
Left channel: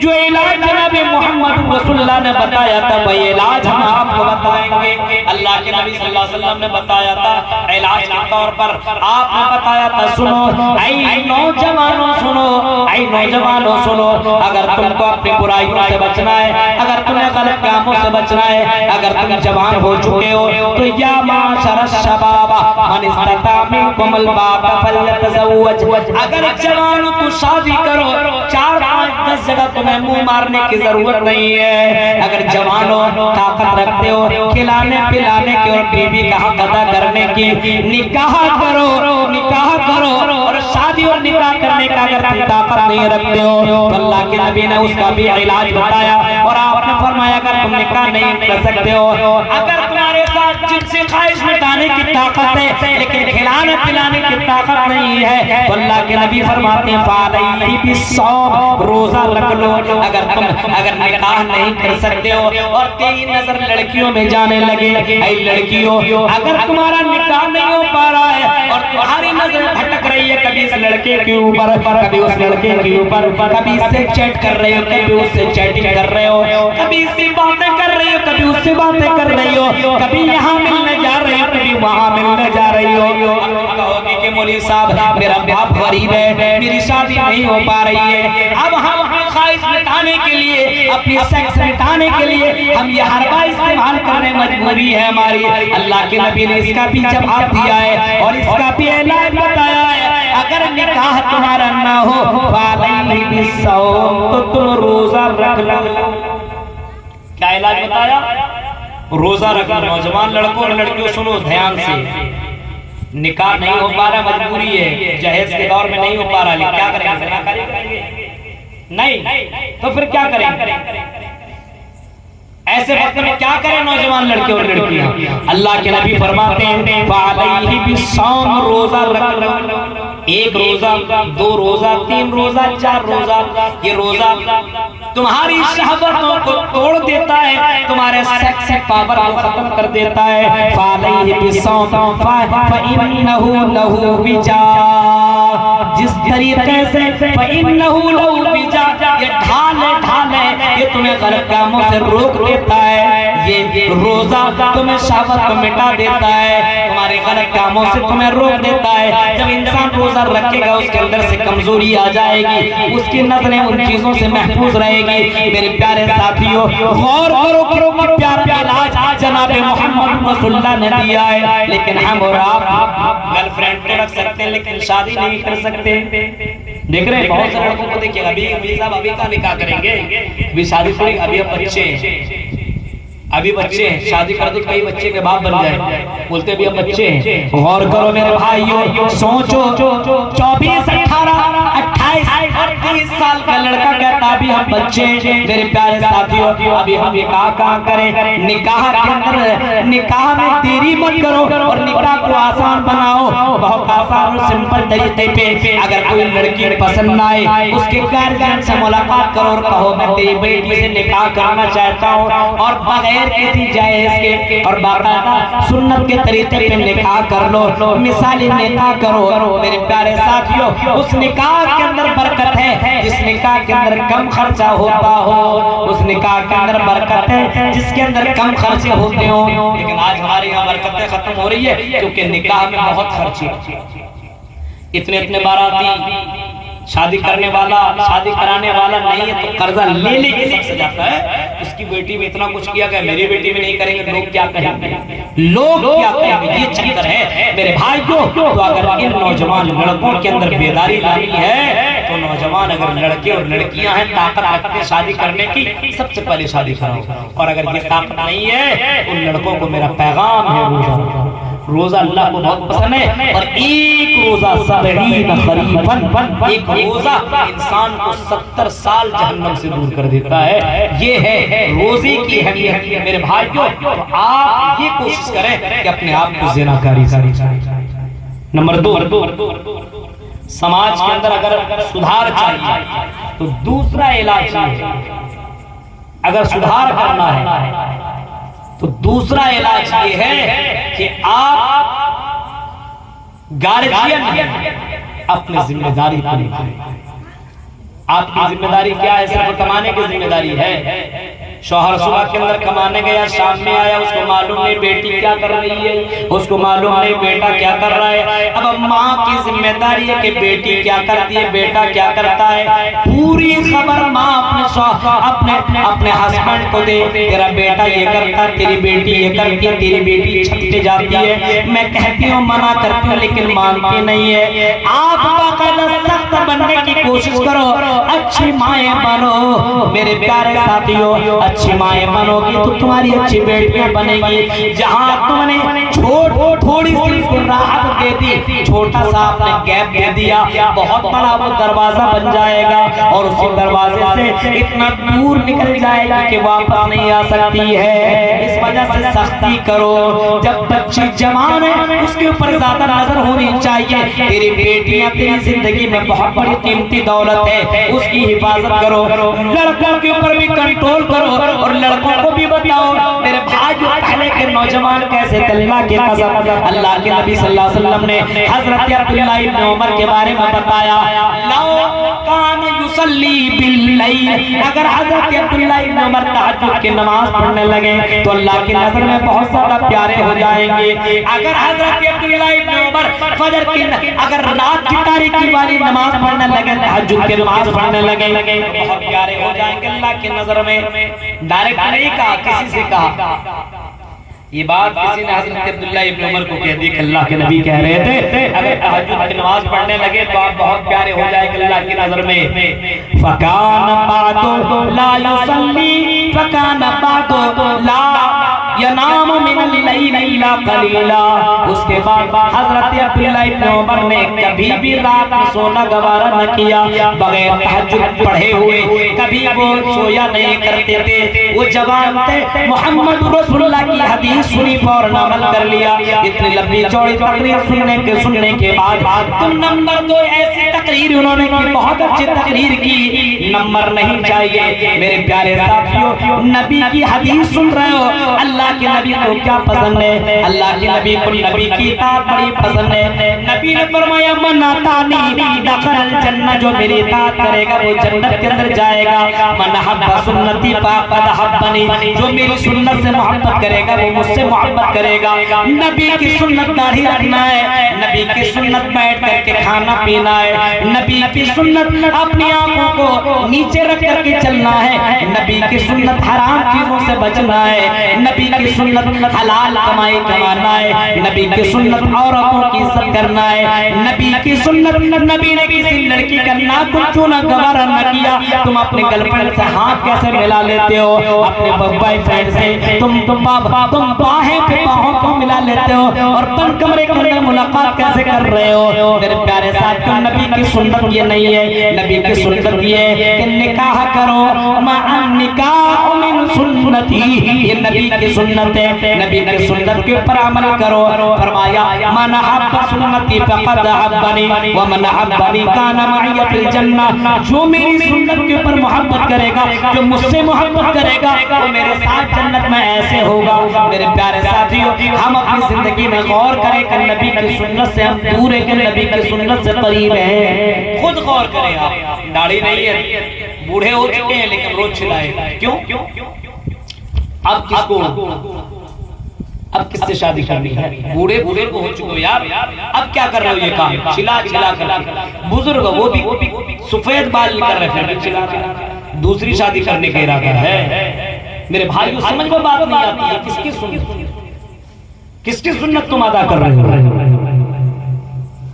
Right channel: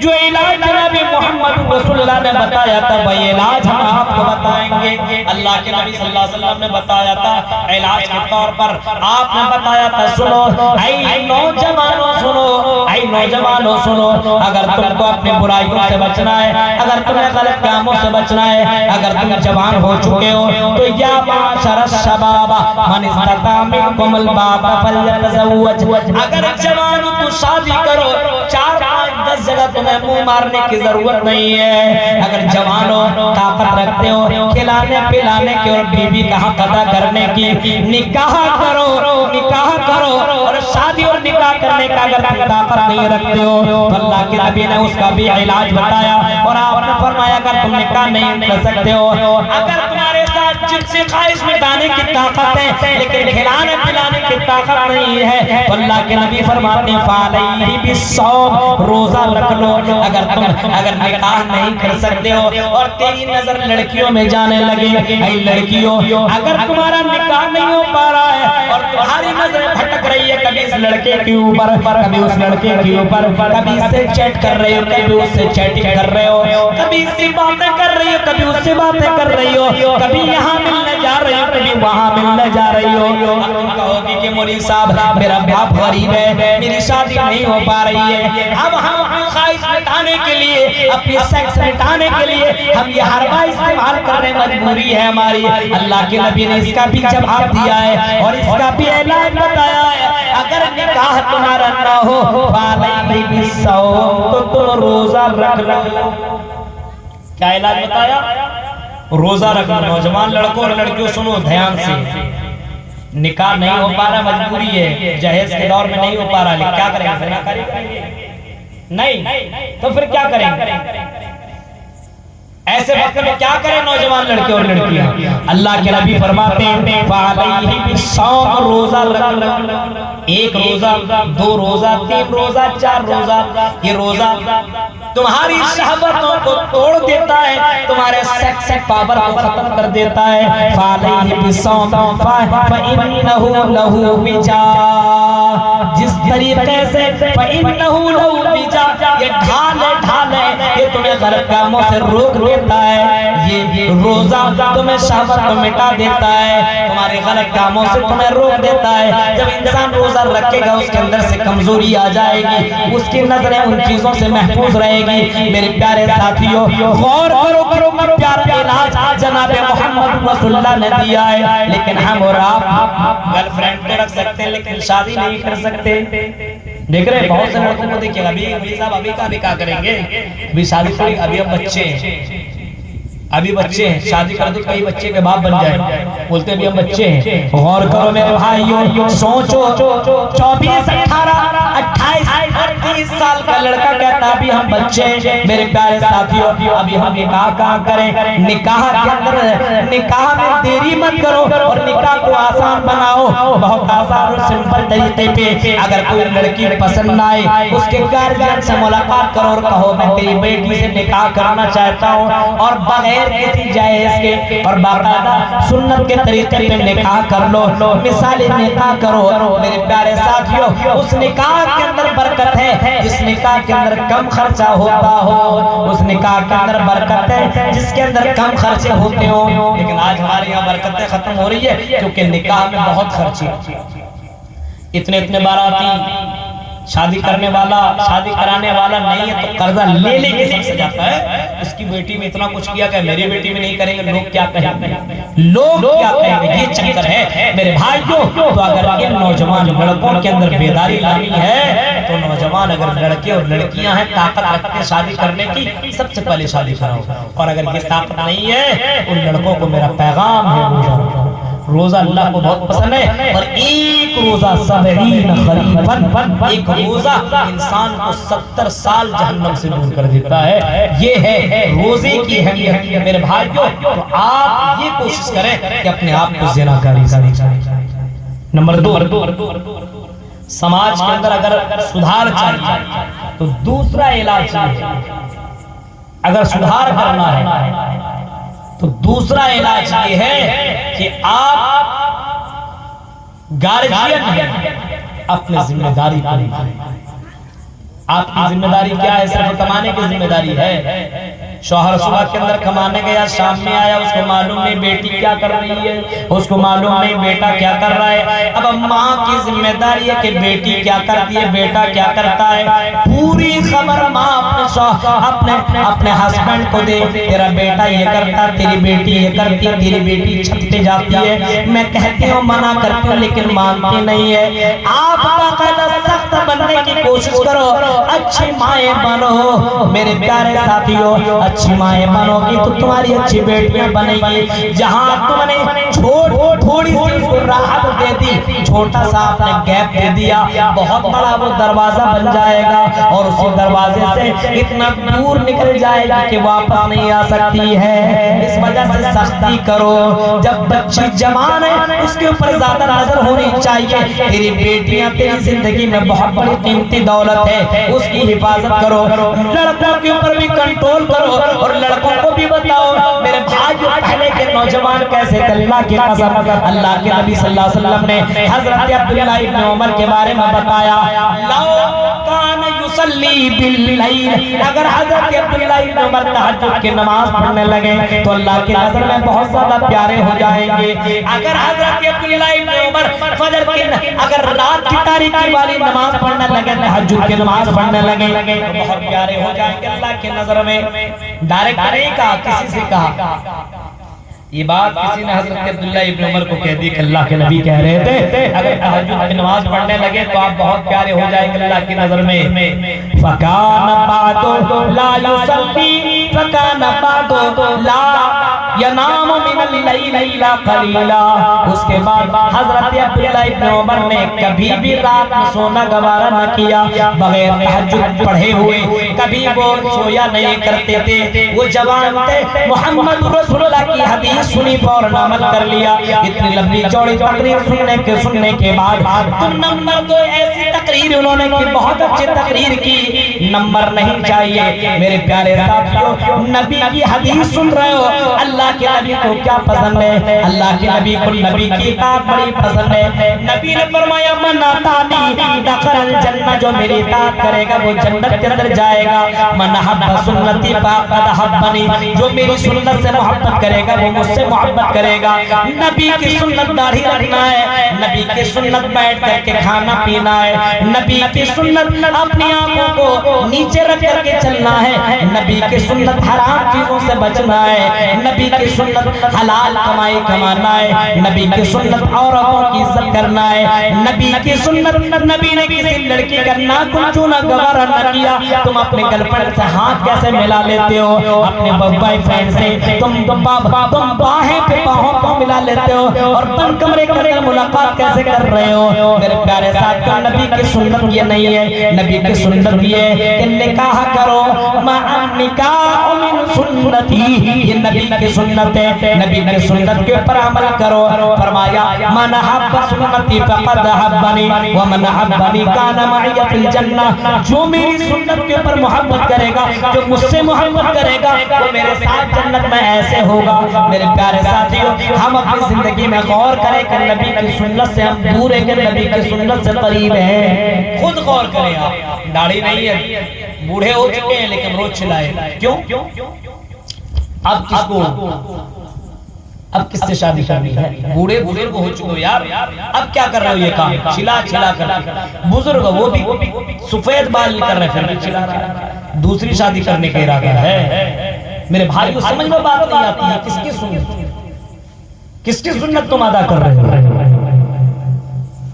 जो इलाज जनाबे मोहम्मद रसूलुल्लाह ने बताया था वही इलाज हम आपको बताएंगे। अल्लाह के नबी सल्लल्लाहु अलैहि वसल्लम ने बताया था इलाज के तौर पर, आपने बताया था। सुनो ऐ नौजवानों सुनो, ऐ नौजवानों सुनो, अगर तुमको अपनी बुराइयों से बचना है, अगर तुम्हें गलत कामों से बचना है, अगर तुम जवान हो चुके हो तो या माशर शबाब मन इस्तता मिनकुमुल बाबा फलयतज़व्वज, अगर जवान हो तो शादी करो। 4-5-10 जगह तुम्हें मुंह मारने की जरूरत नहीं है। अगर जवान हो, ताकत रखते हो खिलाने पिलाने की और बीवी का हक अदा करने की, निकाह करो और शादी और निकाह करने का अगर तुम ताकत नहीं रखते हो तो अल्लाह के नबी ने उसका भी इलाज बताया। और आपने फरमाया अगर तुम निकाह नहीं कर सकते हो, अगर तुम्हारे साथ जिनसे ख्वाहिश मिटाने की ताकत है लेकिन खिलाने पिलाने की ताकत नहीं है, तो अल्लाह के नबी फरमाते हैं फालैहि बिस्सौम, रोजा रख लो। अगर निकाह नहीं कर सकते हो और तेरी नजर लड़कियों में जाने लगे, ऐ लड़कियों अगर तुम्हारा निकाह नहीं हो पा रहा है और तुम्हारी नजर भटक रही है कभी इस लड़के के ऊपर, कभी उस लड़के के ऊपर, कभी इससे चैट कर रहे हो, कभी उससे चैटिंग कर रहे हो, कभी इससे बातें कर रही हो, कभी उससे बातें कर रही हो, कभी यहाँ मिलने जा रही हो, कभी वहाँ मिलने जा रही हो, कहोगे कि मौलवी साहब मेरा बाप गरीब है, मेरी शादी नहीं हो पा रही है। अब हम अपनी ख्वाहिश मिटाने के लिए, अपनी सेक्स मिटाने के लिए हम ये हरबा इस्तेमाल करने मजबूरी है हमारी। अल्लाह के नबी ने इसका भी जवाब दिया है और इसका भी इलाज बताया है। अगर निकाह तुम्हारा ना हो फालैहि बिस्सौम, तो तुम रोजा रख लो। क्या इलाज बताया? रोजा रख लो। नौजवान लड़कों और लड़कियों सुनो ध्यान से, निकाह नहीं हो पा रहा, मजबूरी है, जहेज के दौर में नहीं हो पा रहा, लेकिन क्या करेंगे? ज़िनाकारी करेंगे? नहीं, तो फिर क्या करेंगे? ऐसे वक्त में क्या करें नौजवान लड़के और लड़कियां? अल्लाह के नबी फरमाते हैं फालैहि बिस्सौम, रोजा रख लो। 1 रोजा, 2 रोजा, 3 रोजा, 4 रोजा। ये रोजा तुम्हारी शहवतों को तोड़ देता है, तुम्हारे सेक्स पावर को खत्म कर देता है। फालैहि बिस्सौम फइन्नहु लहु विजा, जिस तरीके से फइन्नहु लहु विजा, ये ढाले ये तुम्हें गलत कामों से रोक देता है। ये रोजा तुम्हें शहवत को मिटा देता है, तुम्हारे गलत कामों से तुम्हें रोक देता है। जब इंसान रोजा रखेगा उसके अंदर से कमजोरी आ जाएगी, उसकी नजरें उन चीजों से महफूज रहेगी। मेरे प्यारे साथियों गौर करो कि प्यारा इलाज जनाबे मोहम्मद रसूलुल्लाह ने दिया है, लेकिन हम और आप गर्लफ्रेंड तो रख सकते हैं लेकिन शादी नहीं कर सकते। देख रहे हैं बहुत से लड़कों को, देखिए अभी साहब अभी का निकाह करेंगे, अभी शादी थोड़ी, अभी हम बच्चे हैं, अभी बच्चे हैं, शादी कर दो कई बच्चे के बाप बन जाए, बोलते भी हम बच्चे हैं। गौर करो मेरे भाइयों, सोचो 24, 18, 28, 30 साल का लड़का कहता अभी हम बच्चे हैं। मेरे प्यारे साथियों, अभी हम निकाह कहाँ करें? निकाह के अंदर, निकाह में देरी मत करो और निकाह को आसान बनाओ। बहुत आसान और सिंपल तरीके पे अगर कोई लड़की पसंद आए, उसके गार्जियन से मुलाकात करो और कहो मैं तेरी बेटी से निकाह करना चाहता हूँ, और बगैर किसी जायज के और बाकायदा सुन्नत के तरीके पे निकाह कर लो, मिसाली निकाह करो। मेरे प्यारे साथियों, उस निकाह के अंदर बरकत है जिस निकाह के अंदर कम खर्चा होता हो, उस निकाह के अंदर बरकत है जिसके अंदर कम खर्चे होते हो। लेकिन आज हमारे यहाँ बरकतें खत्म हो रही है क्योंकि निकाह में बहुत खर्चे, इतने बाराती, शादी करने वाला, शादी कराने वाला नहीं है तो कर्जा ले लेके सबसे जाता है। उसकी बेटी में इतना कुछ किया कि मेरी बेटी में नहीं करेंगे, लोग क्या कहेंगे, लोग क्या कहेंगे, ये चक्कर है मेरे भाइयों। तो अगर इन नौजवान लड़कों के अंदर बेदारी लानी है तो नौजवान अगर लड़के और लड़कियां हैं ताकत रखते हैं शादी करने की, सबसे पहले शादी करो। और अगर ये ताकत नहीं है उन लड़कों को मेरा पैगाम है, रोजा अल्लाह को बहुत पसंद है। और एक रोजा 70 खरीफन, एक रोजा इंसान को 70 साल जहन्नम से दूर कर देता है। ये है रोजे की अहमियत मेरे भाइयों। आप ये कोशिश करें कि अपने आप को ज़िनाकारी से। नंबर 2, समाज के अंदर अगर सुधार चाहिए तो दूसरा इलाज है। अगर सुधार करना है तो दूसरा इलाज ये है कि आप गार्जियन हैं, अपनी जिम्मेदारी पूरी करें। आपकी जिम्मेदारी क्या है? सिर्फ कमाने की जिम्मेदारी है। शौहर सुबह के अंदर कमाने गया, शाम में आया, उसको मालूम नहीं बेटी क्या कर रही है, उसको मालूम नहीं बेटा क्या कर रहा है। अब माँ की जिम्मेदारी है कि बेटी क्या करती है, बेटा क्या करता है, पूरी खबर माँ अपने हस्बैंड को दे। तेरा बेटा ये करता, तेरी बेटी ये करती है, तेरी बेटी छत पे जाती है। मैं कहती हूँ, मना करती हूँ, लेकिन मानती नहीं है। आप सख्त बनने की कोशिश करो, अच्छी माएँ बनो मेरे प्यारे साथियों। अच्छी माएँ बनोगी तो तुम्हारी अच्छी बेटियां बनेगी। जहाँ तुमने थोड़ी सी राहत दे दी, छोटा सा आपने गैप दे दिया, बहुत बड़ा वो दरवाजा बन जाएगा और उसी दरवाजे से इतना दूर निकल जाएगी कि वापस नहीं आ सकती है। इस वजह से सख्ती करो। जब बच्ची जवान है उसके ऊपर ज्यादा नजर होनी चाहिए। तेरी बेटियां तेरी जिंदगी में बहुत बड़ी कीमती दौलत है, उसकी हिफाजत करो। लड़कों के ऊपर भी कंट्रोल करो और लड़कों को भी बताओ। मेरे भाई पहले के नौजवान कैसे थे, अल्लाह के कसम, अल्लाह के नबी सल्लल्लाहु अलैहि वसल्लम ने हजरत अब्दुल्लाह इब्न उमर के बारे में बताया, अगर हजरत अब्दुल्लाह इब्न उमर तहज्जुद की नमाज पढ़ने लगे तो अल्लाह की नजर में बहुत ज्यादा प्यारे हो जाएंगे। अगर हजरत अब्दुल्लाह इब्न उमर फजर की, अगर रात की तारीकी वाली नमाज पढ़ने लगे, तहज्जुद की नमाज पढ़ने लगे, बहुत प्यारे हो जाएंगे अल्लाह की नजर में। डायरेक्ट नहीं कहा, किसी से कहा। ये बात किसी ने हजरत अब्दुल्लाह इब्न उमर को कह दी कि अल्लाह के नबी कह रहे थे अगर तहज्जुद की नमाज पढ़ने लगे तो आप बहुत प्यारे हो जाएंगे अल्लाह की नजर में। फकाना बातो ला युसल्ली, फकाना बातो ला यनाम मिनल लैल इल्ला कलीला। उसके बाद हजरत अब्दुल्लाह इब्न उमर ने कभी भी रात में सोना गवारा न किया, बगैर तहज्जुद पढ़े हुए कभी वो सोया नहीं करते थे। वो जवान थे, मोहम्मद रसूलुल्लाह की हदीस सुनी, फौरन अमल कर लिया। इतनी लंबी चौड़ी तकरीर सुनने के बाद तो नंबर 2 ऐसी तकरीर उन्होंने की, बहुत अच्छी तकरीर की, नंबर नहीं चाहिए। मेरे प्यारे साथियों, नबी की हदीस सुन रहे हो, अल्लाह के नबी को क्या पसंद है? अल्लाह के नबी को नबी की इताअत बड़ी पसंद है। नबी ने फरमाया मन अतानी दखल जन्नत, जो मेरी इताअत करेगा वो जन्नत के अंदर जाएगा। मन हब्बा सुन्नती फक़द हब्बनी, जो मेरी सुन्नत से मोहब्बत करेगा वो मुझसे मोहब्बत करेगा। नबी की सुन्नत दाढ़ी रखना है, नबी की सुन्नत बैठ करके खाना पीना है, नबी की सुन्नत अपनी आंखों को नीचे रख करके चलना है, नबी नबी की सुन्नत हराम चीजों से बचना है, नबी की सुन्नत हलाल कमाई कमाना है, नबी की सुन्नत औरतों की इज्जत करना है, नबी की सुन्नत नबी ने किसी लड़की का नाक चूना गवारा न किया। तुम अपने गर्लफ्रेंड से हाथ कैसे मिला लेते हो, अपने बॉयफ्रेंड से तुम बाहें पे बाहों को मिला लेते हो और बंद कमरे के अंदर मुलाकात कैसे कर रहे हो। मेरे प्यारे साथियों, नबी की सुन्नत ये नहीं है, नबी की सुन्नत ये है कि निकाह करो, निकाह मिन सुन्नती, ये नबी की सुन्नत है, नबी की सुन्नत के ऊपर अमल करो। फरमाया मन हब्ब सुन्नती फक़द हब्बनी व मन हब्बनी काना मई फिल जन्नह, जो मेरी सुन्नत के ऊपर मोहब्बत करेगा, जो मुझसे मोहब्बत करेगा, वो मेरे साथ जन्नत में ऐसे होगा। मेरे प्यारे साथियों, हम अपनी जिंदगी में गौर करें कि नबी की सुन्नत से हम दूर है कि नबी की सुन्नत से करीब है। खुद गौर करें आप। दाढ़ी नहीं है, बूढ़े हो चुके हैं लेकिन रोज चिल्लाए, क्यों? अब किसको, अब किससे शादी करनी है? बूढ़े बुजुर्ग हो चुके हो यार, अब क्या कर रहे हो ये काम? चिल्ला चिल्ला कर। बुजुर्ग वो भी सफेद बाल नहीं कर रहे, फिर चिल्ला। दूसरी शादी करने का इरादा है। मेरे भाई को समझ में बात नहीं आती है, किसकी सुन्नत, किसकी सुन्नत तुम अदा कर रहे हो?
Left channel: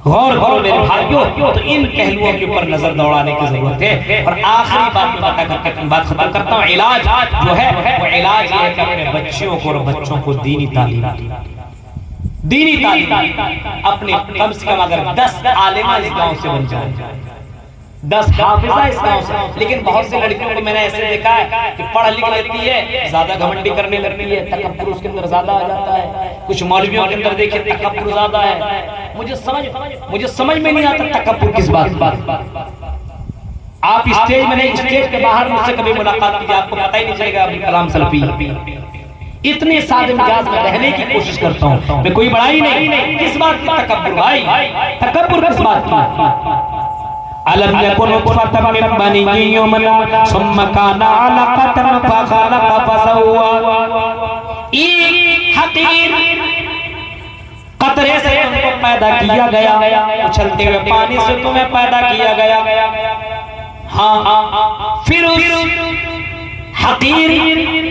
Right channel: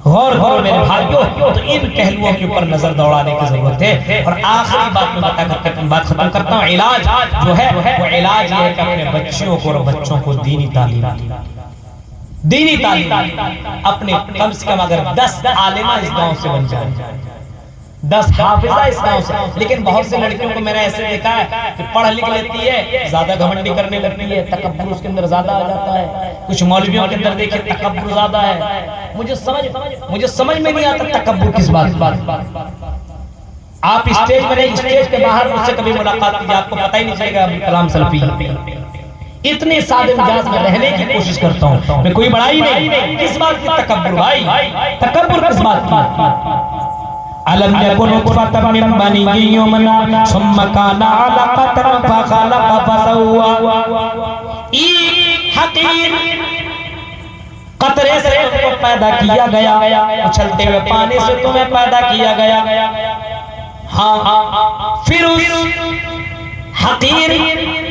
गौर करो मेरे भाइयों। तो इन पहलुओं के ऊपर नजर दौड़ाने की जरूरत है। और आखिरी बात में बताकर बात खत्म करता हूँ। इलाज जो है वो इलाज ये है कि अपने बच्चियों को और बच्चों को दीनी तालीम, दीनी तालीम अपने कम से कम अगर 10 आलिमा इस गांव से बन जाए, 10 हाफिजा इस गांव से। लेकिन बहुत से लड़कियों को मैंने ऐसे देखा है कि पढ़ लिख लेती है, ज्यादा घमंडी करने लगती है, तकब्बुर उसके अंदर ज्यादा आ जाता है। कुछ मौलवियों के अंदर देखिए तकब्बुर ज्यादा है। मुझे समझ में नहीं आता तकब्बुर किस बात पर। आप स्टेज में नहीं, स्टेज के बाहर मुझसे कभी मुलाकात कीजिए, आपको पता ही नहीं चलेगा अब्दुल कलाम सल्फी। इतने सादे मिजाज में रहने की कोशिश करता हूँ मैं, कोई बड़ाई नहीं। किस बात की तकब्बुर भाई? तकब्बुर किस बात की? अलम यकुन नुतफतम मिन बनी युमना सुम्मा काना अलक़तन फख़लक़ फसव्वा। एक हकीर कतरे से तुमको पैदा किया गया, उछलते हुए पानी से तुम्हें पैदा किया गया। हाँ, फिर उस हकीर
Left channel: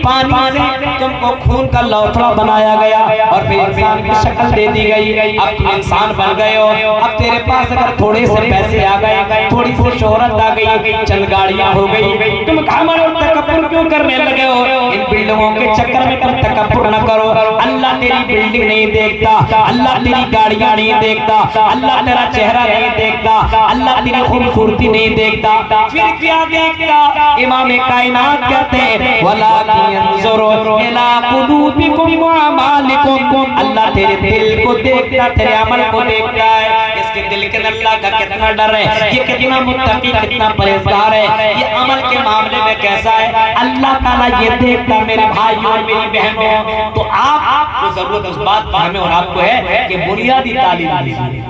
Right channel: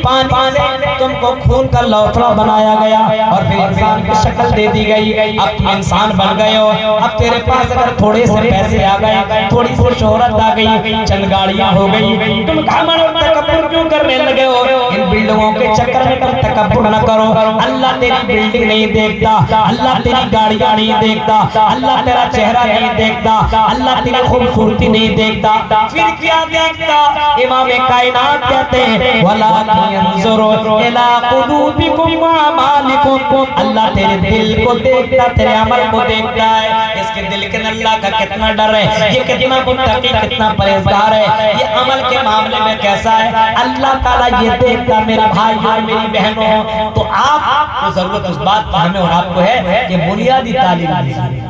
पानी से तुमको खून का लौथड़ा बनाया गया और फिर इंसान की शक्ल दे दी गई। अब तुम इंसान बन गए हो। अब तेरे पास अगर थोड़े से पैसे आ गए, थोड़ी सी शोहरत आ गई, चंद गाड़ियां हो गई, तुम घमंड और तकब्बुर क्यों करने लगे हो? इन बिल्डिंगों के चक्कर में तुम तकब्बुर न करो। अल्लाह तेरी बिल्डिंग नहीं देखता, अल्लाह तेरी गाड़ियां नहीं देखता, अल्लाह तेरा चेहरा नहीं देखता, अल्लाह तेरी खूबसूरती नहीं देखता। फिर क्या देखता? इमाम कायनात कहते हैं वलाकिन यंजुरु इला कुलूबिकुम व अमालिकुम। अल्लाह तेरे दिल को देखता, तेरे अमल को देखता है। इसके दिल के अंदर अल्लाह का कितना डर है, ये कितना मुत्तकी, कितना परहेजगार है, ये अमल के मामले में कैसा है, अल्लाह ताला ये देखता। मेरे भाइयों और मेरी बहनों, तो आपको जरूरत उस बात पर हमें और आपको है कि बुनियादी तालीम दीजिए।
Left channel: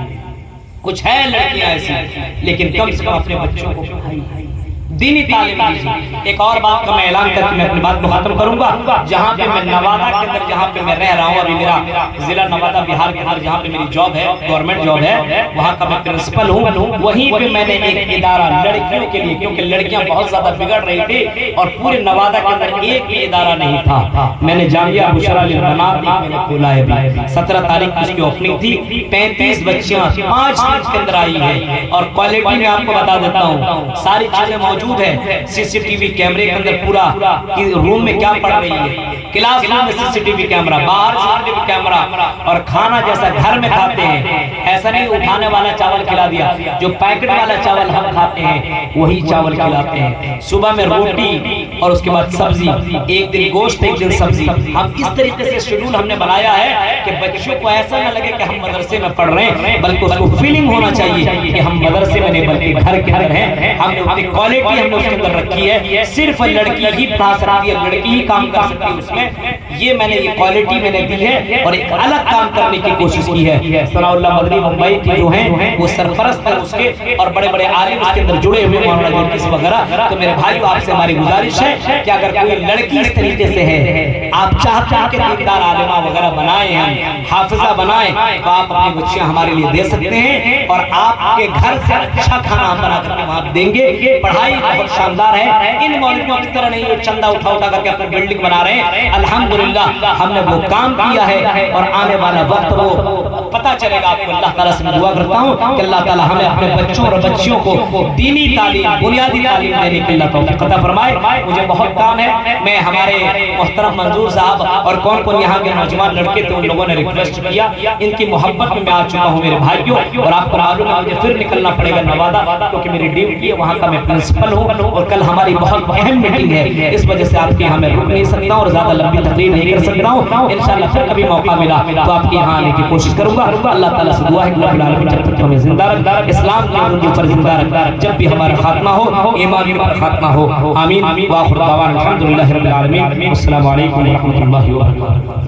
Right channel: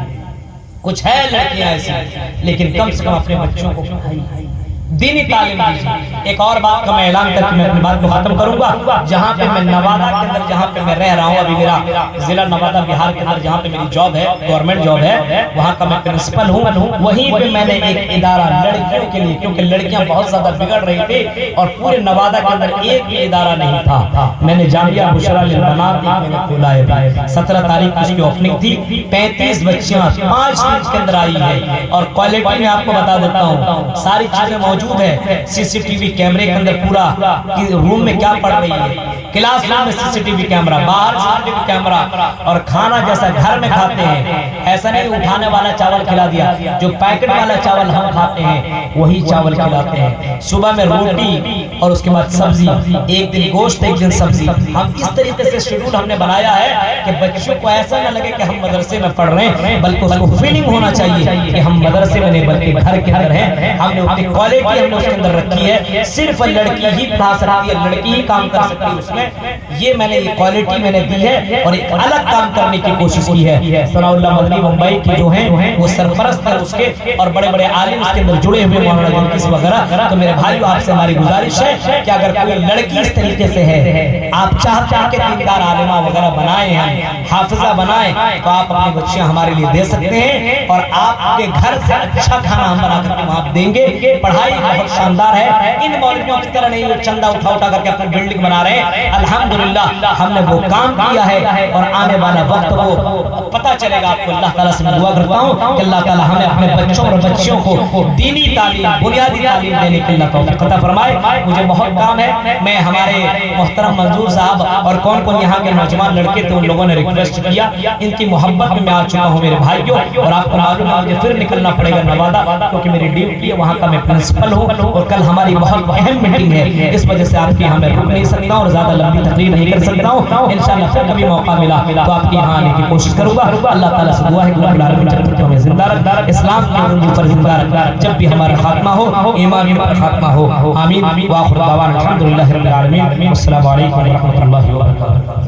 कुछ है लड़कियां ऐसी, लेकिन कम से कम अपने बच्चों को दीनी तालीम दीजिए। एक और बात का मैं ऐलान करके मैं अपनी बात को खत्म करूंगा। जहां पे मैं नवादा के अंदर, जहां पे मैं रह रहा हूं, अभी मेरा जिला नवादा बिहार के अंदर जहां पे मेरी जॉब है, गवर्नमेंट जॉब है, वहां का मैं प्रिंसिपल हूं। वहीं पे मैंने एक इदारा लड़कियों के लिए, क्योंकि लड़कियां बहुत ज्यादा बिगड़ रही थी और पूरे नवादा के अंदर एक भी इदारा नहीं था, मैंने जामिया बुशरा लिल बनात मैंने खोला है। 17 तारीख की उसकी ओपनिंग थी। 35 बच्चियां 5 दिन के अंदर आई है और क्वालिटी में आपको बता देता हूँ, सारी चीजें मौजूद है। सीसीटीवी कैमरे के अंदर पूरा कि रूम में क्या पड़ रही है, क्लासरूम में सीसीटीवी कैमरा, बाहर सीसीटीवी कैमरा, और खाना जैसा घर में खाते हैं, ऐसा नहीं उठाने वाला चावल खिला दिया, जो पैकेट वाला चावल हम खाते हैं वही चावल खिलाते हैं। सुबह में रोटी और उसके बाद सब्जी, एक दिन गोश्त एक दिन सब्जी। हम इस तरीके से शेड्यूल हमने बनाया है कि बच्चों को ऐसा ना लगे कि हम मदरसे में पढ़ रहे हैं, बल्कि उसको फीलिंग होना चाहिए कि हम मदरसे में नहीं बल्कि घर के अंदर हैं। हमने उतनी क्वालिटी हमने उसके अंदर रखी है। सिर्फ लड़की ही पढ़ा सकती है, लड़की ही काम कर सकती है उसमें। ये मैंने ये क्वालिटी मैंने दी है और एक अलग काम करने की कोशिश की है। सलाउल्लाह मदनी मुंबई के जो हैं वो सरपरस्त है उसके, और बड़े बड़े आलिम उसके अंदर जुड़े हुए वगैरह। तो मेरे भाइयों आपसे हमारी गुजारिश है कि अगर कोई लड़की इस तरीके से है, आप चाहते हैं कि दीनदार आलिमा वगैरह बनाए हैं, हाफिजा बनाए तो आप अपनी बच्चियां हमारे लिए दे सकते हैं, और आपके घर से अच्छा खाना हम बना करके आप देंगे। पढ़ाई बहुत शानदार है, इन मौलवियों की तरह नहीं ये चंदा उठा उठा करके अपनी बिल्डिंग बना रहे हैं। अल्हम्दुलिल्लाह हमने वो काम किया है, और आने वाला वक्त वो पता चलेगा आपको। अल्लाह ताला से मैं दुआ करता हूँ कि अल्लाह ताला हमें अपने बच्चों और बच्चियों को दीनी तालीम, बुनियादी तालीम देने के लिए तौफीक अता फरमाए। मुझे बहुत काम है, मैं हमारे मोहतरम मंजूर साहब और कौन कौन यहाँ के नौजवान लड़के थे उन लोगों ने रिक्वेस्ट किया, इनकी मोहब्बत में मैं आ चुका हूँ मेरे भाइयों। और आपको मालूम है मुझे फिर निकलना पड़ेगा नवादा, क्योंकि मेरी ड्यूटी है, वहाँ का मैं प्रिंसिपल हूँ, और कल हमारी बहुत अहम मीटिंग है। इस वजह से आपके यहाँ मैं रुक नहीं सकता और ज्यादा लंबी तकरीर नहीं कर सकता हूँ। इंशाअल्लाह फिर कभी मौका मिला तो आपके यहाँ आने की कोशिश करूंगा। अल्लाह ताला से दुआ है कि रब्बुल आलमीन जब तक हमें जिंदा रखा, इस्लाम के उर्दू पर जिंदा रखा, जब भी हमारा खात्मा हो ईमान पर खात्मा हो। आमीन। व आखिर दावाना अल्हम्दुलिल्लाहि रब्बिल आलमीन। अस्सलामु अलैकुम व रहमतुल्लाहि व बरकातुहू।